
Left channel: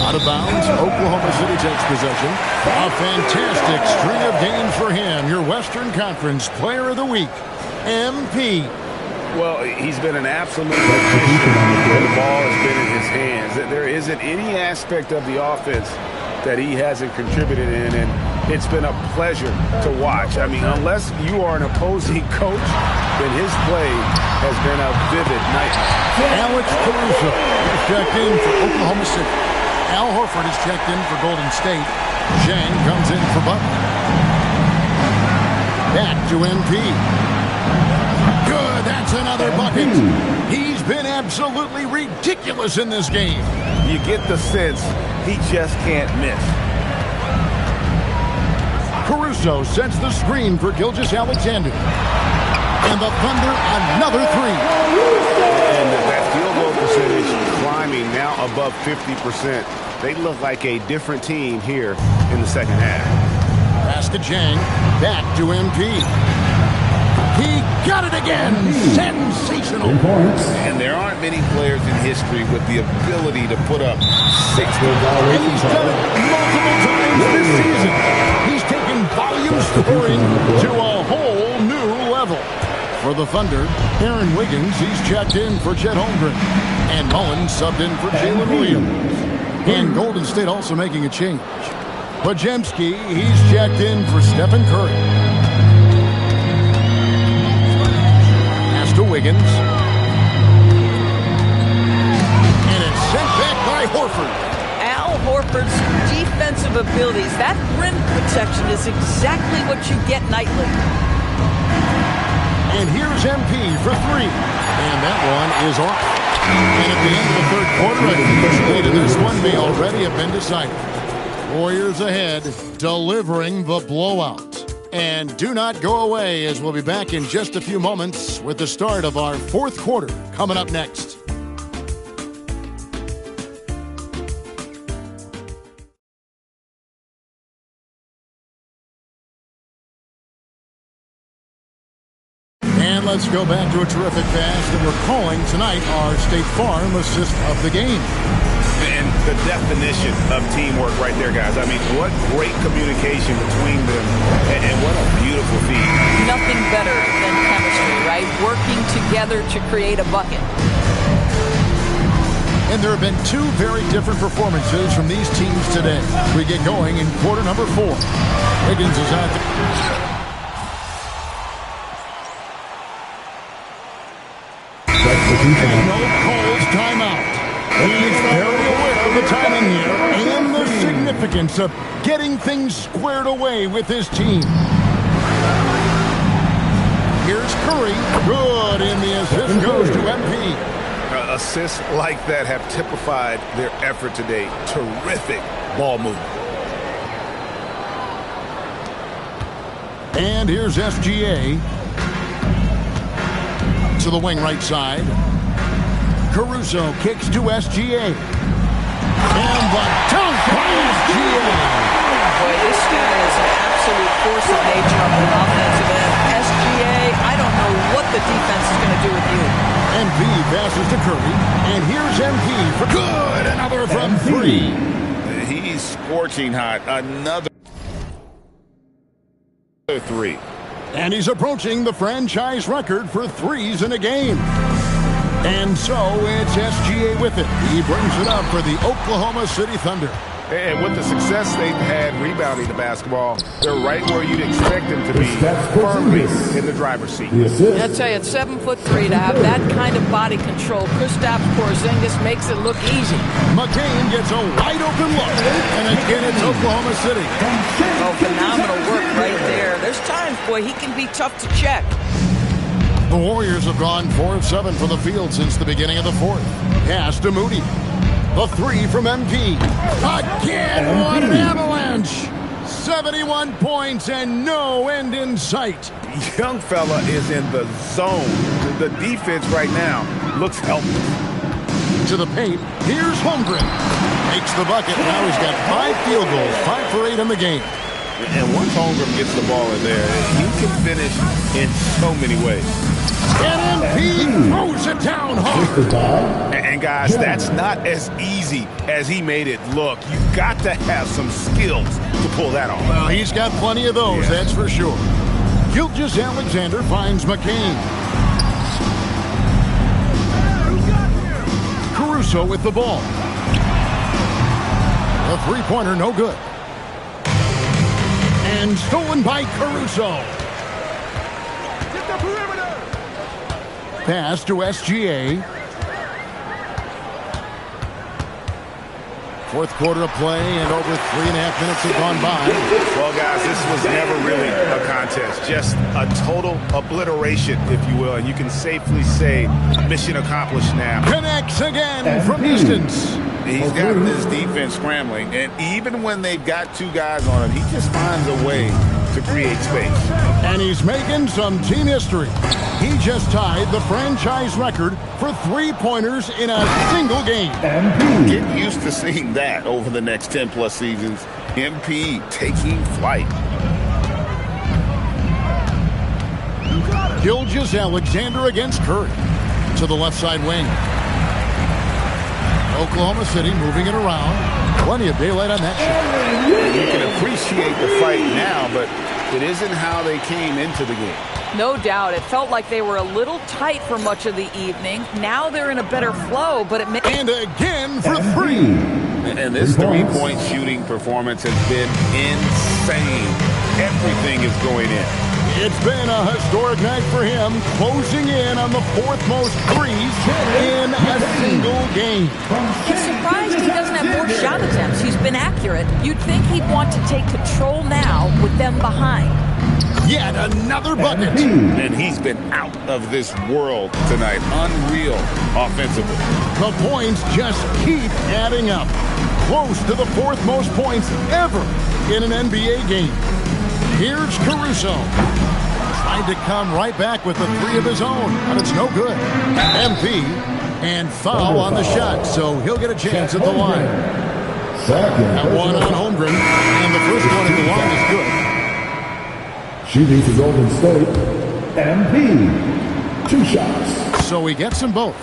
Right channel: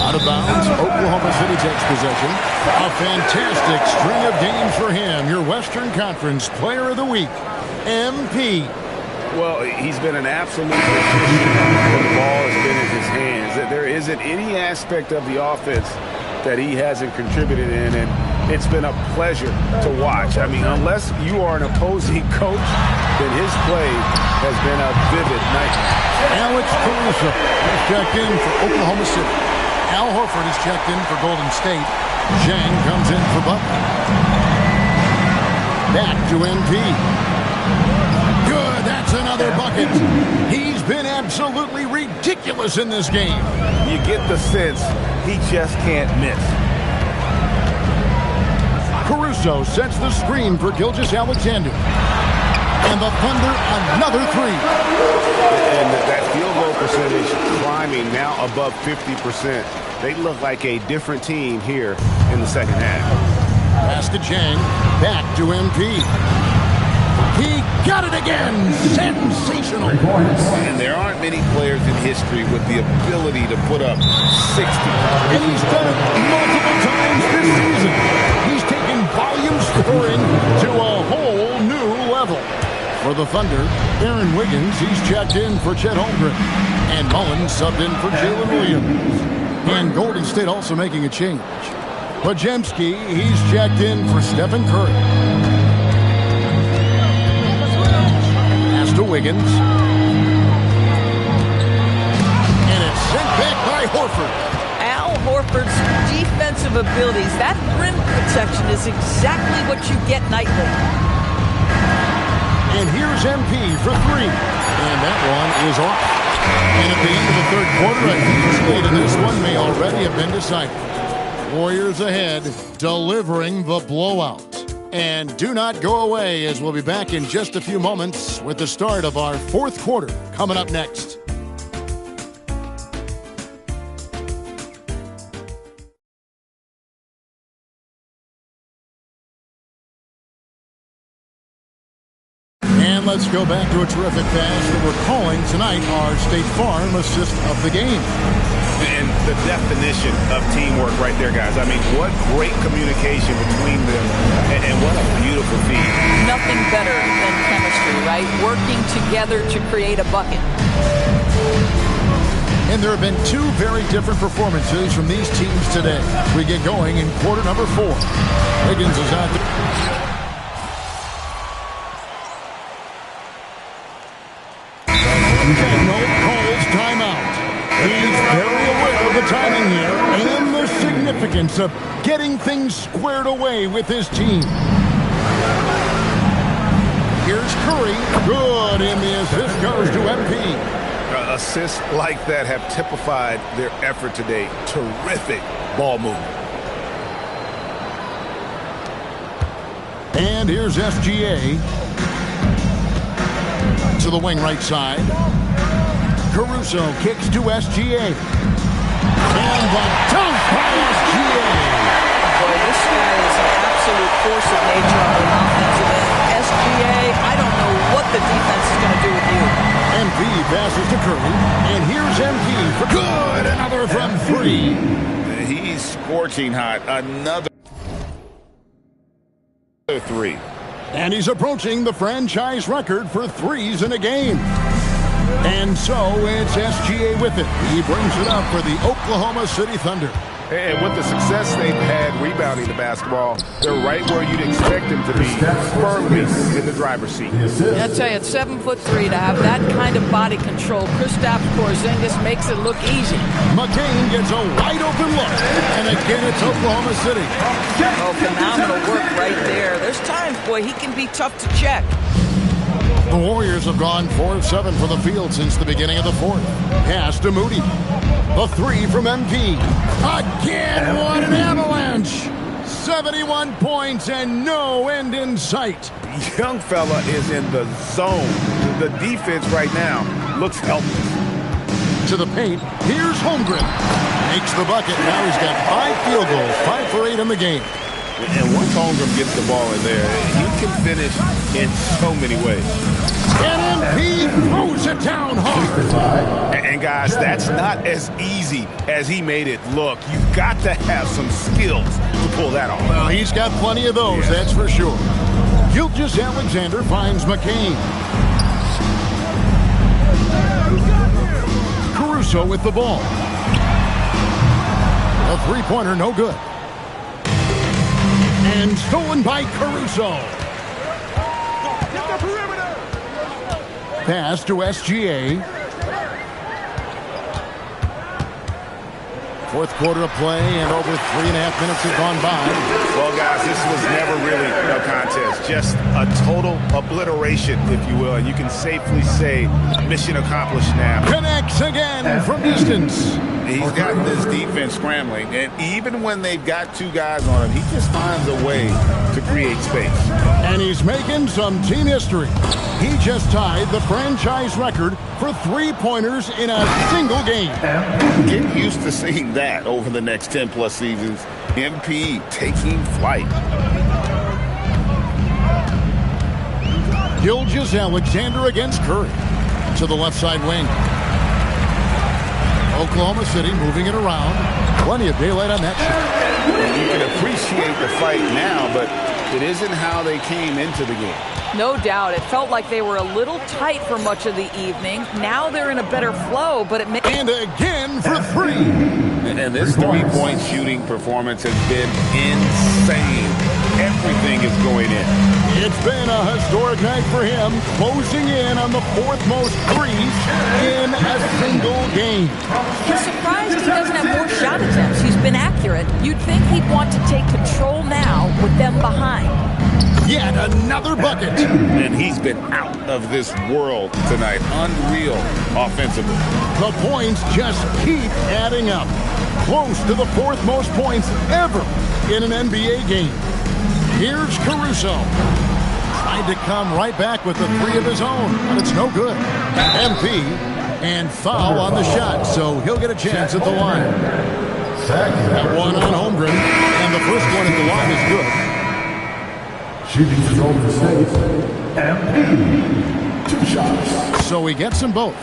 Out of bounds. Oklahoma City takes possession. A fantastic string of games for him. Your Western Conference Player of the Week, MP. Well, he's been an absolute magician when the ball has been in his hands. There isn't any aspect of the offense that he hasn't contributed in, and it's been a pleasure to watch. I mean, unless you are an opposing coach, then his play has been a vivid nightmare. Alex Caruso is checked in for Oklahoma City. Al Horford is checked in for Golden State. Zhang comes in for Butler. Back to MP. Good, that's another bucket. He's been absolutely ridiculous in this game. You get the sense he just can't miss. Caruso sets the screen for Gilgeous-Alexander. And the Thunder, another 3. And that field goal percentage climbing now above 50%. They look like a different team here in the second half. Pass to Zhang. Back to MP. He got it again. Sensational. And there aren't many players in history with the ability to put up 60. And he's done it multiple times this season. He's taken volume scoring to a whole new level. For the Thunder, Aaron Wiggins, he's checked in for Chet Holmgren. And Mullins subbed in for Jalen Williams. And Golden State also making a change. Podziemski, he's checked in for Stephen Curry. Pass to Wiggins. And it's sent back by Horford. Al Horford's defensive abilities, that rim protection is exactly what you get nightly. And here's MP for 3. And that one is off. And at the end of the third quarter, a huge lead in this one may already have been decided. Warriors ahead, delivering the blowout. And do not go away, as we'll be back in just a few moments with the start of our fourth quarter coming up next. And let's go back to a terrific pass that we're calling tonight our State Farm assist of the game. And the definition of teamwork right there, guys. I mean, what great communication between them, and what a beautiful feed. Nothing better than chemistry, right? Working together to create a bucket. And there have been 2 very different performances from these teams today. We get going in quarter number 4. Wiggins is out there. Calls timeout. He's very aware of the timing here and the significance of getting things squared away with his team. Here's Curry. Good, and the assist goes to MP. Assists like that have typified their effort today. Terrific ball movement. And here's SGA. To the wing right side. Caruso kicks to SGA. And the dunk by SGA. Boy, this guy is an absolute force of nature on the offensive end. SGA, I don't know what the defense is going to do with you. MP passes to Curry, and here's MP for good. Another from 3. He's scorching hot. Another 3. And he's approaching the franchise record for threes in a game. And so it's SGA with it. He brings it up for the Oklahoma City Thunder. And with the success they've had rebounding the basketball, they're right where you'd expect them to be, firmly in the driver's seat. I tell you, at 7'3", to have that kind of body control, Kristaps Porzingis makes it look easy. McCain gets a wide open look, and again it's Oklahoma City. Oh, phenomenal work right there. There's times, boy, he can be tough to check. The Warriors have gone 4 of 7 from the field since the beginning of the fourth. Pass to Moody. The 3 from MP. Again, what an avalanche! 71 points and no end in sight. Young fella is in the zone. The defense right now looks helpless. To the paint, here's Holmgren. Makes the bucket. Now he's got 5 field goals, 5 for 8 in the game. And once Holmgren gets the ball in there, he can finish in so many ways. And MP throws it down hard. And guys, that's not as easy as he made it look. You've got to have some skills to pull that off. Well, he's got plenty of those, that's for sure. Gilgeous-Alexander finds McCain. Caruso with the ball. The three-pointer, no good. And stolen by Caruso. Pass to SGA. Fourth quarter of play, and over 3.5 minutes have gone by. Well, guys, this was never really a contest. Just a total obliteration, if you will. And you can safely say mission accomplished now. Connects again from distance. He's got this defense scrambling, and even when they've got 2 guys on him, he just finds a way to create space. And he's making some team history. He just tied the franchise record for 3-pointers in a single game. Get used to seeing that over the next 10-plus seasons. MP taking flight. Gilgeous-Alexander against Curry. To the left side wing. Oklahoma City moving it around. Plenty of daylight on that shot. You can appreciate the fight now, but it isn't how they came into the game. No doubt. It felt like they were a little tight for much of the evening. Now they're in a better flow, but it may... And again for 3. And this 3-point shooting performance has been insane. Everything is going in. It's been a historic night for him, closing in on the 4th most threes in a single game. It's surprised he doesn't have more shot attempts. He's been accurate. You'd think he'd want to take control now with them behind. Yet another bucket. And he's been out of this world tonight. Unreal offensively. The points just keep adding up. Close to the 4th most points ever in an NBA game. Here's Caruso. Tried to come right back with the 3 of his own, but it's no good. MP and foul on the shot, so he'll get a chance at the line. That one on Holmgren, and the first one at the line is good. Shooting for Golden State, MP. 2 shots. So he gets them both.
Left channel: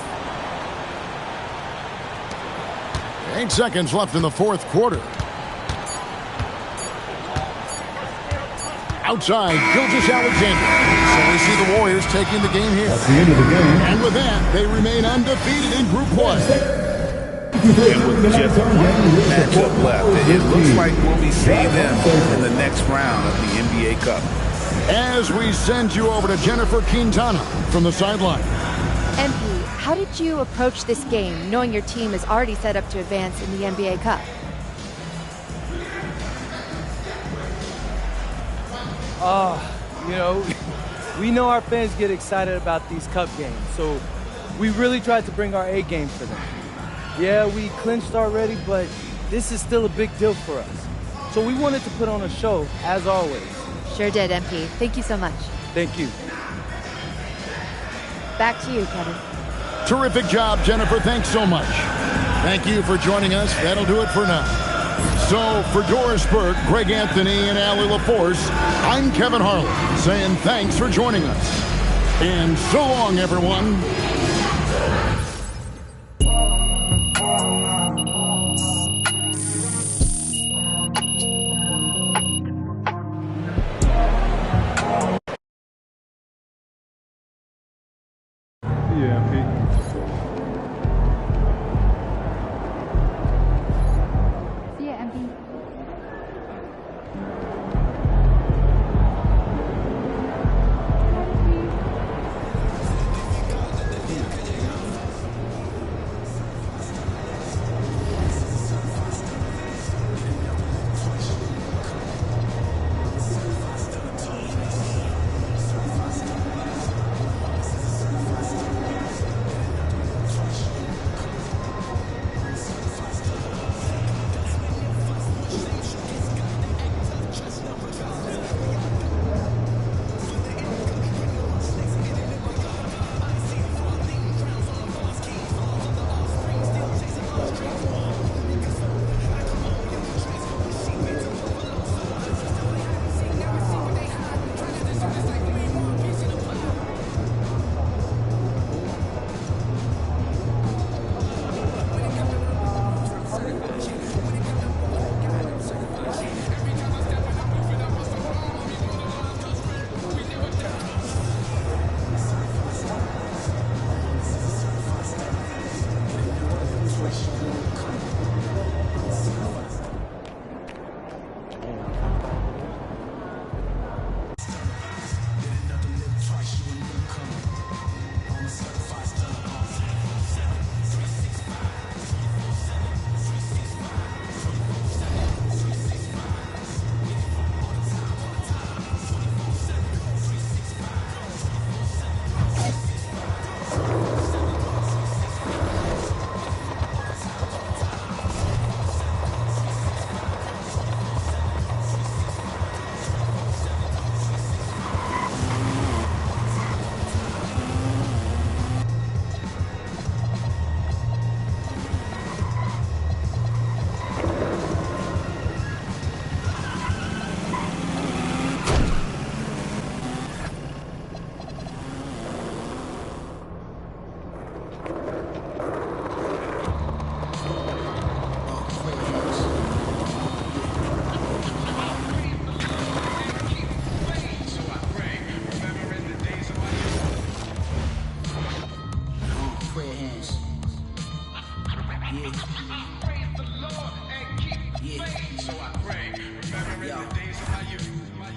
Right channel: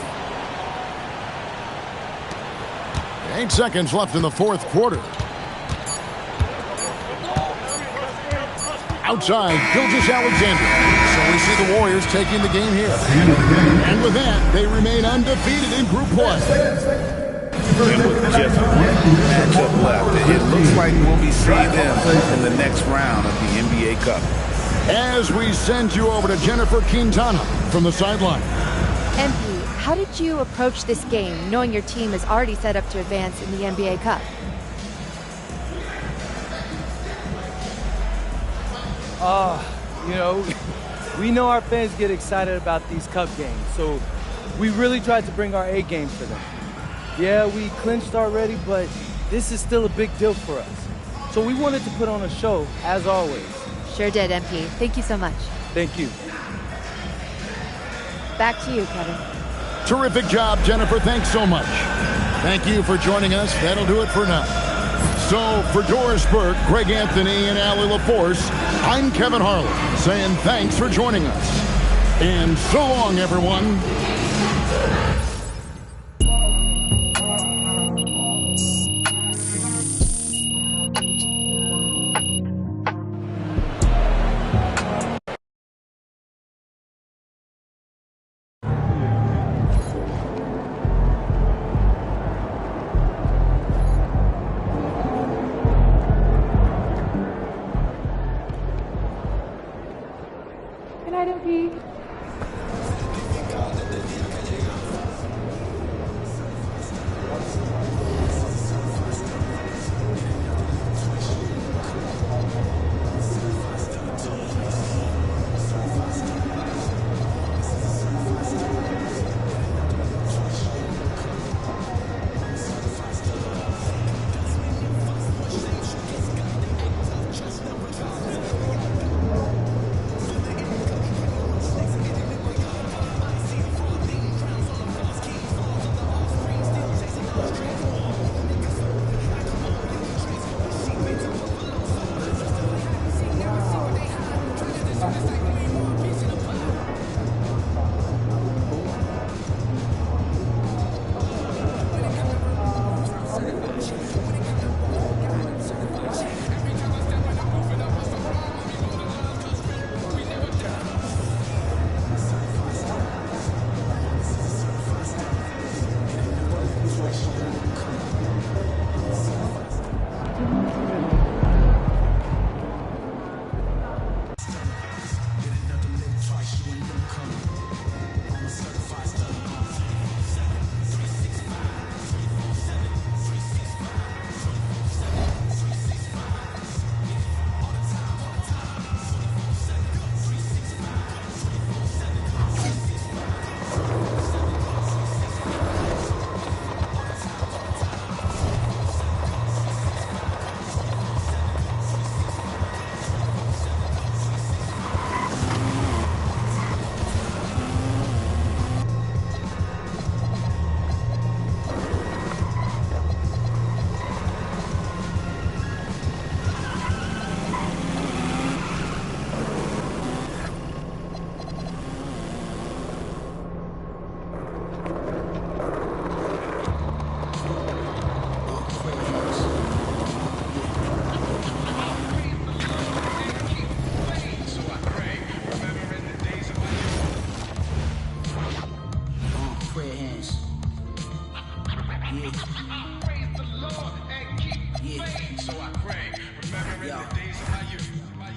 8 seconds left in the 4th quarter. Outside, Gilgeous-Alexander. So we see the Warriors taking the game here. That's the end of the game. And with that, they remain undefeated in group play. And with just one matchup left, it looks like we'll be seeing them in the next round of the NBA Cup. As we send you over to Jennifer Quintana from the sideline. MP, how did you approach this game, knowing your team is already set up to advance in the NBA Cup? You know, we know our fans get excited about these cup games, so we really tried to bring our A game for them. Yeah, we clinched already, but this is still a big deal for us. So we wanted to put on a show, as always. Sure did, MP. Thank you so much. Thank you. Back to you, Kevin. Terrific job, Jennifer. Thanks so much. Thank you for joining us. That'll do it for now. So, for Doris Burke, Greg Anthony, and Allie LaForce, I'm Kevin Harlan, saying thanks for joining us. And so long, everyone.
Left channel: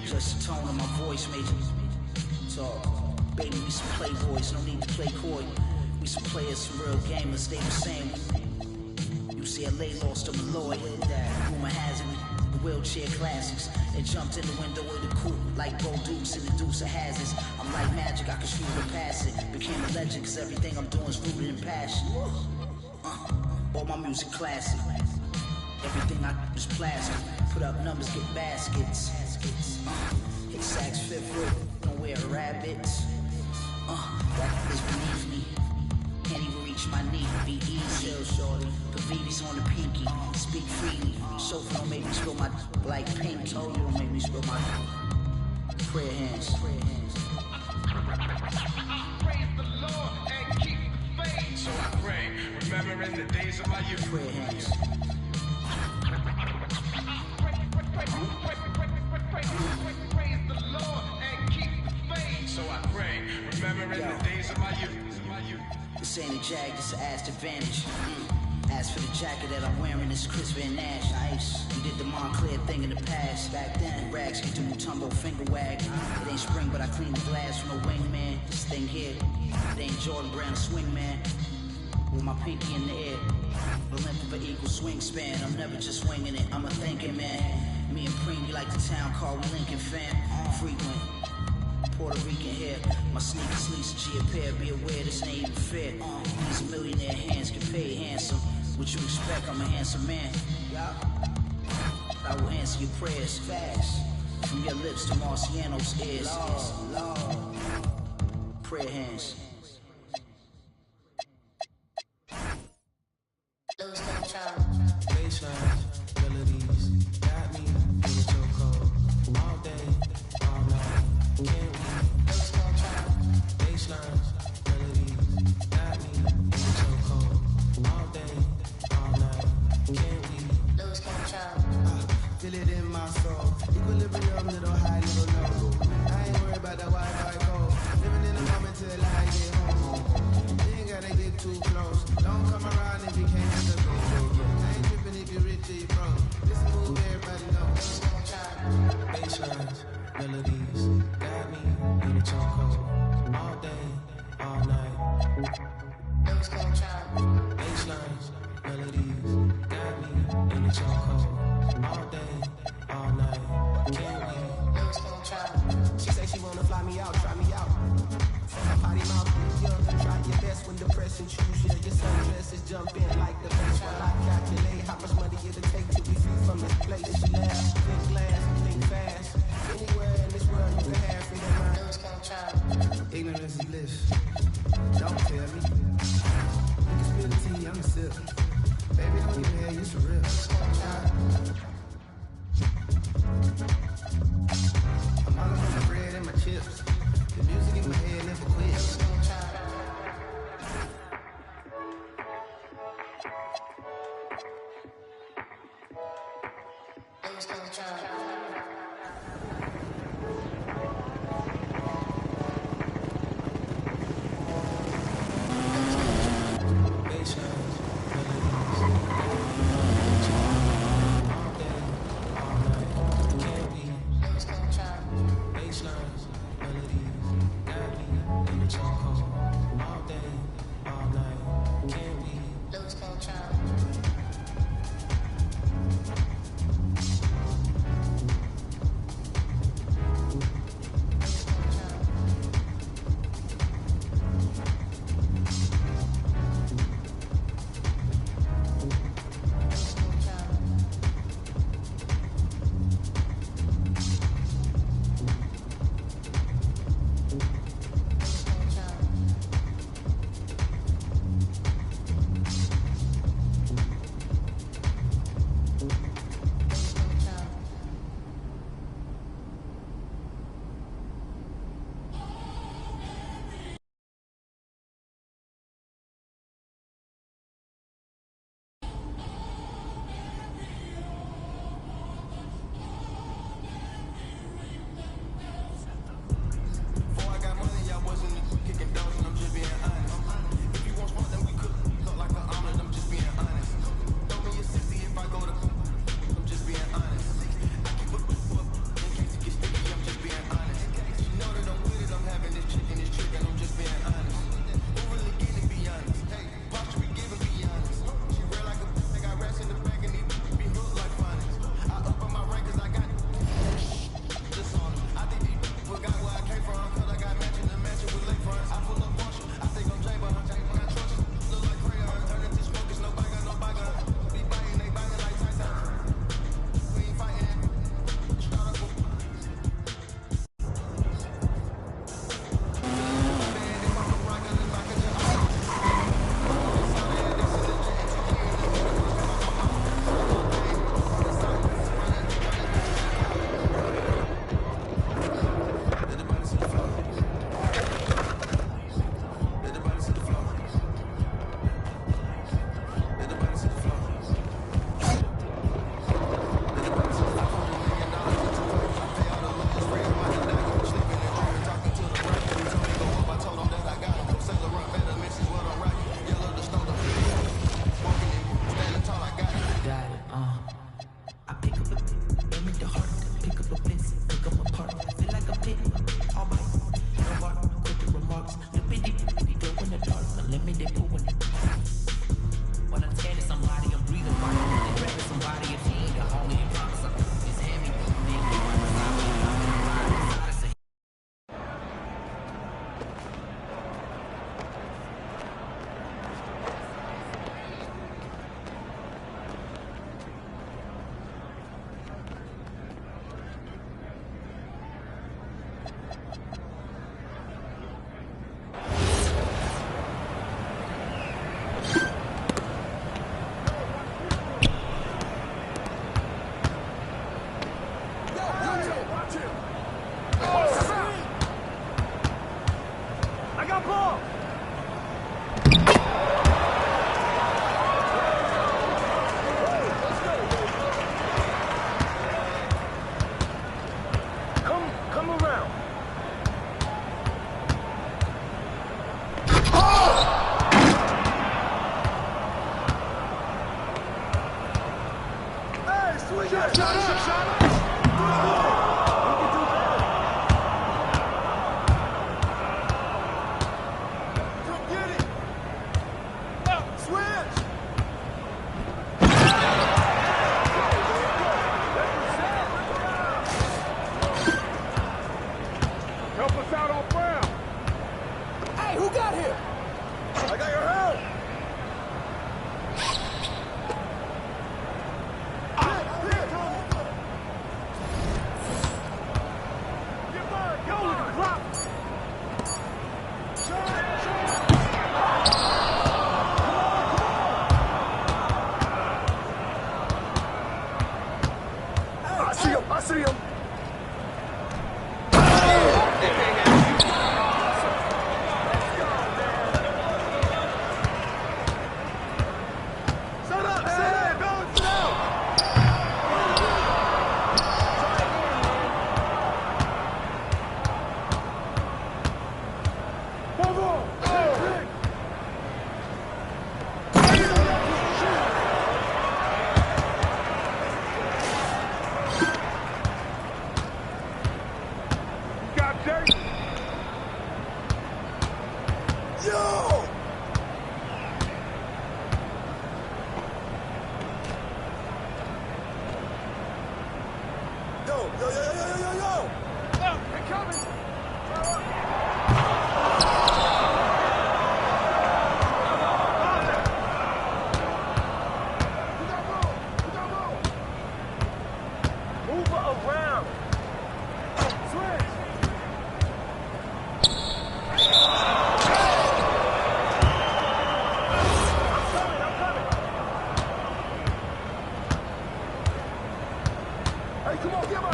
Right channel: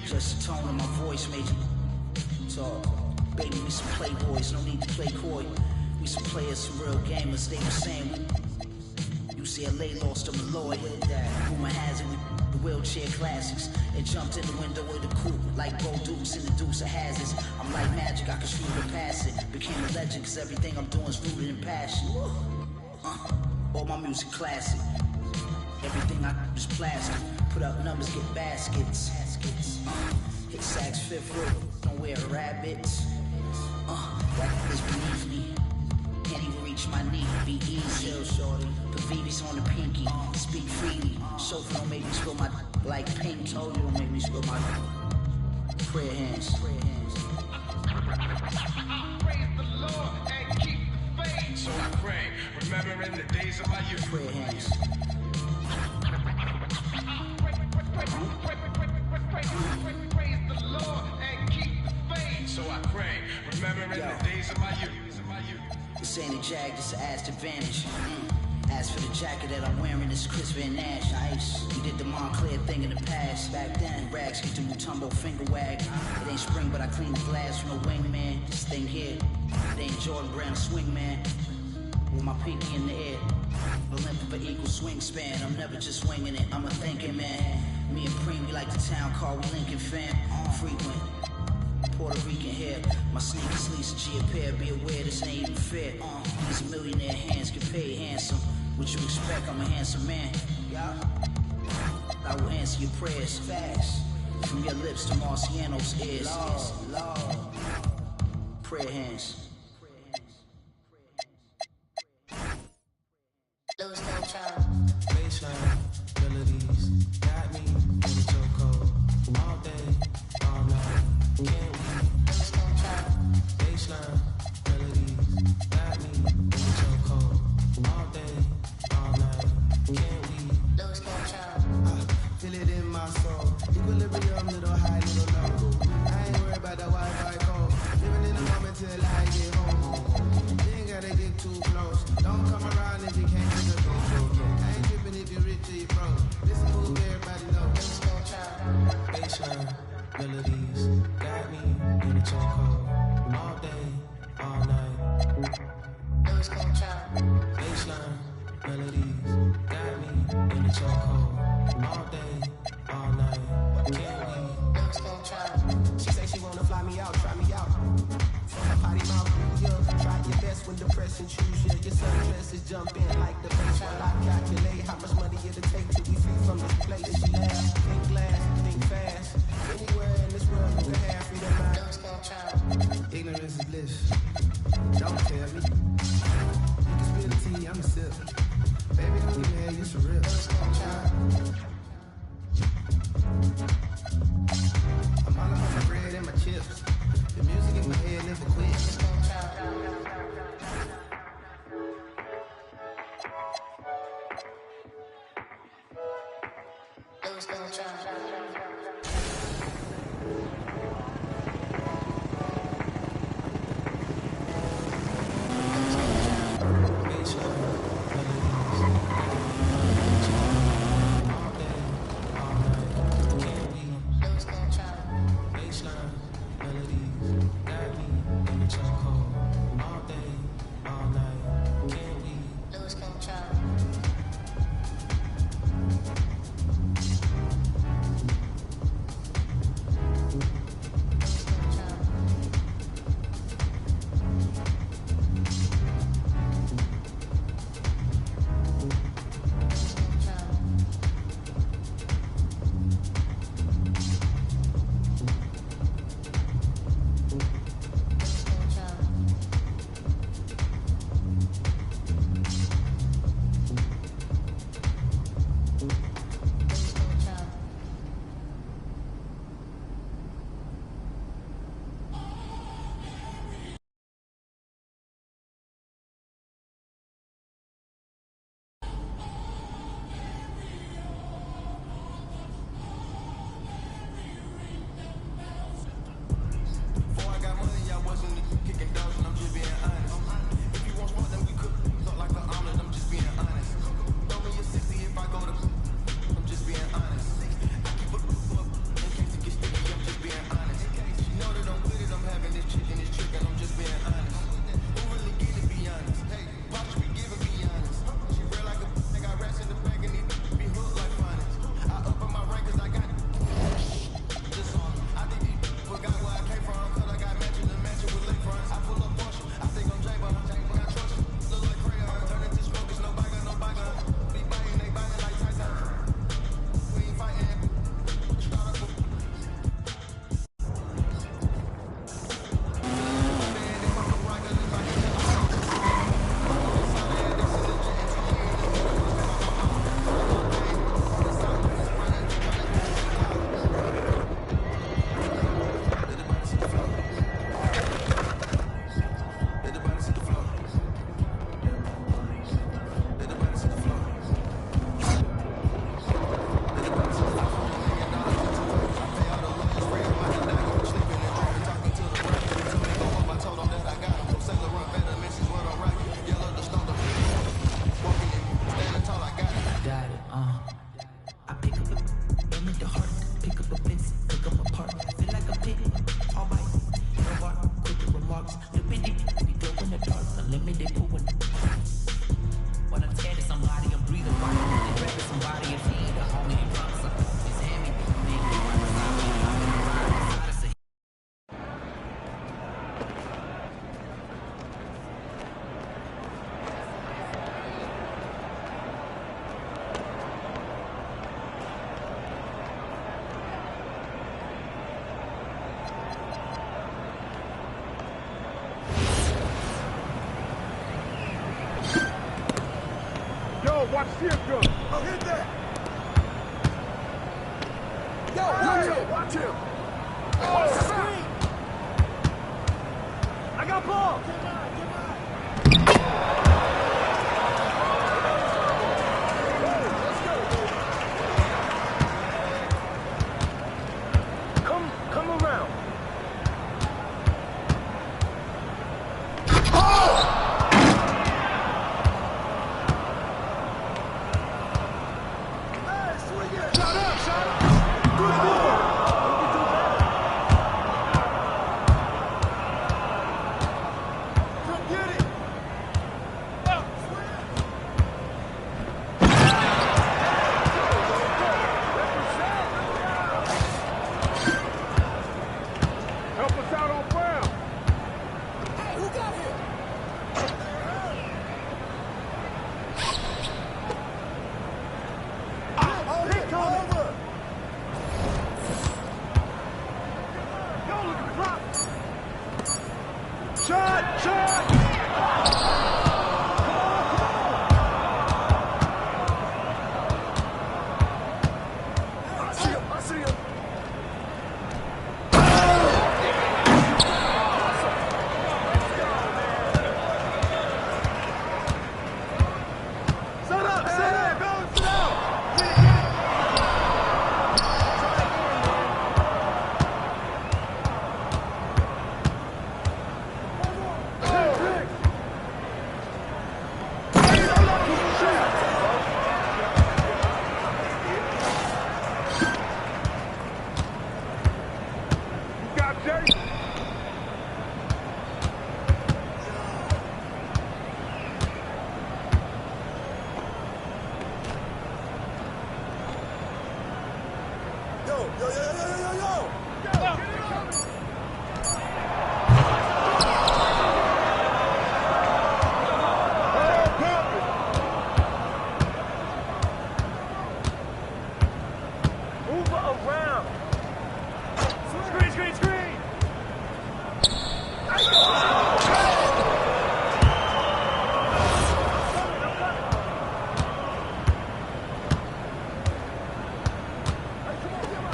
Just the tone of my voice made you talk. Baby, we some playboys, no need to play coy. We some players, some real gamers, they were saying UCLA lost to Malloy. Rumor has it, the wheelchair classics. It jumped in the window of the coupe like Bo Dukes in the Deuce of Hazards. I'm like magic, I can shoot or pass it. Became a legend cause everything I'm doing is rooted in passion. All my music classic. Everything I do is plastic. Put up numbers, get baskets. Hit sacks, fifth row, don't wear rabbits. That is beneath me. Can't even reach my knee, be easy. Shorty. Put VVs on the pinky, speak freely. Sofa don't make me spill my like pink. Told you don't make me spill my prayer hands. Praise the Lord and keep the faith. So I pray, remembering the days of my youth. Prayer hands. Praise the Lord and keep the faith. So I pray, remembering the days of my youth. This ain't a Jag, this an Aston Advantage. As for the jacket that I'm wearing, it's Chris Van Nash. Nice. We did the Montclair thing in the past. Back then, rags get the Mutombo finger wag. It ain't spring, but I clean the glass from no wingman. This thing here, it ain't Jordan Brown swingman. With my pinky in the air, the length of an equal swing span. I'm never just winging it, I'm a thinking man. Me and Preem, we like the town car, we Lincoln fam. Frequent. Puerto Rican hair, my sneakers lease a G a pair. Be aware this ain't even fair. These millionaire hands get paid handsome. What you expect? I'm a handsome man. Yeah. I will answer your prayers fast. From your lips to Marciano's ears. Lord. Prayer hands. Baseline, melodies, got me in the chokehold. All day, all night, can't we? Baseline, melodies, got me in the chokehold. All day, all night, can't we? Lose control. Feel it in my soul. Equilibrium, little high, little low. I ain't worried about the Wi-Fi code. Living in the moment till I get home. You ain't gotta get too close. Don't come around if you can't get the control. I ain't tripping if you're rich or you broke. This a move everybody know. Baselines, melodies, got me in the chokehold. All day, all night. Lose control. Baselines, melodies, got me in the chokehold. All day, all night. Can't we lose control? She say she wanna fly me out, try me out. From my potty mouth, yeah. Try your best when depression choose you. Your sundresses jump in like the base. While I calculate how much money it'll take till we free from this place. She laugh, think glass, think fast. Anywhere in this world you can have freedom mind. Lose control. Ignorance is bliss. Don't tell me. You can spill the tea, I'm a sip. Baby, don't give me hair, you some real. Lose control. I'm all about my bread and my chips. The music in my head never quits. Lose control. Watch him. I got ball. Come around. Hey, swing it. Shut up. Good ball. We can do better. Come get it. Switch. Represent. Help us out on Brown. Hey, who got him? I got your help. Over. Go, look at the clock. Shot. I see him. Set up. Balance it out. Try again, man. Move on. Pick. You got Jay. Yo. Yo. They're coming. Move around. Screen. I'm coming. Hey, come on, get on.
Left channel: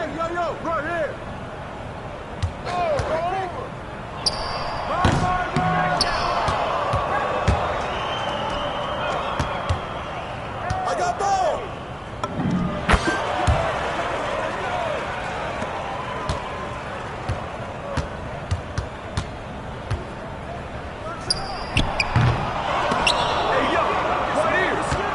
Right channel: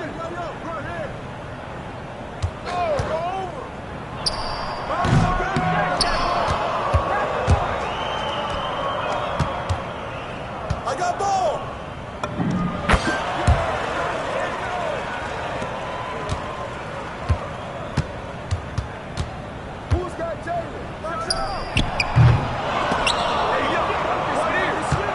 Right here. Go over. I got ball. Who's got Taylor? Watch out. Hey, yo, right here. It's you.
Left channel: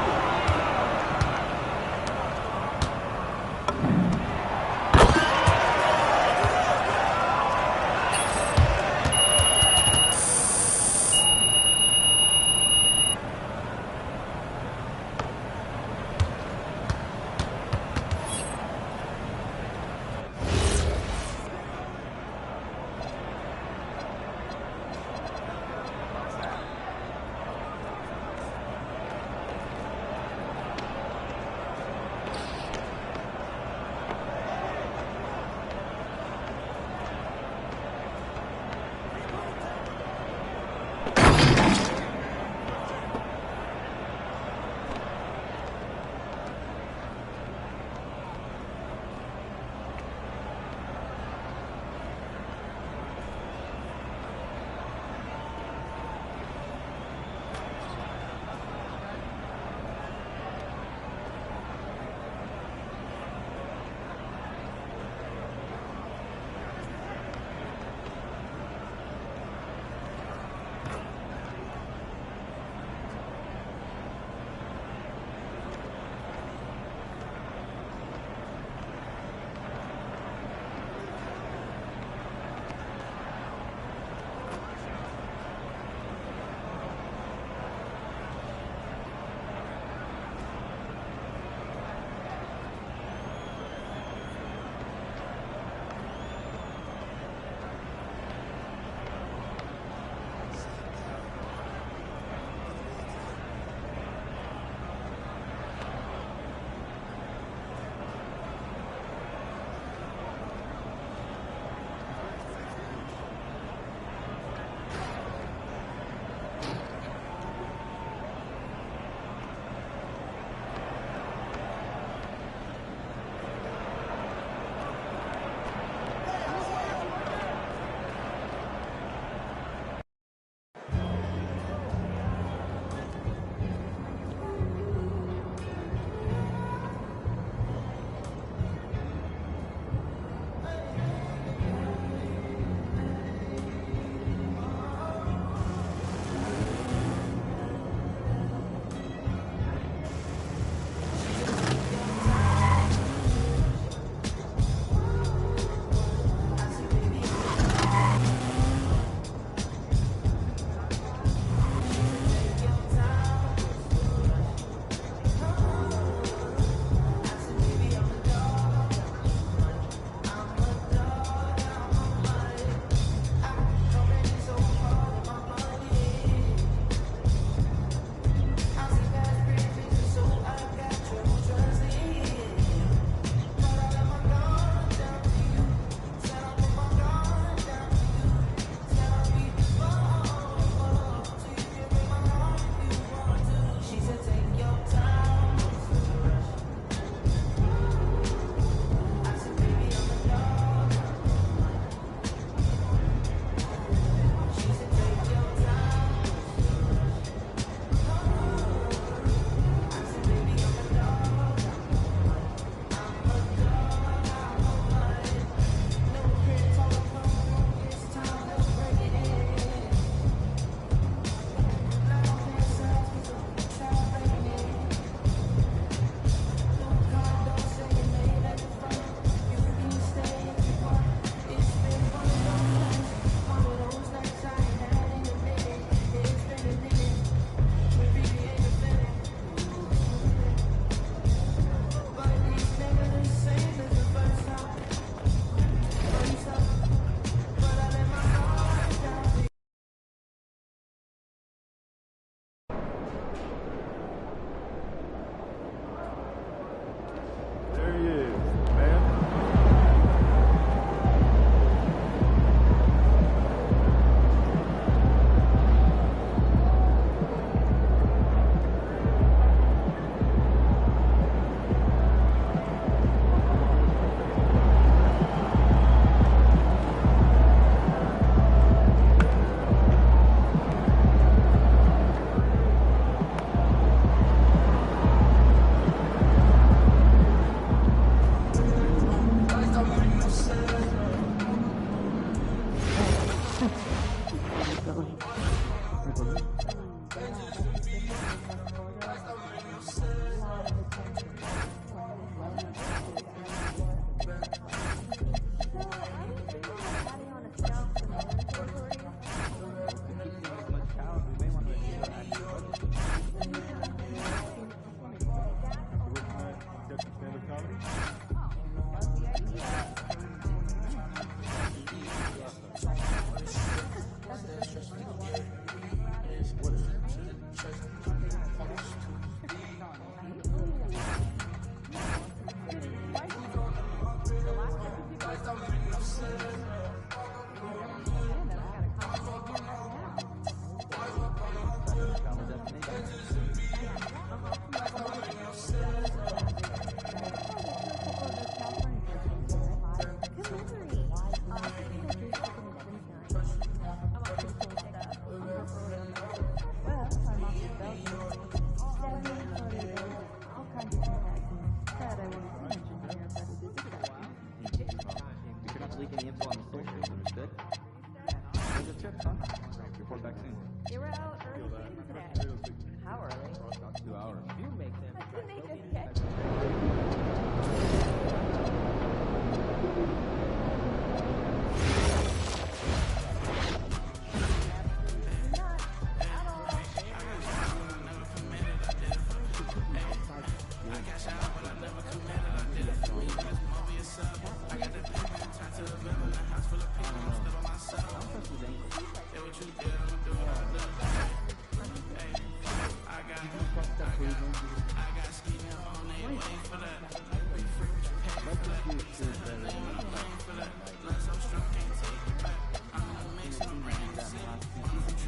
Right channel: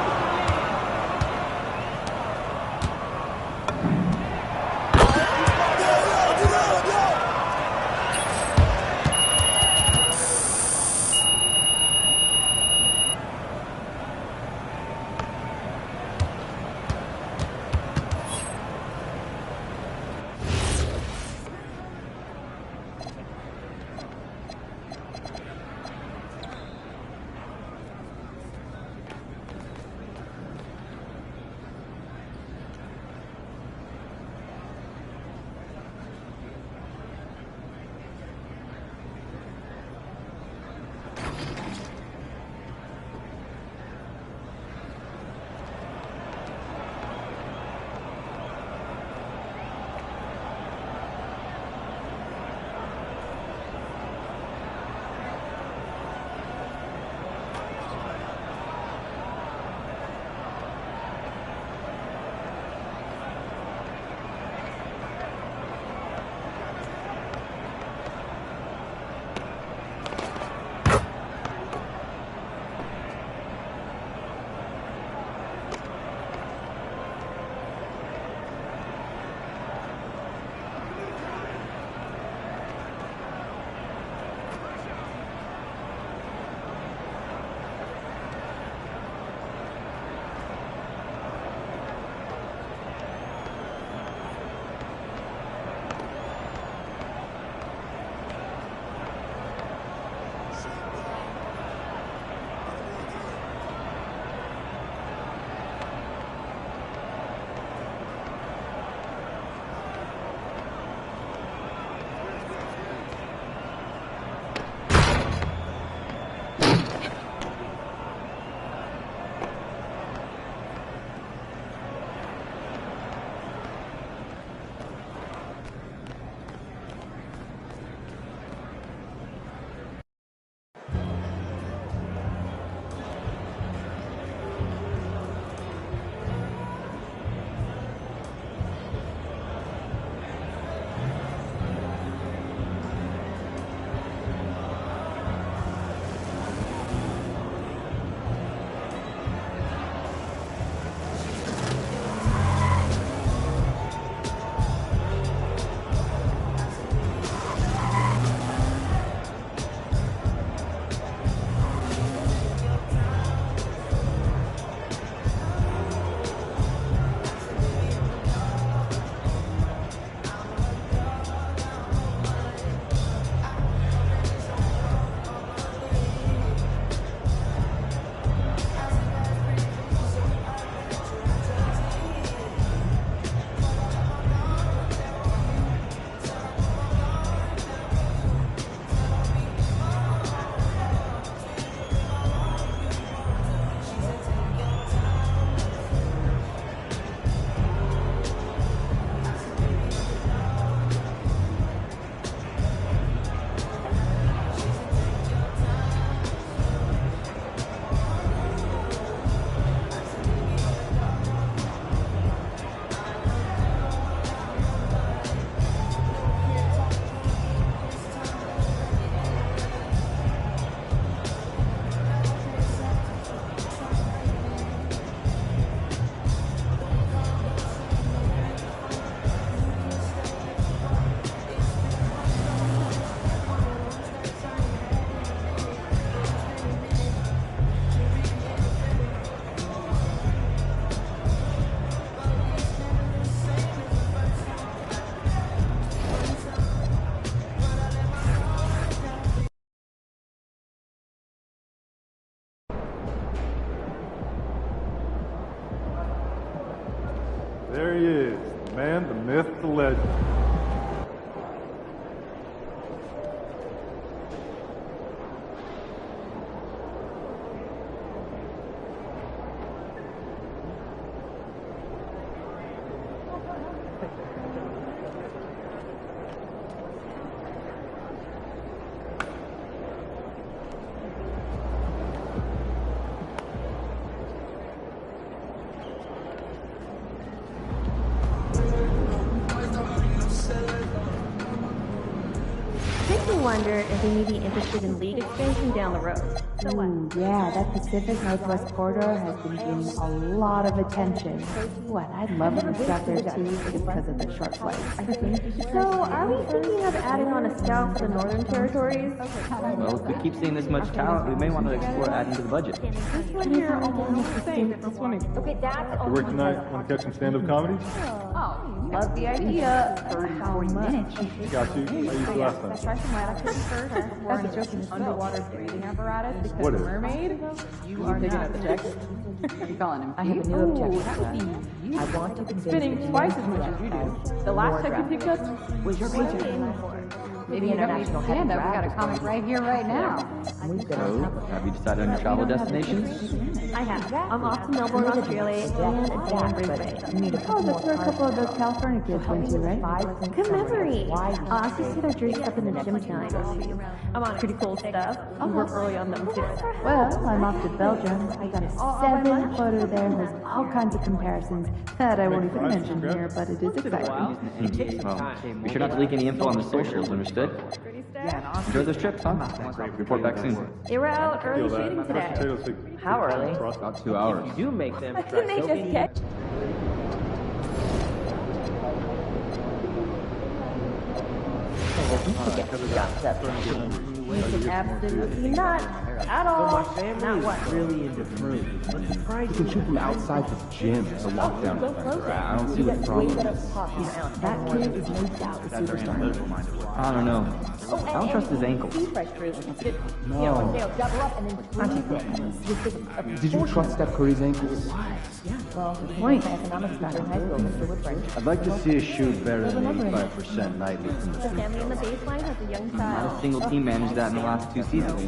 There he is, the man, the myth, the legend. if they may be interested in league expansion down the road. Yeah, that Pacific Northwest corridor has been getting a lot of attention. What, I'd love to stop there too, just because of the short flight. So, are we thinking of adding on a scout for the Northern Territories? Well, if we keep seeing this much talent, we may want to explore adding to the budget. This one here almost the same as this one. Okay, that's After work tonight, want to catch some stand-up comedy? Oh, love the idea. 40 minutes. Got you. I used to last time. That's a joke. Underwater breathing apparatus because What is it? mermaid. You are not the text. You calling him? I have a new objection. I want to spinning twice as much as you do. The last text you picked up was your picture. Maybe international stand-up. We got a comic right here, right now. So, have you decided on your travel destinations? I have. I'm off to Melbourne, Australia, and Brisbane. Oh, that's where a couple of those California kids went to, right? Good memory. I also see their jerseys up in the gym tonight. I'm on pretty cool stuff. I'll work early on them too. Well, I'm off to Belgium. I got a 7-footer there with all kinds of comparisons that I won't even mention here, but it is exciting. Well, be sure not to leak any info on the socials, understood? Enjoy those trips, huh? Report back soon. They were out early shooting today. How early? About 2 hours. You make them. Didn't they just catch? Absolutely not. At all. Not what? Really into food. Trying to shoot from outside this gym to lock down. I don't see the problem. That kid is no doubt a superstar. I don't know. I don't trust his ankle. No. Did you trust Steph Curry's ankles? Point. Economics class in high school, Mr. Woodbridge. I'd like to see us shoot better than 85% nightly from the street. Family on the baseline has a young Not child. a single team managed that in the last 2 seasons.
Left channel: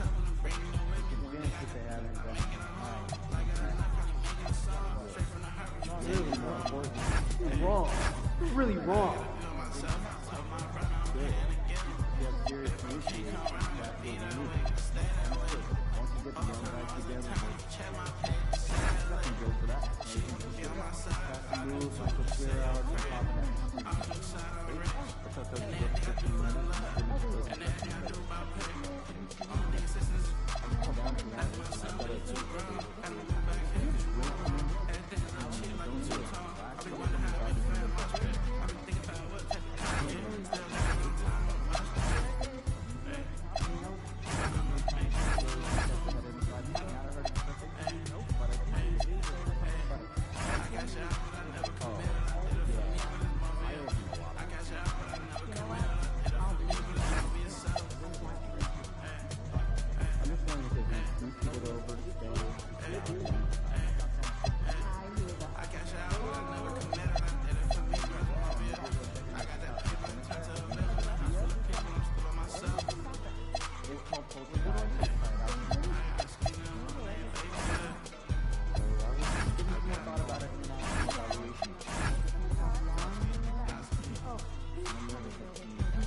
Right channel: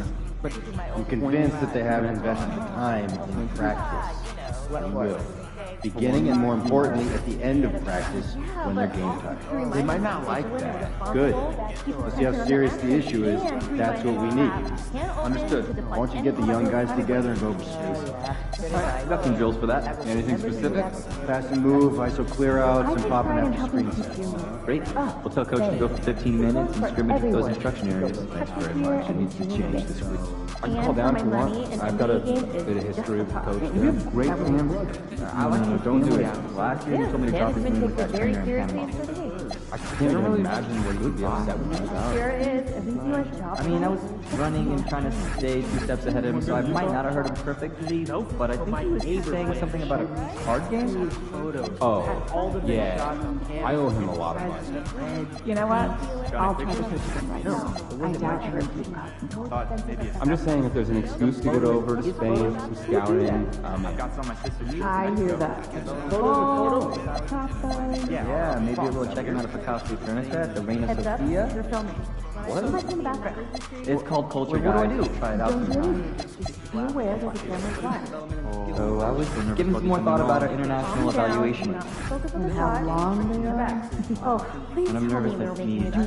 I'm convinced that they haven't invested the time in practice. They will. Beginning and more importantly, at the end of practice, when they're game time. They might not like that. Good. Let's see how serious the issue is. That's what we need. Understood. Why don't you get the young guys together and go Got some drills for that. Anything specific? pass and move, ISO clear outs, and popping after screen. Great. We'll tell coach to go for 15 minutes and scrimmage with those instruction areas. I can call down if you want. I've got a bit of history with the coach. You have great hands. Don't do it. Last year you told me to drop his name with that trainer and I can't really imagine what you'd be upset with me about. I mean, I was running and trying to stay 2 steps ahead of him, so I might not have heard him perfectly, but I think he was saying something about a card game? Oh, yeah. I owe him a lot of money. You know what? I'll try to push him right now. I doubt you're going to. I'm just saying if there's an excuse to get over to Spain, some scouting, I hear that. Yeah, maybe we'll check him out at the Costly Furniture at the Reina Sofia. What? It's called Culture Guide. What do I do? Try it out sometime. So I was giving some more thought about our international evaluation. And how long they are. Oh, please And I'm nervous that he needs to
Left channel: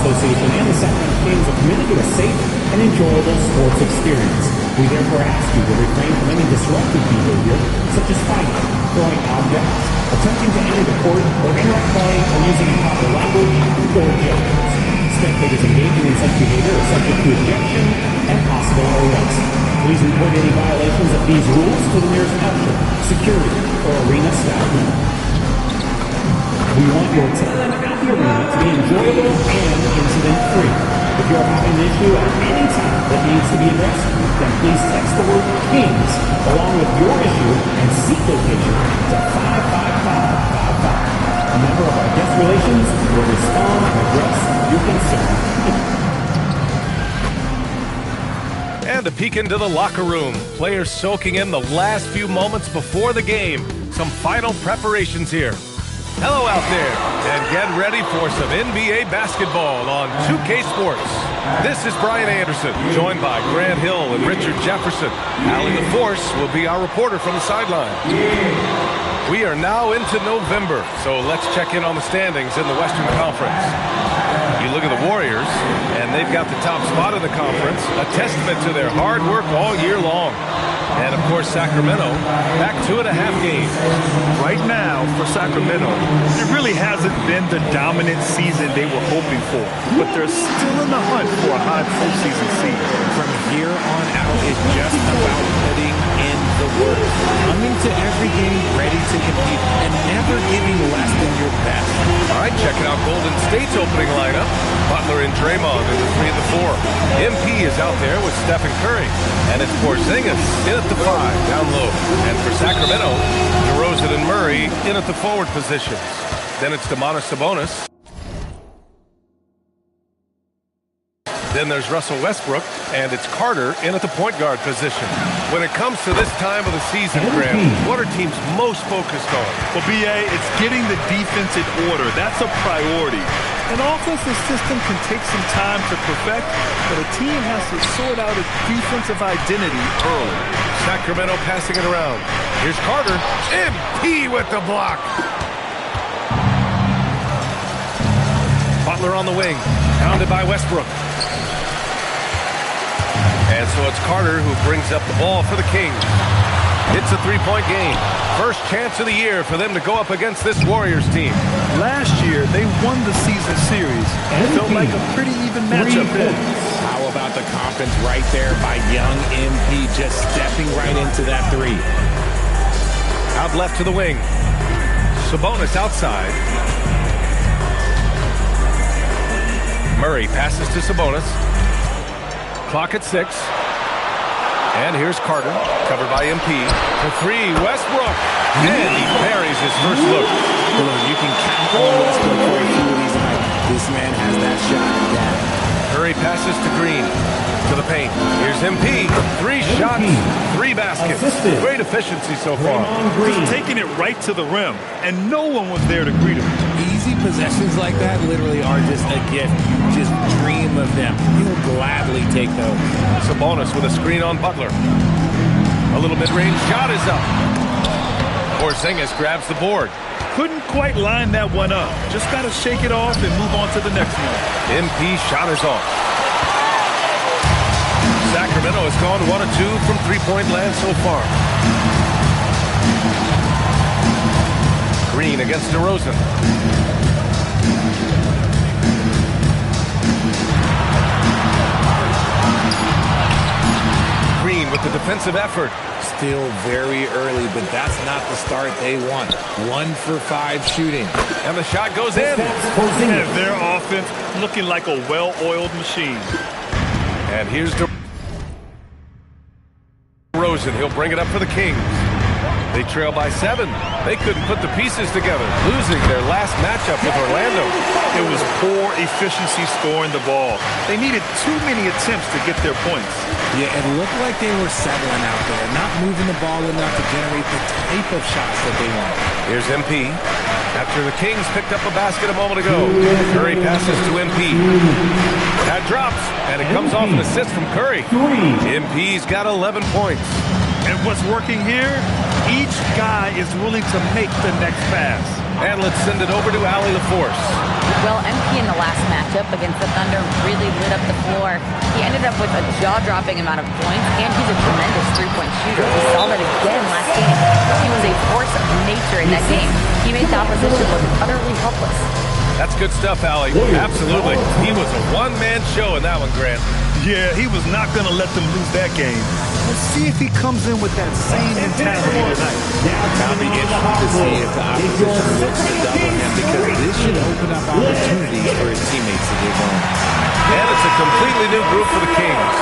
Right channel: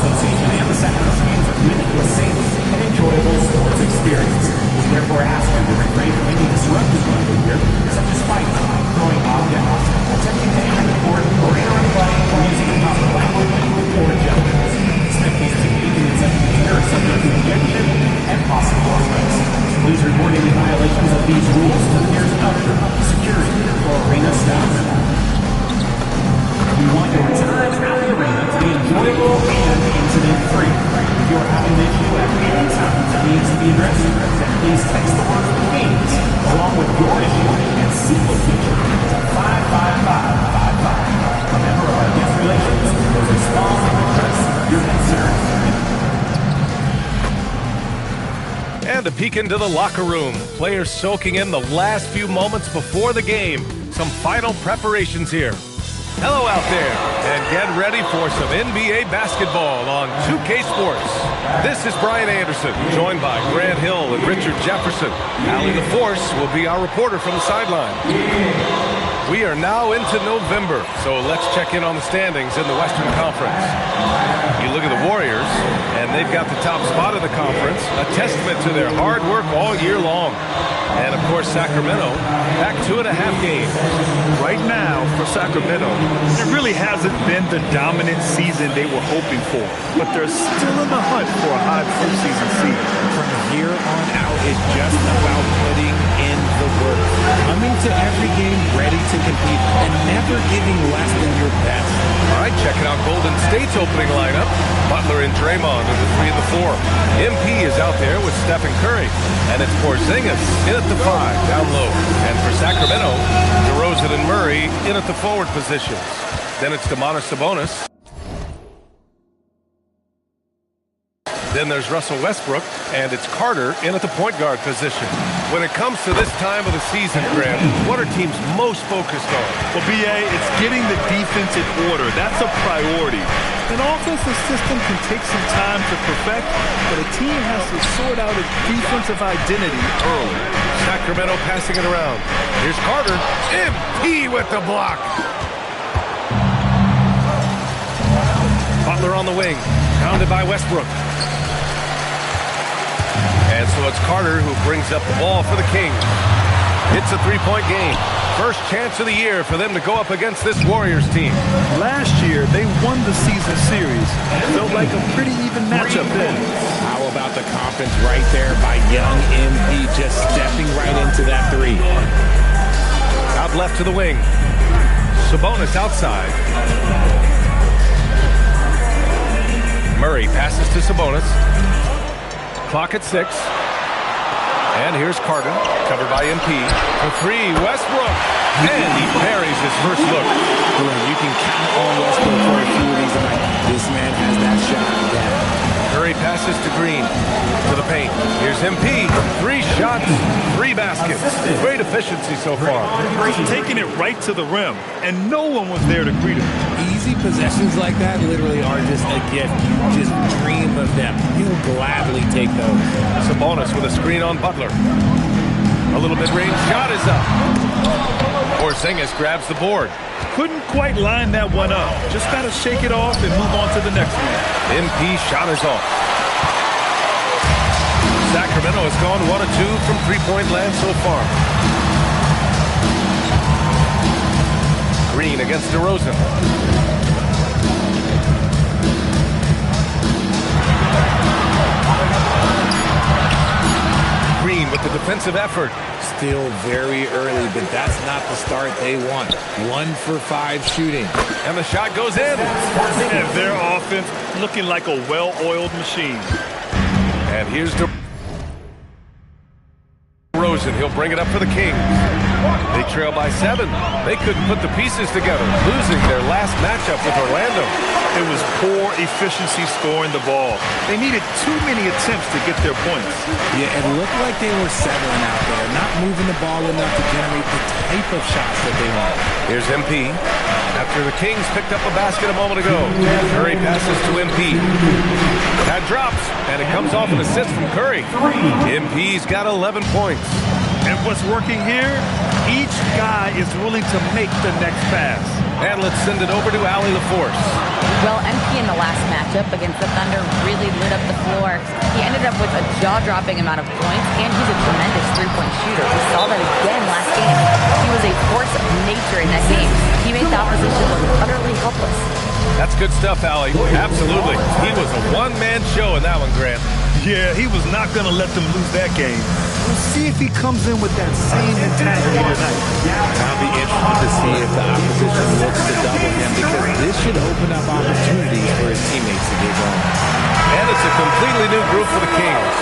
Association and the Sacramento Kings are committed to a safe and enjoyable sports experience. We therefore ask you to refrain from any disruptive behavior, such as fighting, throwing objects, attempting to enter the court, or interrupt play, or using improper language or objections. Spectators engaging in such behavior are subject to ejection and possible arrest. Please report any violations of these rules to the nearest usher, security, or arena staff member. We want your time at the arena to be enjoyable and incident-free. If you are having an issue at any time that needs to be addressed, then please text the word KINGS along with your issue and seat location to 55555. A member of our guest relations will respond and address your concern. And a peek into the locker room. Players soaking in the last few moments before the game. Some final preparations here. Hello out there, and get ready for some NBA basketball on 2K Sports. This is Brian Anderson, joined by Grant Hill and Richard Jefferson. Allie LaForce will be our reporter from the sideline. We are now into November, so let's check in on the standings in the Western Conference. You look at the Warriors, and they've got the top spot in the conference, a testament to their hard work all year long. And, of course, Sacramento, back 2.5 games. Right now, for Sacramento, it really hasn't been the dominant season they were hoping for. But they're still in the hunt for a high postseason seed. From here on out, it's just about putting in the work. Coming to every game ready to compete and never giving less than your best. All right, checking out Golden State's opening lineup. Butler and Draymond are the 3 and the 4. MP is out there with Stephen Curry. And it's Porzingis in at the 5, down low. And for Sacramento, DeRozan and Murray in at the forward positions. Then it's Domantas Sabonis. Then there's Russell Westbrook, and it's Carter in at the point guard position. When it comes to this time of the season, Grant, what are teams most focused on? Well, B.A., it's getting the defense in order. That's a priority. An offensive system can take some time to perfect, but a team has to sort out its defensive identity early. Sacramento passing it around. Here's Carter. MP with the block. Butler on the wing, pounded by Westbrook. And so it's Carter who brings up the ball for the Kings. It's a three-point game. First chance of the year for them to go up against this Warriors team. Last year, they won the season series. It felt like a pretty even matchup then. How about the confidence right there by young MP just stepping right into that three. Out left to the wing. Sabonis outside. Murray passes to Sabonis. Clock at 6. And here's Carter, covered by MP. For 3, Westbrook. And he parries his first look. You can count on Westbrook for a few of these tonight. This man has that shot down. Curry passes to Green. To the paint. Here's MP. 3 shots, 3 baskets. Great efficiency so far. He's taking it right to the rim, and no one was there to greet him. Easy possessions like that literally are just a gift. You just dream of them. He'll gladly take those. Sabonis with a screen on Butler. A little mid-range shot is up. Porzingis grabs the board. Couldn't quite line that one up. Just got to shake it off and move on to the next one. MP shot is off. Sacramento has gone 1 of 2 from three-point land so far. Green against DeRozan. Green with the defensive effort. Still very early, but that's not the start they want. 1 for 5 shooting. And the shot goes in. And their offense looking like a well-oiled machine. And here's DeRozan. He'll bring it up for the Kings. They trail by 7. They couldn't put the pieces together, losing their last matchup with Orlando. It was poor efficiency scoring the ball. They needed too many attempts to get their points. Yeah, it looked like they were settling out there, not moving the ball enough to generate the type of shots that they want. Here's MP. After the Kings picked up a basket a moment ago, Curry passes to MP. That drops, and it comes off an assist from Curry. MP's got 11 points. And what's working here? Each guy is willing to make the next pass. And let's send it over to Allie LaForce. Well, MP in the last matchup against the Thunder really lit up the floor. He ended up with a jaw-dropping amount of points, and he's a tremendous three-point shooter. We saw that again last game. He was a force of nature in that game. He made the opposition look utterly helpless. That's good stuff, Allie. Absolutely. He was a one-man show in that one, Grant. Yeah, he was not going to let them lose that game. We'll see if he comes in with that same mentality tonight. I'll be interested to see if the opposition looks to double him, because this should open up opportunities for his teammates to get going. And it's a completely new group for the Kings.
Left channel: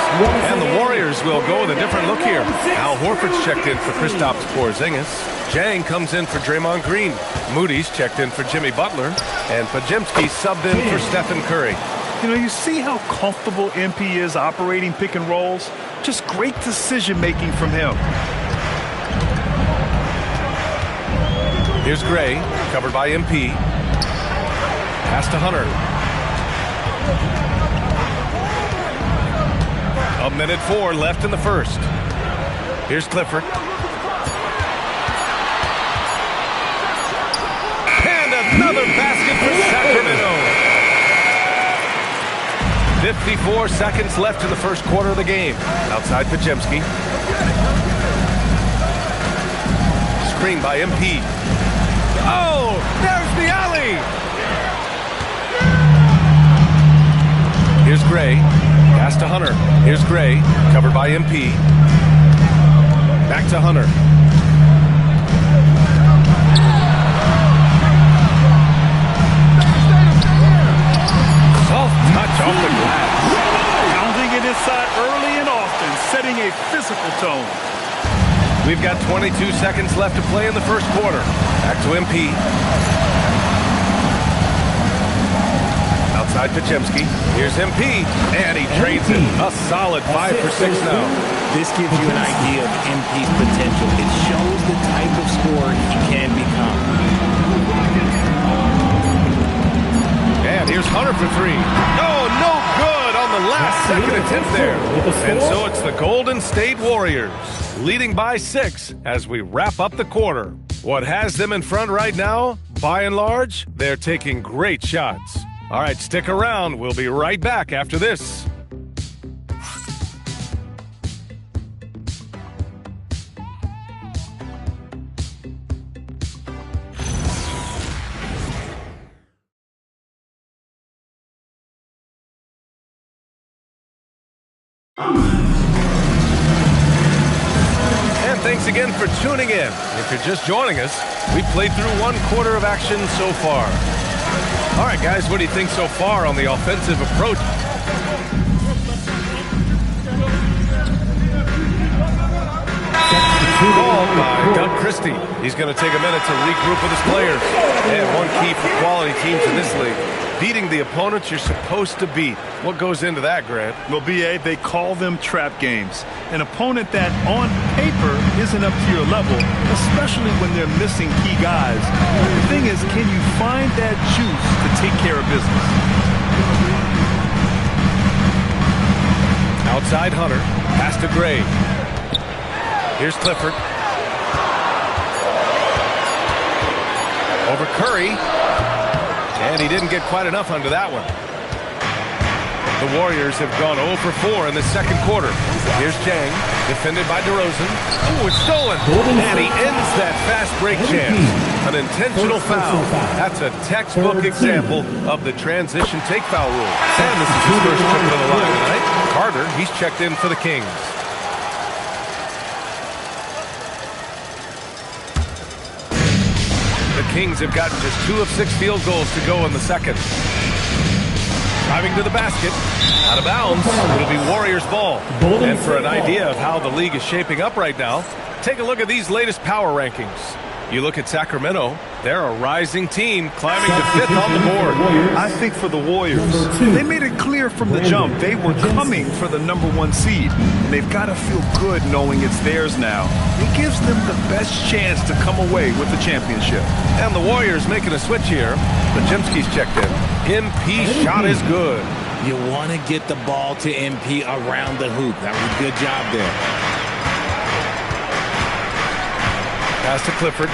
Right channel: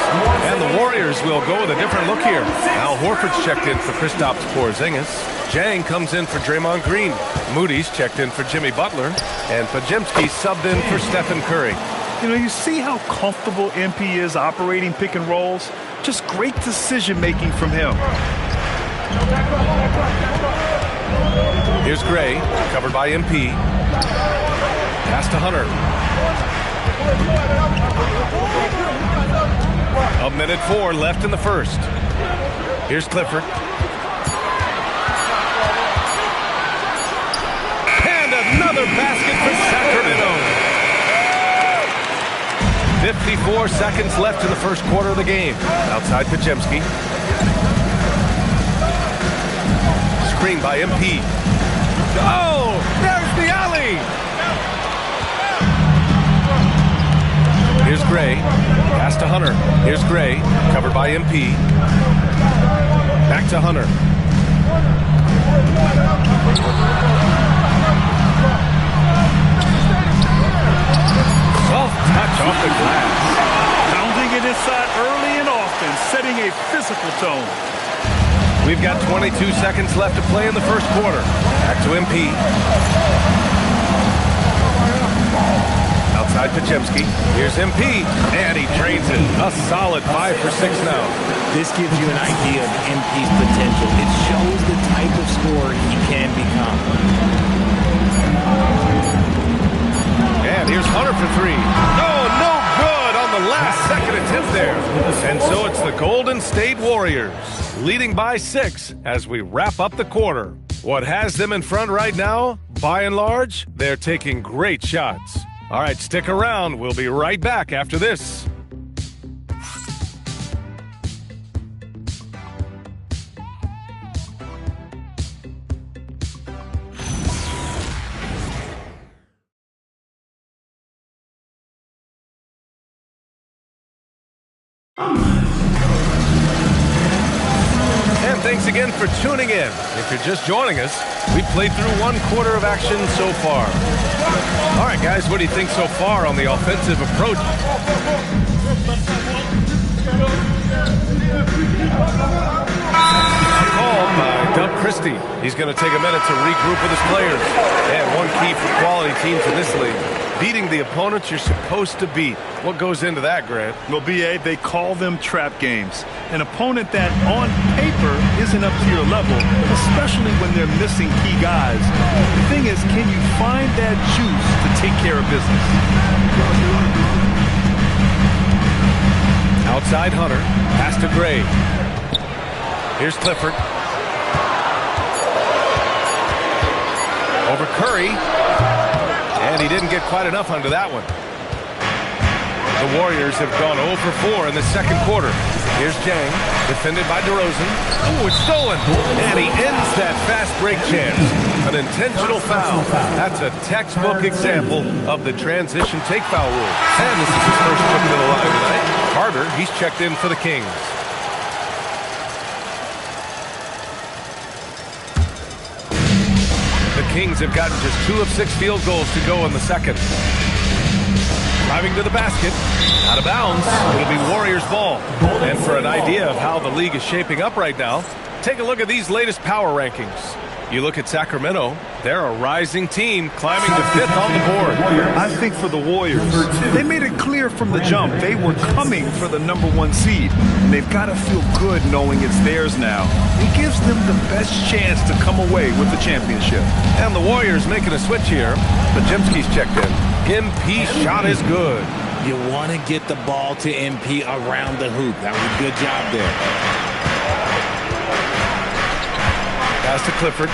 And the Warriors will go with a different look here. Al Horford's checked in for Kristaps Porzingis. Jang comes in for Draymond Green. Moody's checked in for Jimmy Butler. And Pajimski subbed in for Stephen Curry. You know, you see how comfortable MP is operating pick and rolls? Just great decision-making from him. Here's Gray, covered by MP. Pass to Hunter. 1:04 left in the first. Here's Clifford. And another basket for Sacramento. 54 seconds left in the first quarter of the game. Outside Pajemski. Screen by MP. Oh, there's the alley. Here's Gray. Pass to Hunter. Here's Gray, covered by MP. Back to Hunter. Soft touch off the glass. Pounding it inside early and often, setting a physical tone. We've got 22 seconds left to play in the first quarter. Back to MP. Outside Pajemski. Here's MP. And he trades it. A solid 5 for 6 now. This gives you an idea of MP's potential. It shows the type of scorer he can become. And here's Hunter for 3. Oh, no good on the last second attempt there. And so it's the Golden State Warriors leading by 6 as we wrap up the quarter. What has them in front right now? By and large, they're taking great shots. All right, stick around. We'll be right back after this. And thanks again for tuning in. If you're just joining us, we played through 1 quarter of action so far. All right, guys, what do you think so far on the offensive approach? Called by Doug Christie. He's going to take a minute to regroup with his players. And one key for quality teams in this league, beating the opponents you're supposed to beat. What goes into that, Grant? Well, B.A., they call them trap games. An opponent that, on paper, isn't up to your level, especially when they're missing key guys. The thing is, can you find that juice to take care of business? Outside Hunter. Pass to Gray. Here's Clifford. Over Curry. And he didn't get quite enough under that one. The Warriors have gone 0 for 4 in the second quarter. Here's Jang, defended by DeRozan. Oh, it's stolen. And he ends that fast break chance. An intentional foul. That's a textbook example of the transition take foul rule. And this is his first trip to the line tonight. Carter, he's checked in for the Kings. The Kings have gotten just 2 of 6 field goals to go in the second. Driving to the basket, out of bounds, it'll be Warriors ball. And for an idea of how the league is shaping up right now, take a look at these latest power rankings. You look at Sacramento, they're a rising team climbing to 5th on the board. I think for the Warriors, they made it clear from the jump they were coming for the #1 seed. And they've got to feel good knowing it's theirs now. It gives them the best chance to come away with the championship. And the Warriors making a switch here. Pajemski's checked in. MP shot is good. You want to get the ball to MP around the hoop. That was a good job there. Pass to Clifford.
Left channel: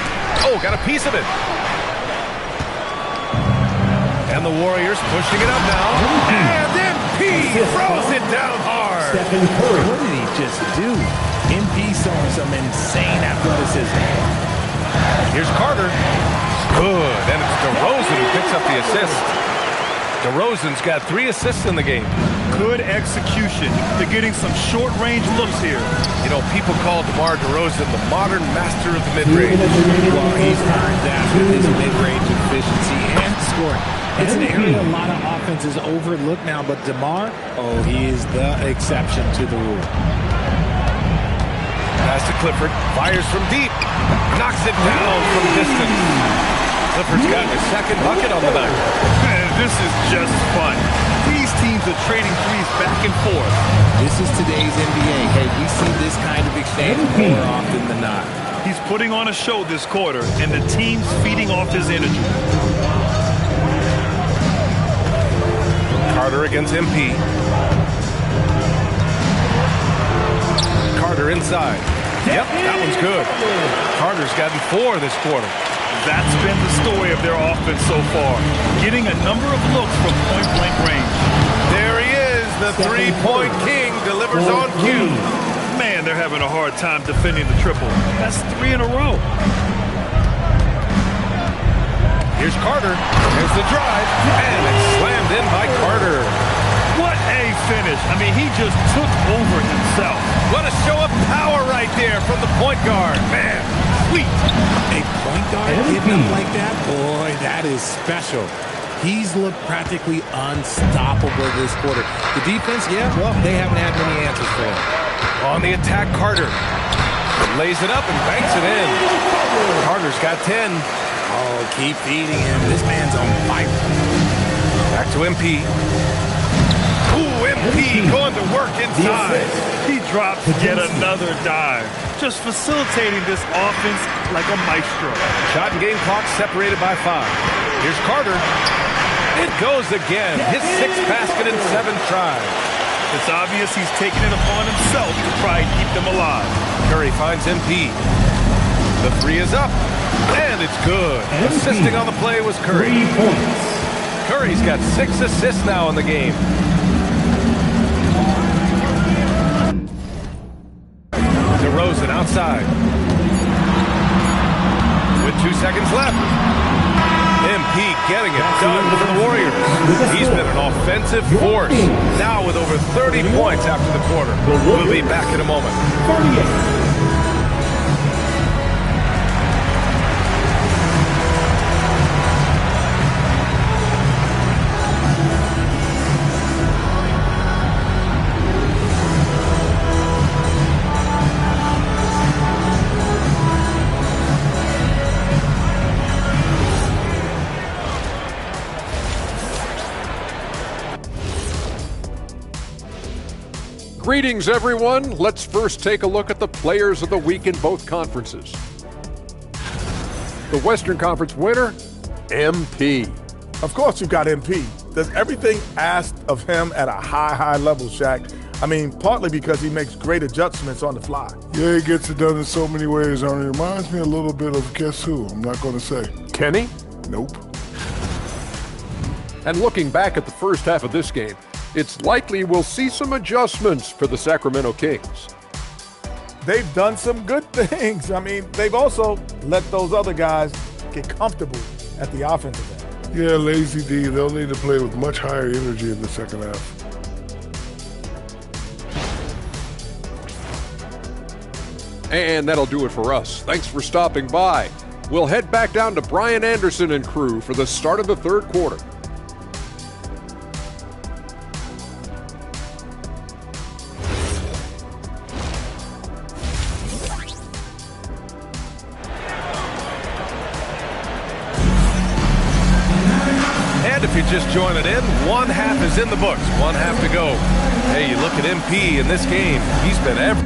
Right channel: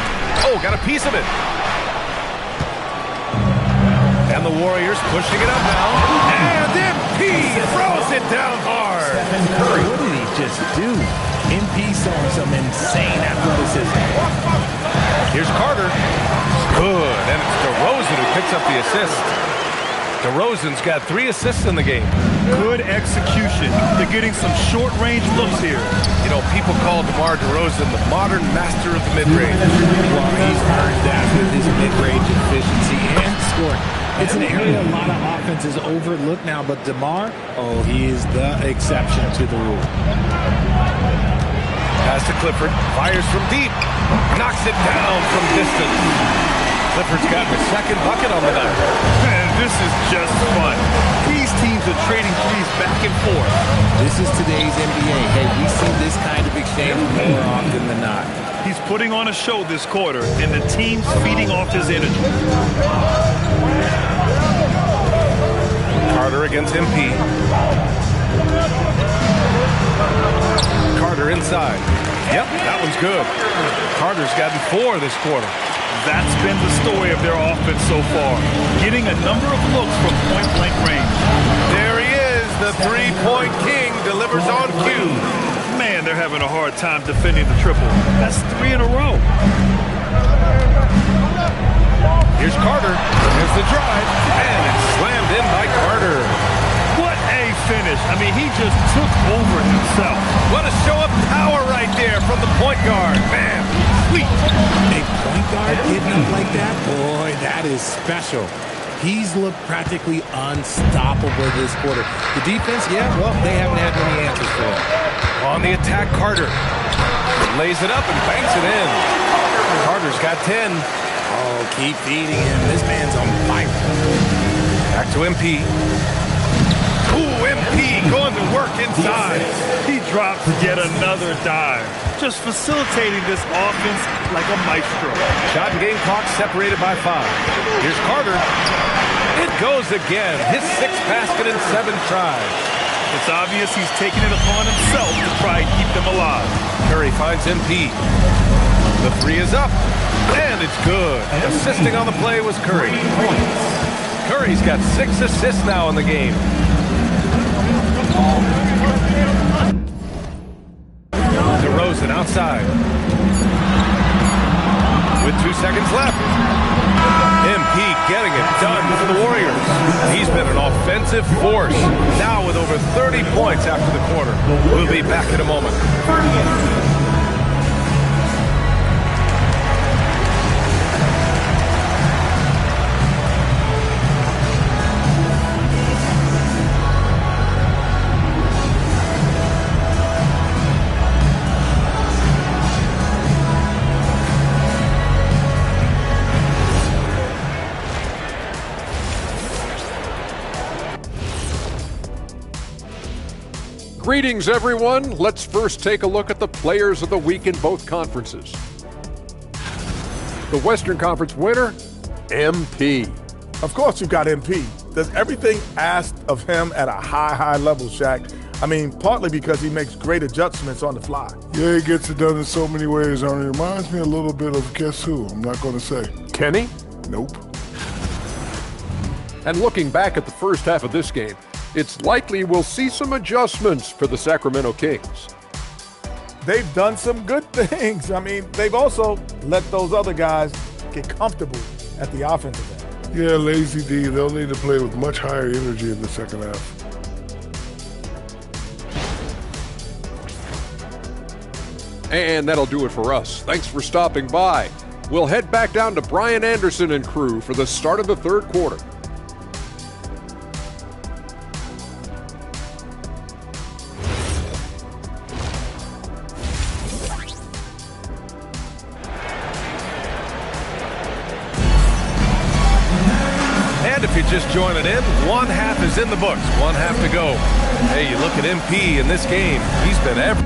Oh, got a piece of it. And the Warriors pushing it up now. And MP throws it down hard. What did he just do? MP showing some insane athleticism. Here's Carter. Good. And it's DeRozan who picks up the assist. DeRozan's got 3 assists in the game. Good execution. They're getting some short-range looks here. You know, people call DeMar DeRozan the modern master of the mid-range. Well, he's earned that with his mid-range efficiency and scoring. It's an area a lot of offenses overlook now, but DeMar, oh, he is the exception to the rule. Pass to Clifford. Fires from deep. Knocks it down from distance. Clifford's gotten his second bucket on the night. Man, this is just fun. These teams teams are trading threes back and forth. This is today's NBA. Hey, we see this kind of exchange more often than not. He's putting on a show this quarter, and the team's feeding off his energy. Carter against MP. Carter inside. Yep, that one's good. Carter's gotten 4 this quarter. That's been the story of their offense so far, getting a number of looks from point-blank range. There he is, the three-point king, delivers on cue. Man, they're having a hard time defending the triple. That's 3 in a row. Here's Carter. Here's the drive, and it's slammed in by Carter. What a finish. I mean, he just took over himself. What a show of power right there from the point guard. Man, sweet. A point guard hitting up like that? Boy, that is special. He's looked practically unstoppable this quarter. The defense, yeah, well, they haven't had many answers for him. On the attack, Carter. Lays it up and banks it in. Carter's got 10. Oh, keep feeding him. This man's on fire. Back to MP. Ooh, MP going to work inside. He drops yet another dive, just facilitating this offense like a maestro. Shot and game clock separated by 5. Here's Carter. It goes again. His 6th basket in 7 tries. It's obvious he's taking it upon himself to try and keep them alive. Curry finds MP. The 3 is up, and it's good. Assisting on the play was Curry. Curry's got 6 assists now in the game. DeRozan outside. With 2 seconds left. MP getting it done for the Warriors. He's been an offensive force. Now with over 30 points after the quarter. We'll be back in a moment. 38. Greetings, everyone. Let's first take a look at the players of the week in both conferences. The Western Conference winner, MP. Of course you've got MP. Does everything asked of him at a high level, Shaq. I mean, partly because he makes great adjustments on the fly. Yeah, he gets it done in so many ways, Arnie. It reminds me a little bit of guess who? I'm not going to say. Kenny? Nope. And looking back at the first half of this game, it's likely we'll see some adjustments for the Sacramento Kings. They've done some good things. I mean, they've also let those other guys get comfortable at the offensive end. Yeah, lazy D. They'll need to play with much higher energy in the second half. And that'll do it for us. Thanks for stopping by. We'll head back down to Brian Anderson and crew for the start of the third quarter. If you're just joining in, one half is in the books, one half to go. Hey, you look at MP in this game, he's been everywhere.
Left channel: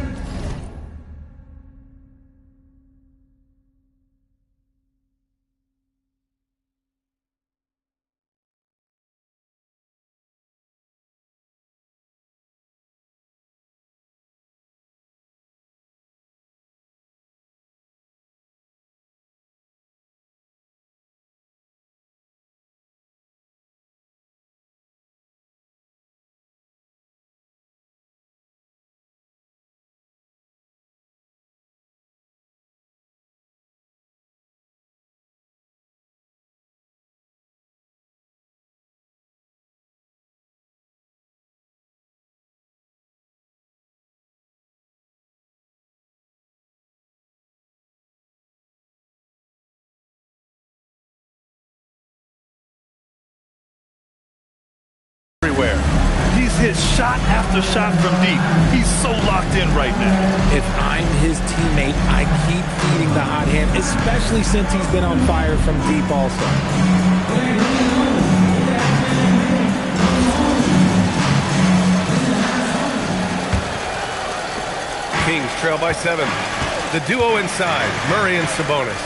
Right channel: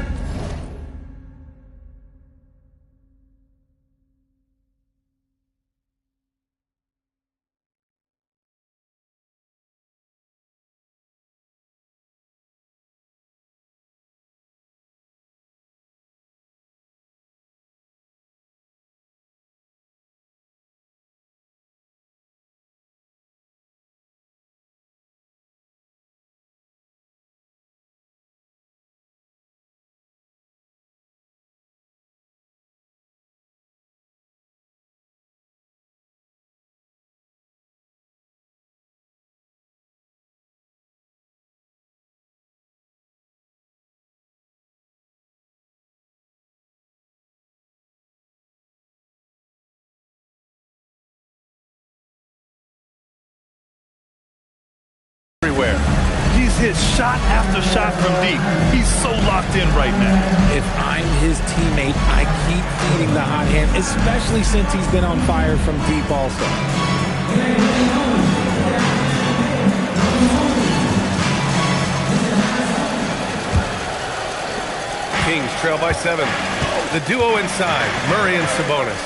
He's hit shot after shot from deep. He's so locked in right now. If I'm his teammate, I keep feeding the hot hand, especially since he's been on fire from deep also. Kings trail by 7. The duo inside, Murray and Sabonis.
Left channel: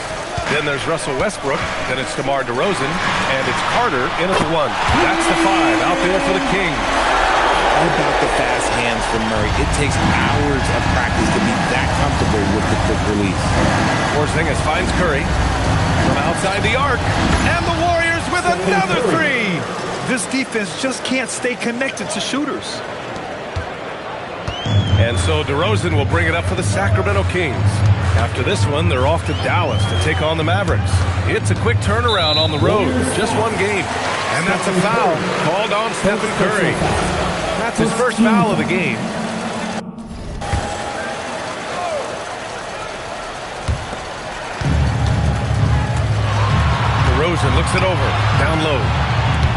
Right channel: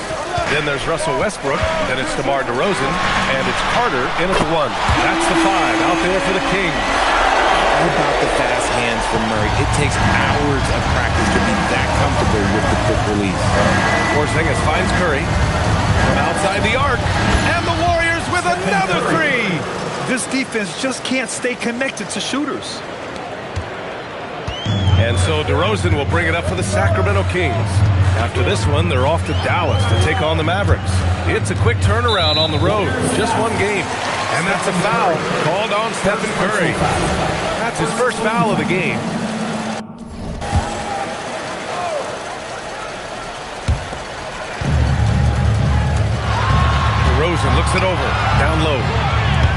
Then there's Russell Westbrook. Then it's DeMar DeRozan. And it's Carter in at the 1. That's the 5 out there for the Kings. All about the fast hands from Murray. It takes hours of practice to be that comfortable with the quick release. Porzingis finds Curry from outside the arc. And the Warriors with another 3. This defense just can't stay connected to shooters. And so DeRozan will bring it up for the Sacramento Kings. After this one, they're off to Dallas to take on the Mavericks. It's a quick turnaround on the road. Just one game. And that's a foul called on Stephen Curry. That's his first foul of the game. DeRozan looks it over. Down low.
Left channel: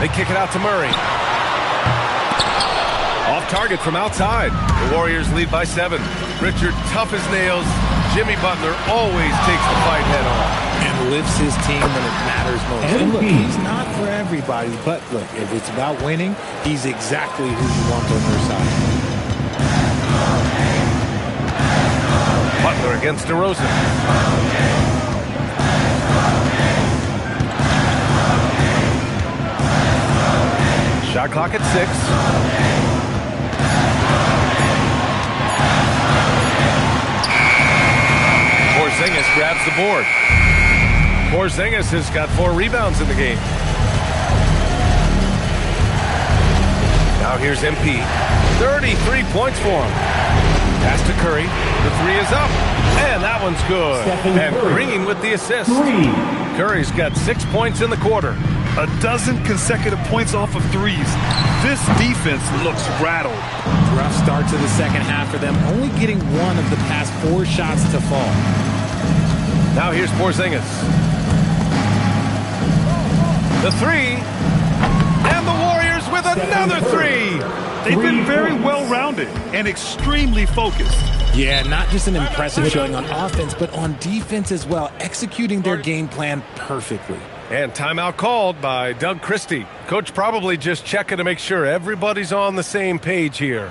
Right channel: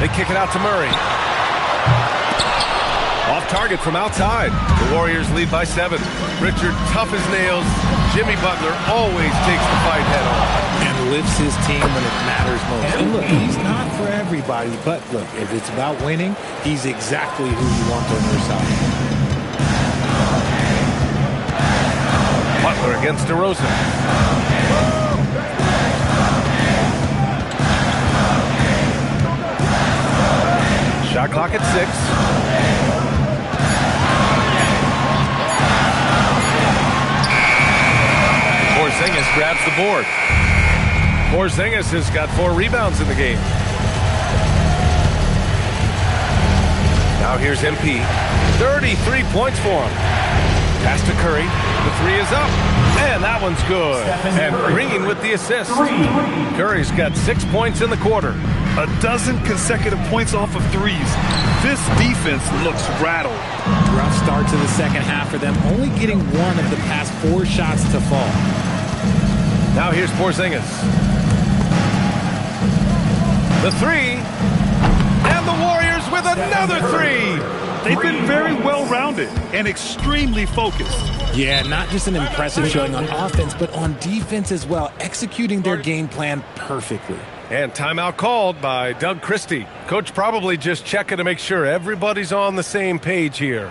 They kick it out to Murray. Off target from outside. The Warriors lead by 7. Richard, tough as nails. Jimmy Butler always takes the fight head on. And lifts his team when it matters most. And look, he's not for everybody, but look, if it's about winning, he's exactly who you want on your side. Butler against DeRozan. Shot clock at 6. Porzingis grabs the board. Porzingis has got 4 rebounds in the game. Now here's MP. 33 points for him. Pass to Curry. The 3 is up. And that one's good. And Green with the assist. Curry's got 6 points in the quarter. A dozen consecutive points off of threes. This defense looks rattled. Rough start to the second half for them, only getting 1 of the past 4 shots to fall. Now here's Porzingis. The 3. And the Warriors with another 3. They've been very well-rounded and extremely focused. Yeah, not just an impressive showing on offense, but on defense as well, executing their game plan perfectly. And timeout called by Doug Christie. Coach probably just checking to make sure everybody's on the same page here.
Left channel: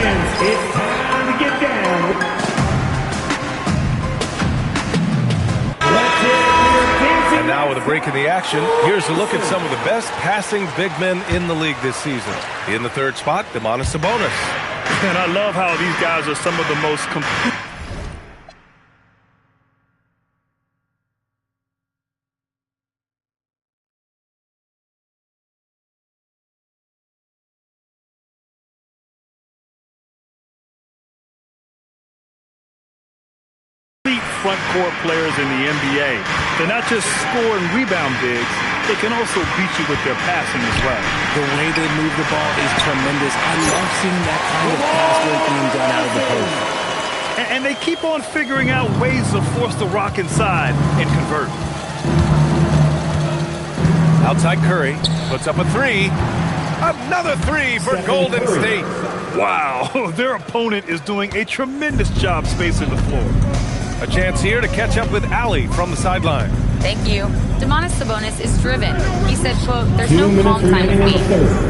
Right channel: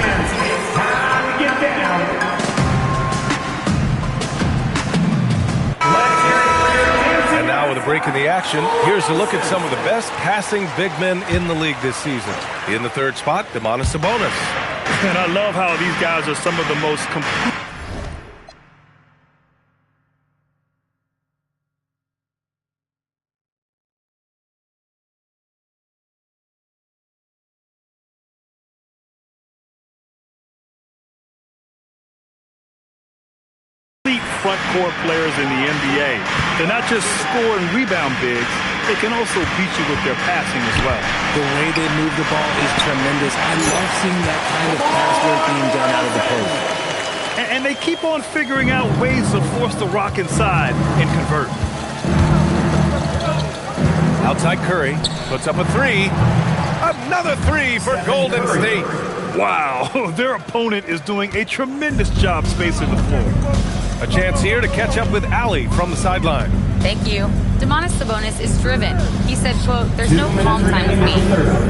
Fans, it's time to get down. And now with a break in the action, here's a look at some of the best passing big men in the league this season. In the 3rd spot, Domantas Sabonis. And I love how these guys are some of the most complete. Front court players in the NBA. They're not just score and rebound bigs, they can also beat you with their passing as well. The way they move the ball is tremendous. I love seeing that kind of pass work being done out of the post. And they keep on figuring out ways to force the rock inside and convert. Outside Curry puts up a 3. Another 3 for Golden State. Wow, their opponent is doing a tremendous job spacing the floor. A chance here to catch up with Allie from the sideline. Thank you. Domantas Sabonis is driven. He said, quote, "There's no calm time with me.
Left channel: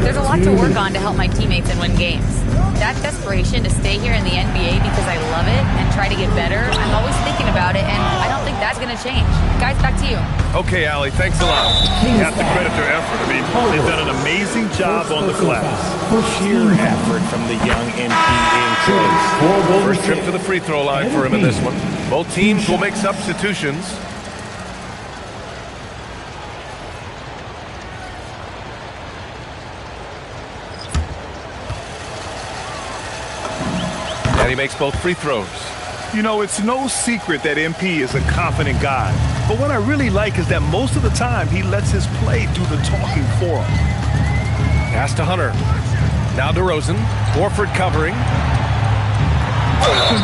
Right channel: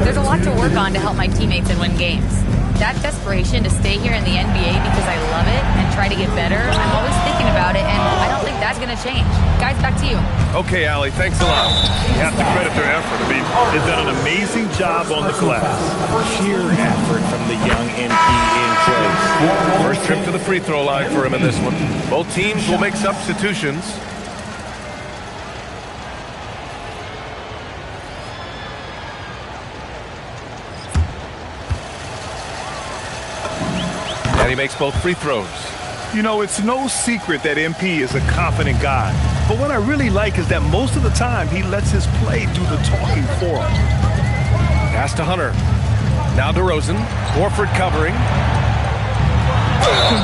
There's a lot to work on to help my teammates and win games. That desperation to stay here in the NBA because I love it and try to get better, I'm always thinking about it, and I don't think that's going to change." Guys, back to you. Okay, Allie, thanks a lot. You have to credit their effort. I mean, they've done an amazing job on the glass. Sheer effort from the young MP in close. First trip to the free throw line for him in this one. Both teams will make substitutions. And he makes both free throws. You know, it's no secret that MP is a confident guy. But what I really like is that most of the time he lets his play do the talking for him. Pass to Hunter. Now DeRozan. Horford covering.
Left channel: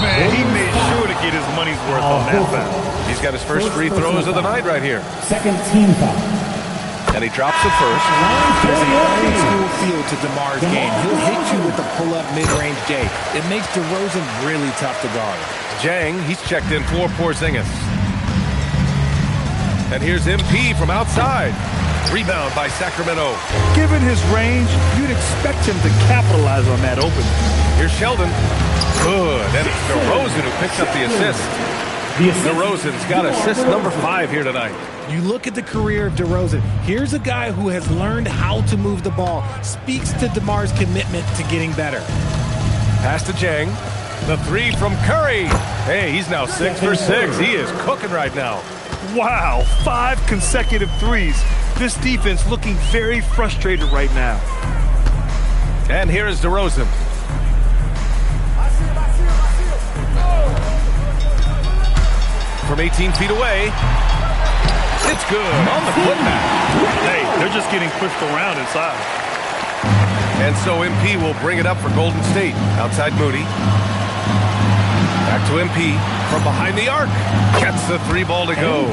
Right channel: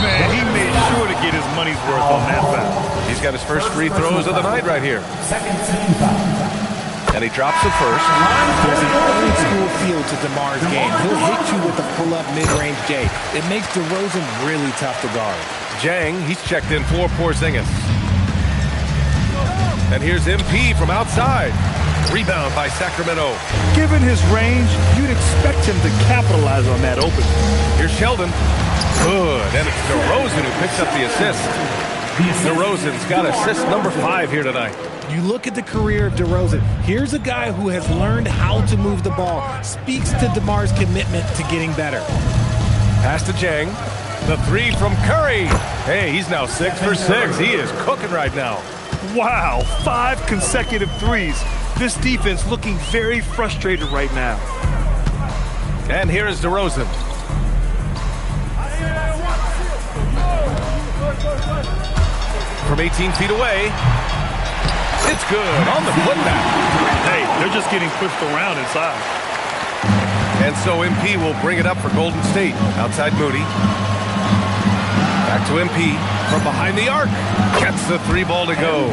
Man, he made sure to get his money's worth on that foul. He's got his first free throws of the night right here. Second team foul. And he drops the first. There's an old school feel to DeMar's game. He'll hit you with a pull-up mid-range J. It makes DeRozan really tough to guard. Jang, he's checked in for Porzingis. And here's MP from outside. Rebound by Sacramento. Given his range, you'd expect him to capitalize on that opening. Here's Sheldon. Good. And it's DeRozan who picks up the assist. DeRozan's got assist number 5 here tonight. You look at the career of DeRozan. Here's a guy who has learned how to move the ball. Speaks to DeMar's commitment to getting better. Pass to Jang. The 3 from Curry. Hey, he's now 6 for 6. He is cooking right now. Wow, 5 consecutive threes. This defense looking very frustrated right now. And here is DeRozan. From 18 feet away. It's good on the putback. Hey, they're just getting pushed around inside. And so MP will bring it up for Golden State. Outside Moody. Back to MP from behind the arc. Gets the 3 ball to go.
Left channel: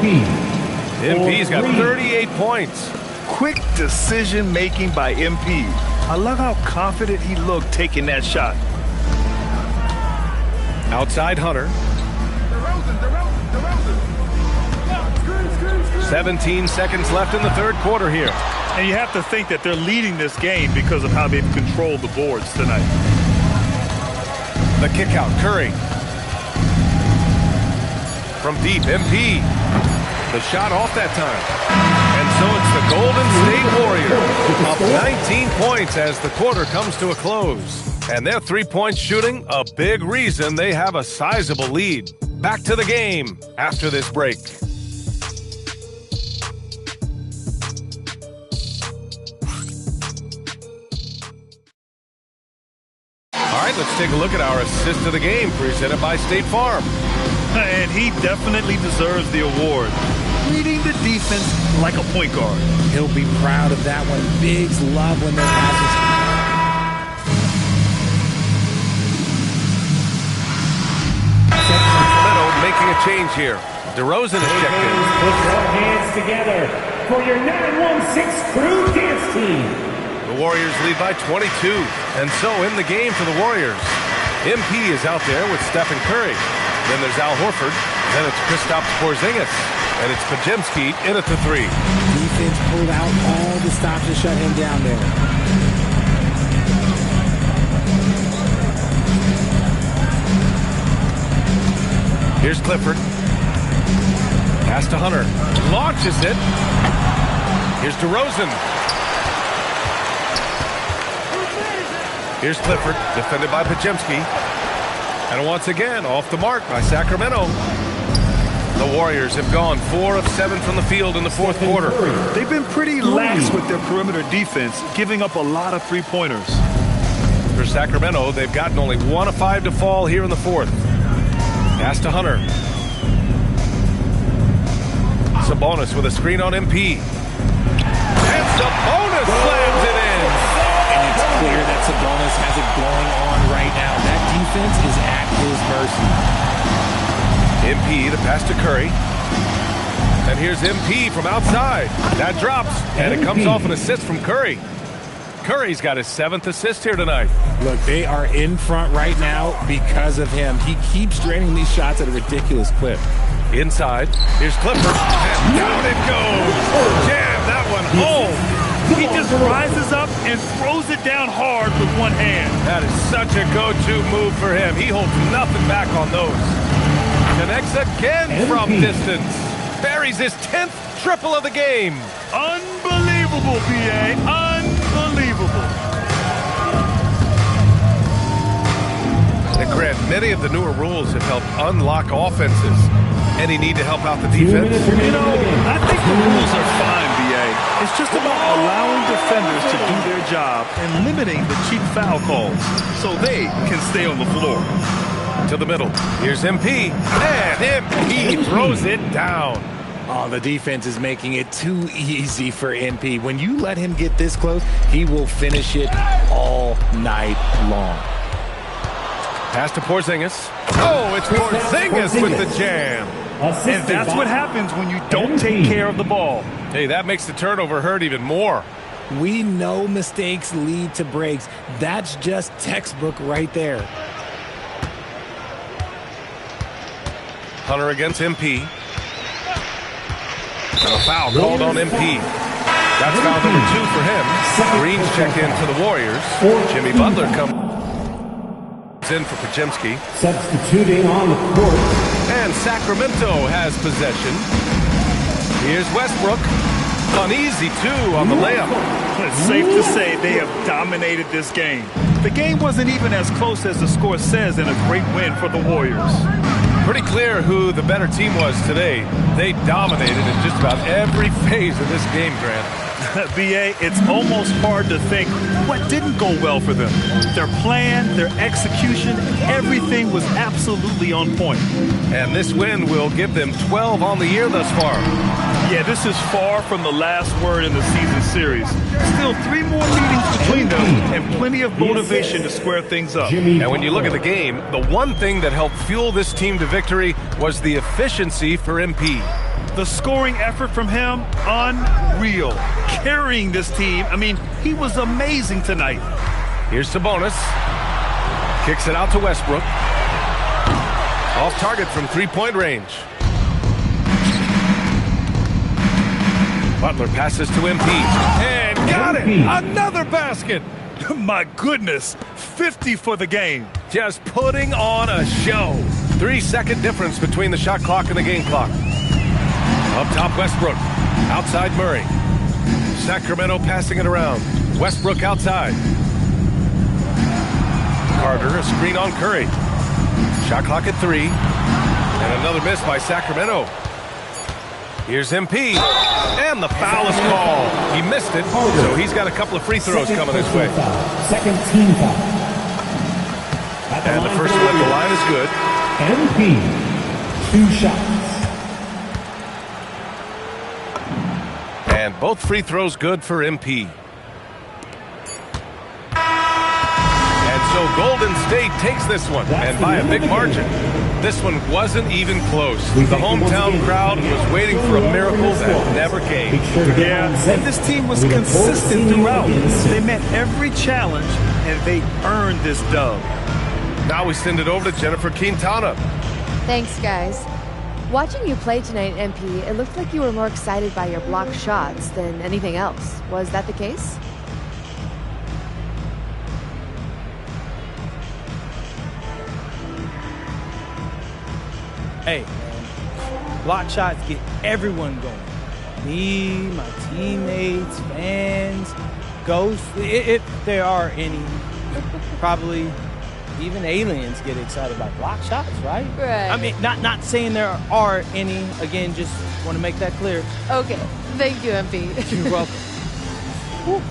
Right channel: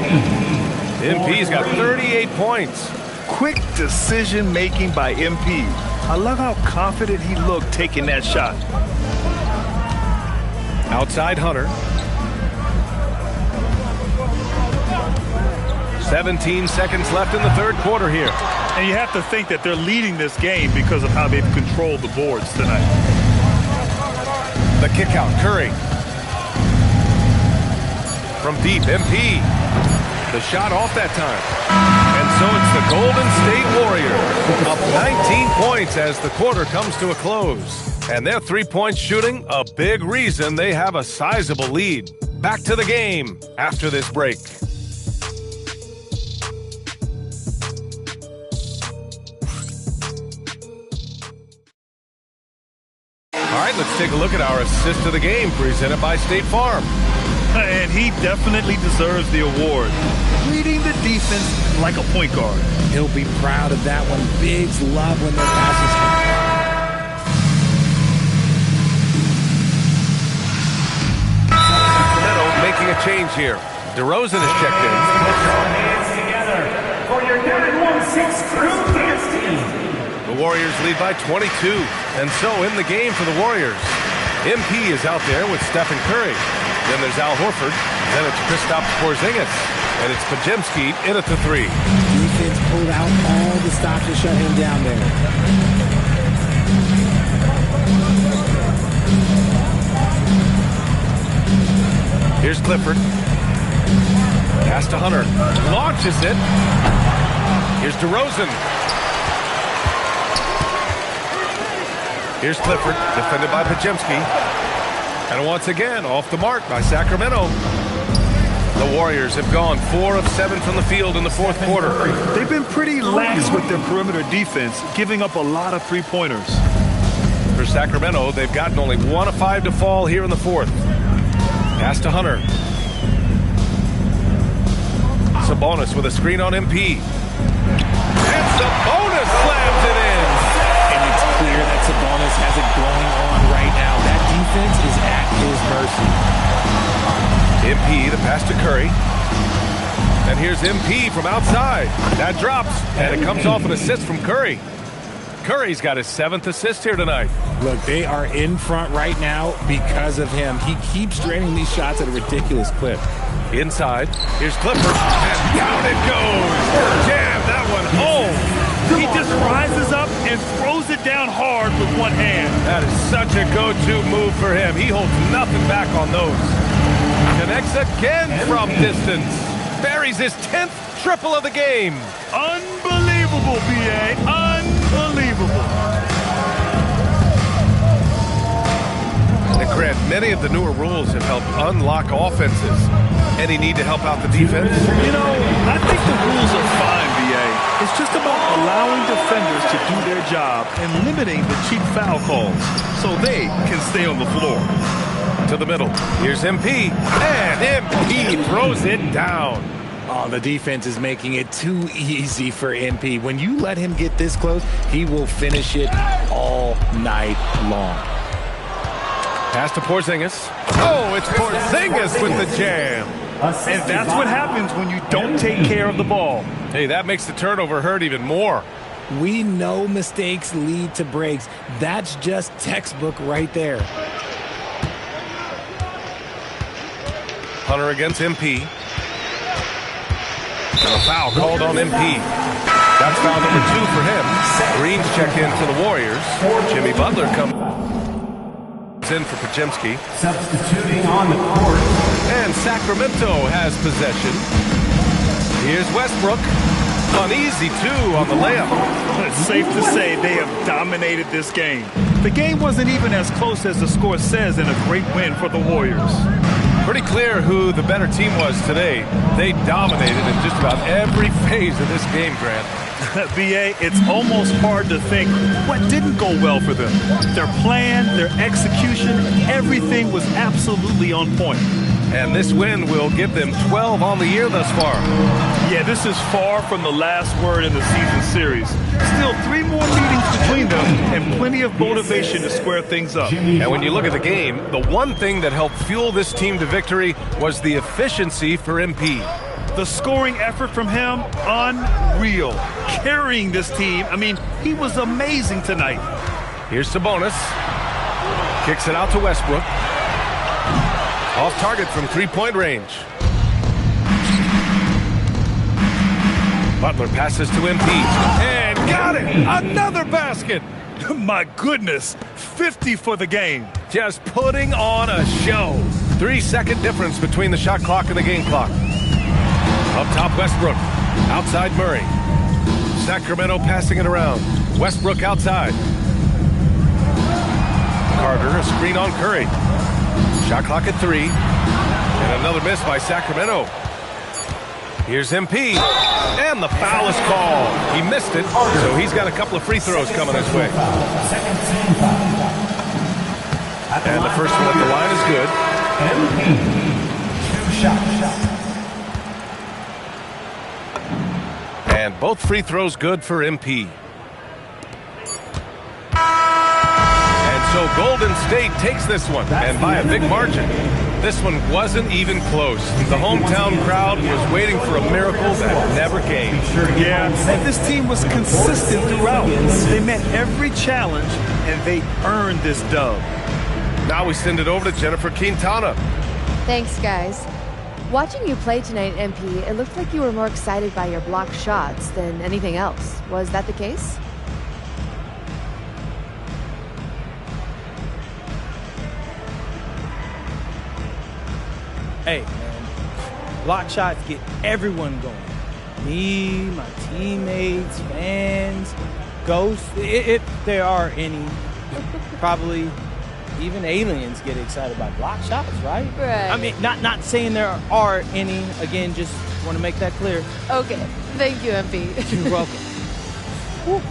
MP's got 38 points. Quick decision making by MP. I love how confident he looked taking that shot. Outside Hunter. 17 seconds left in the third quarter here. And you have to think that they're leading this game because of how they've controlled the boards tonight. The kick out, Curry. From deep, MP. The shot off that time. And so it's the Golden State Warriors up 19 points as the quarter comes to a close. And their 3-point shooting, a big reason they have a sizable lead. Back to the game after this break. All right, let's take a look at our assist of the game presented by State Farm. And he definitely deserves the award. Reading the defense like a point guard. He'll be proud of that one. Bigs love when their passes. Sacramento making a change here. DeRozan is checked in. Put your hands together for your 916 crew dance team. The Warriors lead by 22. And so in the game for the Warriors, MP is out there with Stephen Curry. Then there's Al Horford. Then it's Kristaps Porzingis. And it's Pajemski in at the 3. Defense pulled out all the stops to shut him down there. Here's Clifford. Pass to Hunter. Launches it. Here's DeRozan. Here's Clifford, defended by Pajemski. And once again, off the mark by Sacramento. The Warriors have gone 4 of 7 from the field in the fourth quarter. They've been pretty lax with their perimeter defense, giving up a lot of 3-pointers. For Sacramento, they've gotten only 1 of 5 to fall here in the fourth. Pass to Hunter. Sabonis with a screen on MP. And Sabonis slams it in. And it's clear that Sabonis has it going on right now. That defense is at his mercy. MP, the pass to Curry. And here's MP from outside. That drops, and it comes off an assist from Curry. Curry's got his 7th assist here tonight. Look, they are in front right now because of him. He keeps draining these shots at a ridiculous clip. Inside, here's Clifford, and down it goes. Jam that one home. He just rises up and throws it down hard with one hand. That is such a go-to move for him. He holds nothing back on those. Connects again from distance. Buries his 10th triple of the game. Unbelievable, B.A. Unbelievable. And Grant, many of the newer rules have helped unlock offenses. Any need to help out the defense? You know, I think the rules are fine, B.A. It's just about allowing defenders to do their job and limiting the cheap foul calls so they can stay on the floor. To the middle. Here's MP. And MP throws it down. Oh, the defense is making it too easy for MP. When you let him get this close, he will finish it all night long. Pass to Porzingis. Oh, it's Porzingis with the jam. And that's what happens when you don't take care of the ball. Hey, that makes the turnover hurt even more. We know mistakes lead to breaks. That's just textbook right there. Hunter against MP. And a foul called on MP. That's foul number 2 for him. Green's checked in for the Warriors. Jimmy Butler comes in for Podziemski. Substituting on the court. And Sacramento has possession. Here's Westbrook. Uneasy, too, on the layup. It's safe to say they have dominated this game. The game wasn't even as close as the score says in a great win for the Warriors. Pretty clear who the better team was today. They dominated in just about every phase of this game, Grant. B.A., it's almost hard to think what didn't go well for them. Their plan, their execution, everything was absolutely on point. And this win will give them 12 on the year thus far. Yeah, this is far from the last word in the season series. Still 3 more meetings between them and plenty of motivation to square things up. And when you look at the game, the one thing that helped fuel this team to victory was the efficiency for MP. The scoring effort from him, unreal. Carrying this team, I mean, he was amazing tonight. Here's Sabonis. Kicks it out to Westbrook. Off target from 3-point range. Butler passes to MP. And got it! Another basket! My goodness, 50 for the game. Just putting on a show. 3-second difference between the shot clock and the game clock. Up top, Westbrook. Outside, Murray. Sacramento passing it around. Westbrook outside. Carter, a screen on Curry. Shot clock at 3. And another miss by Sacramento. Here's MP. And the foul is called. He missed it, so he's got a couple of free throws coming his way. Second team foul. And the first one at the line is good. MP, 2 shots. And both free throws good for MP. And so Golden State takes this one, and by a big margin. This one wasn't even close. The hometown crowd was waiting for a miracle that never came. Yeah, and this team was consistent throughout. They met every challenge, and they earned this dub. Now we send it over to Jennifer Quintana. Thanks, guys. Watching you play tonight, MP, it looked like you were more excited by your blocked shots than anything else. Was that the case? Hey, man, block shots get everyone going. Me, my teammates, fans, ghosts, if there are any. Probably even aliens get excited by block shots, right? Right. I mean, not saying there are any. Again, just want to make that clear. Okay. Thank you, MP. You're welcome.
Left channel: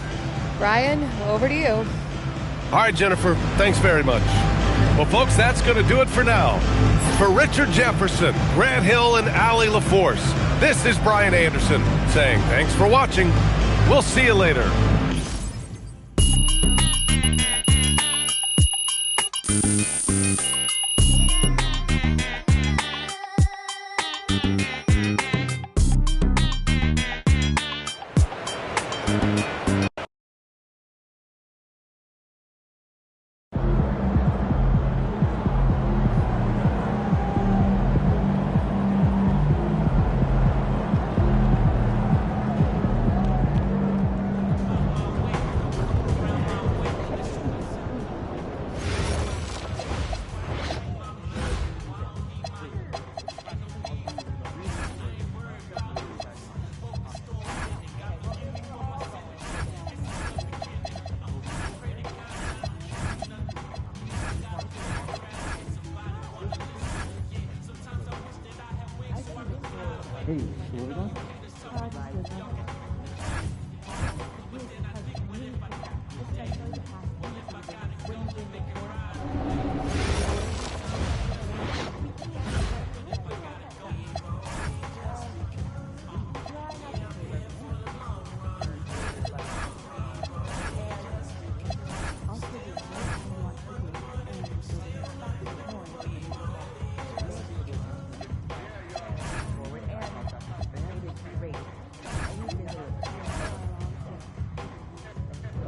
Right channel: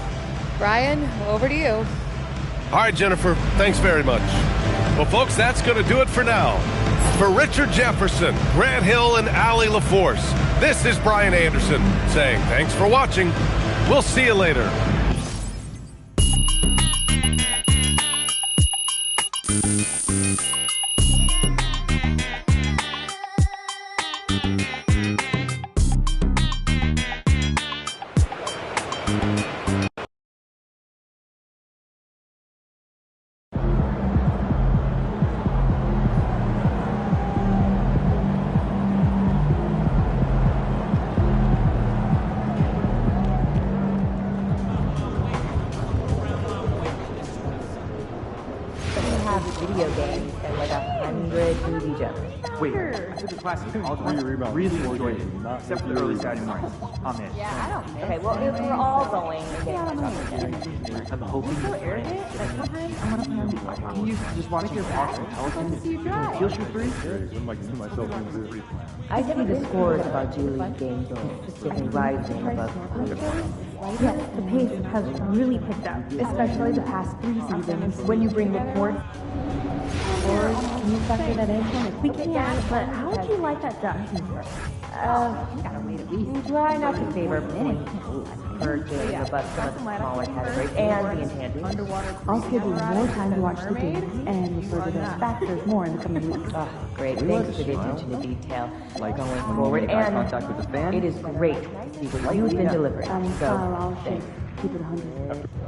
Brian, over to you. All right, Jennifer, thanks very much. Well, folks, that's going to do it for now. For Richard Jefferson, Grant Hill, and Allie LaForce, this is Brian Anderson saying thanks for watching. We'll see you later. Except for the early Saturday morning. Amen. Yeah, I don't. Okay, well, if we're all going, You just want to hear awesome Pelicans? Feel free. I see the scores about Julie's game consistently rising above. Yes, the pace has really picked up, especially the past 3 seasons. When you bring the court, Can you factor that in? we can't. But how would you like that done? Try not to favor minutes for doing the bus for the smaller category and the enhancing. I'll give you more time to watch the game and further those factors more in the coming weeks. Oh, great. Thanks for the attention to detail. Like Going forward, and contact with the fan. it is great. You've been delivering. I'll keep it 100.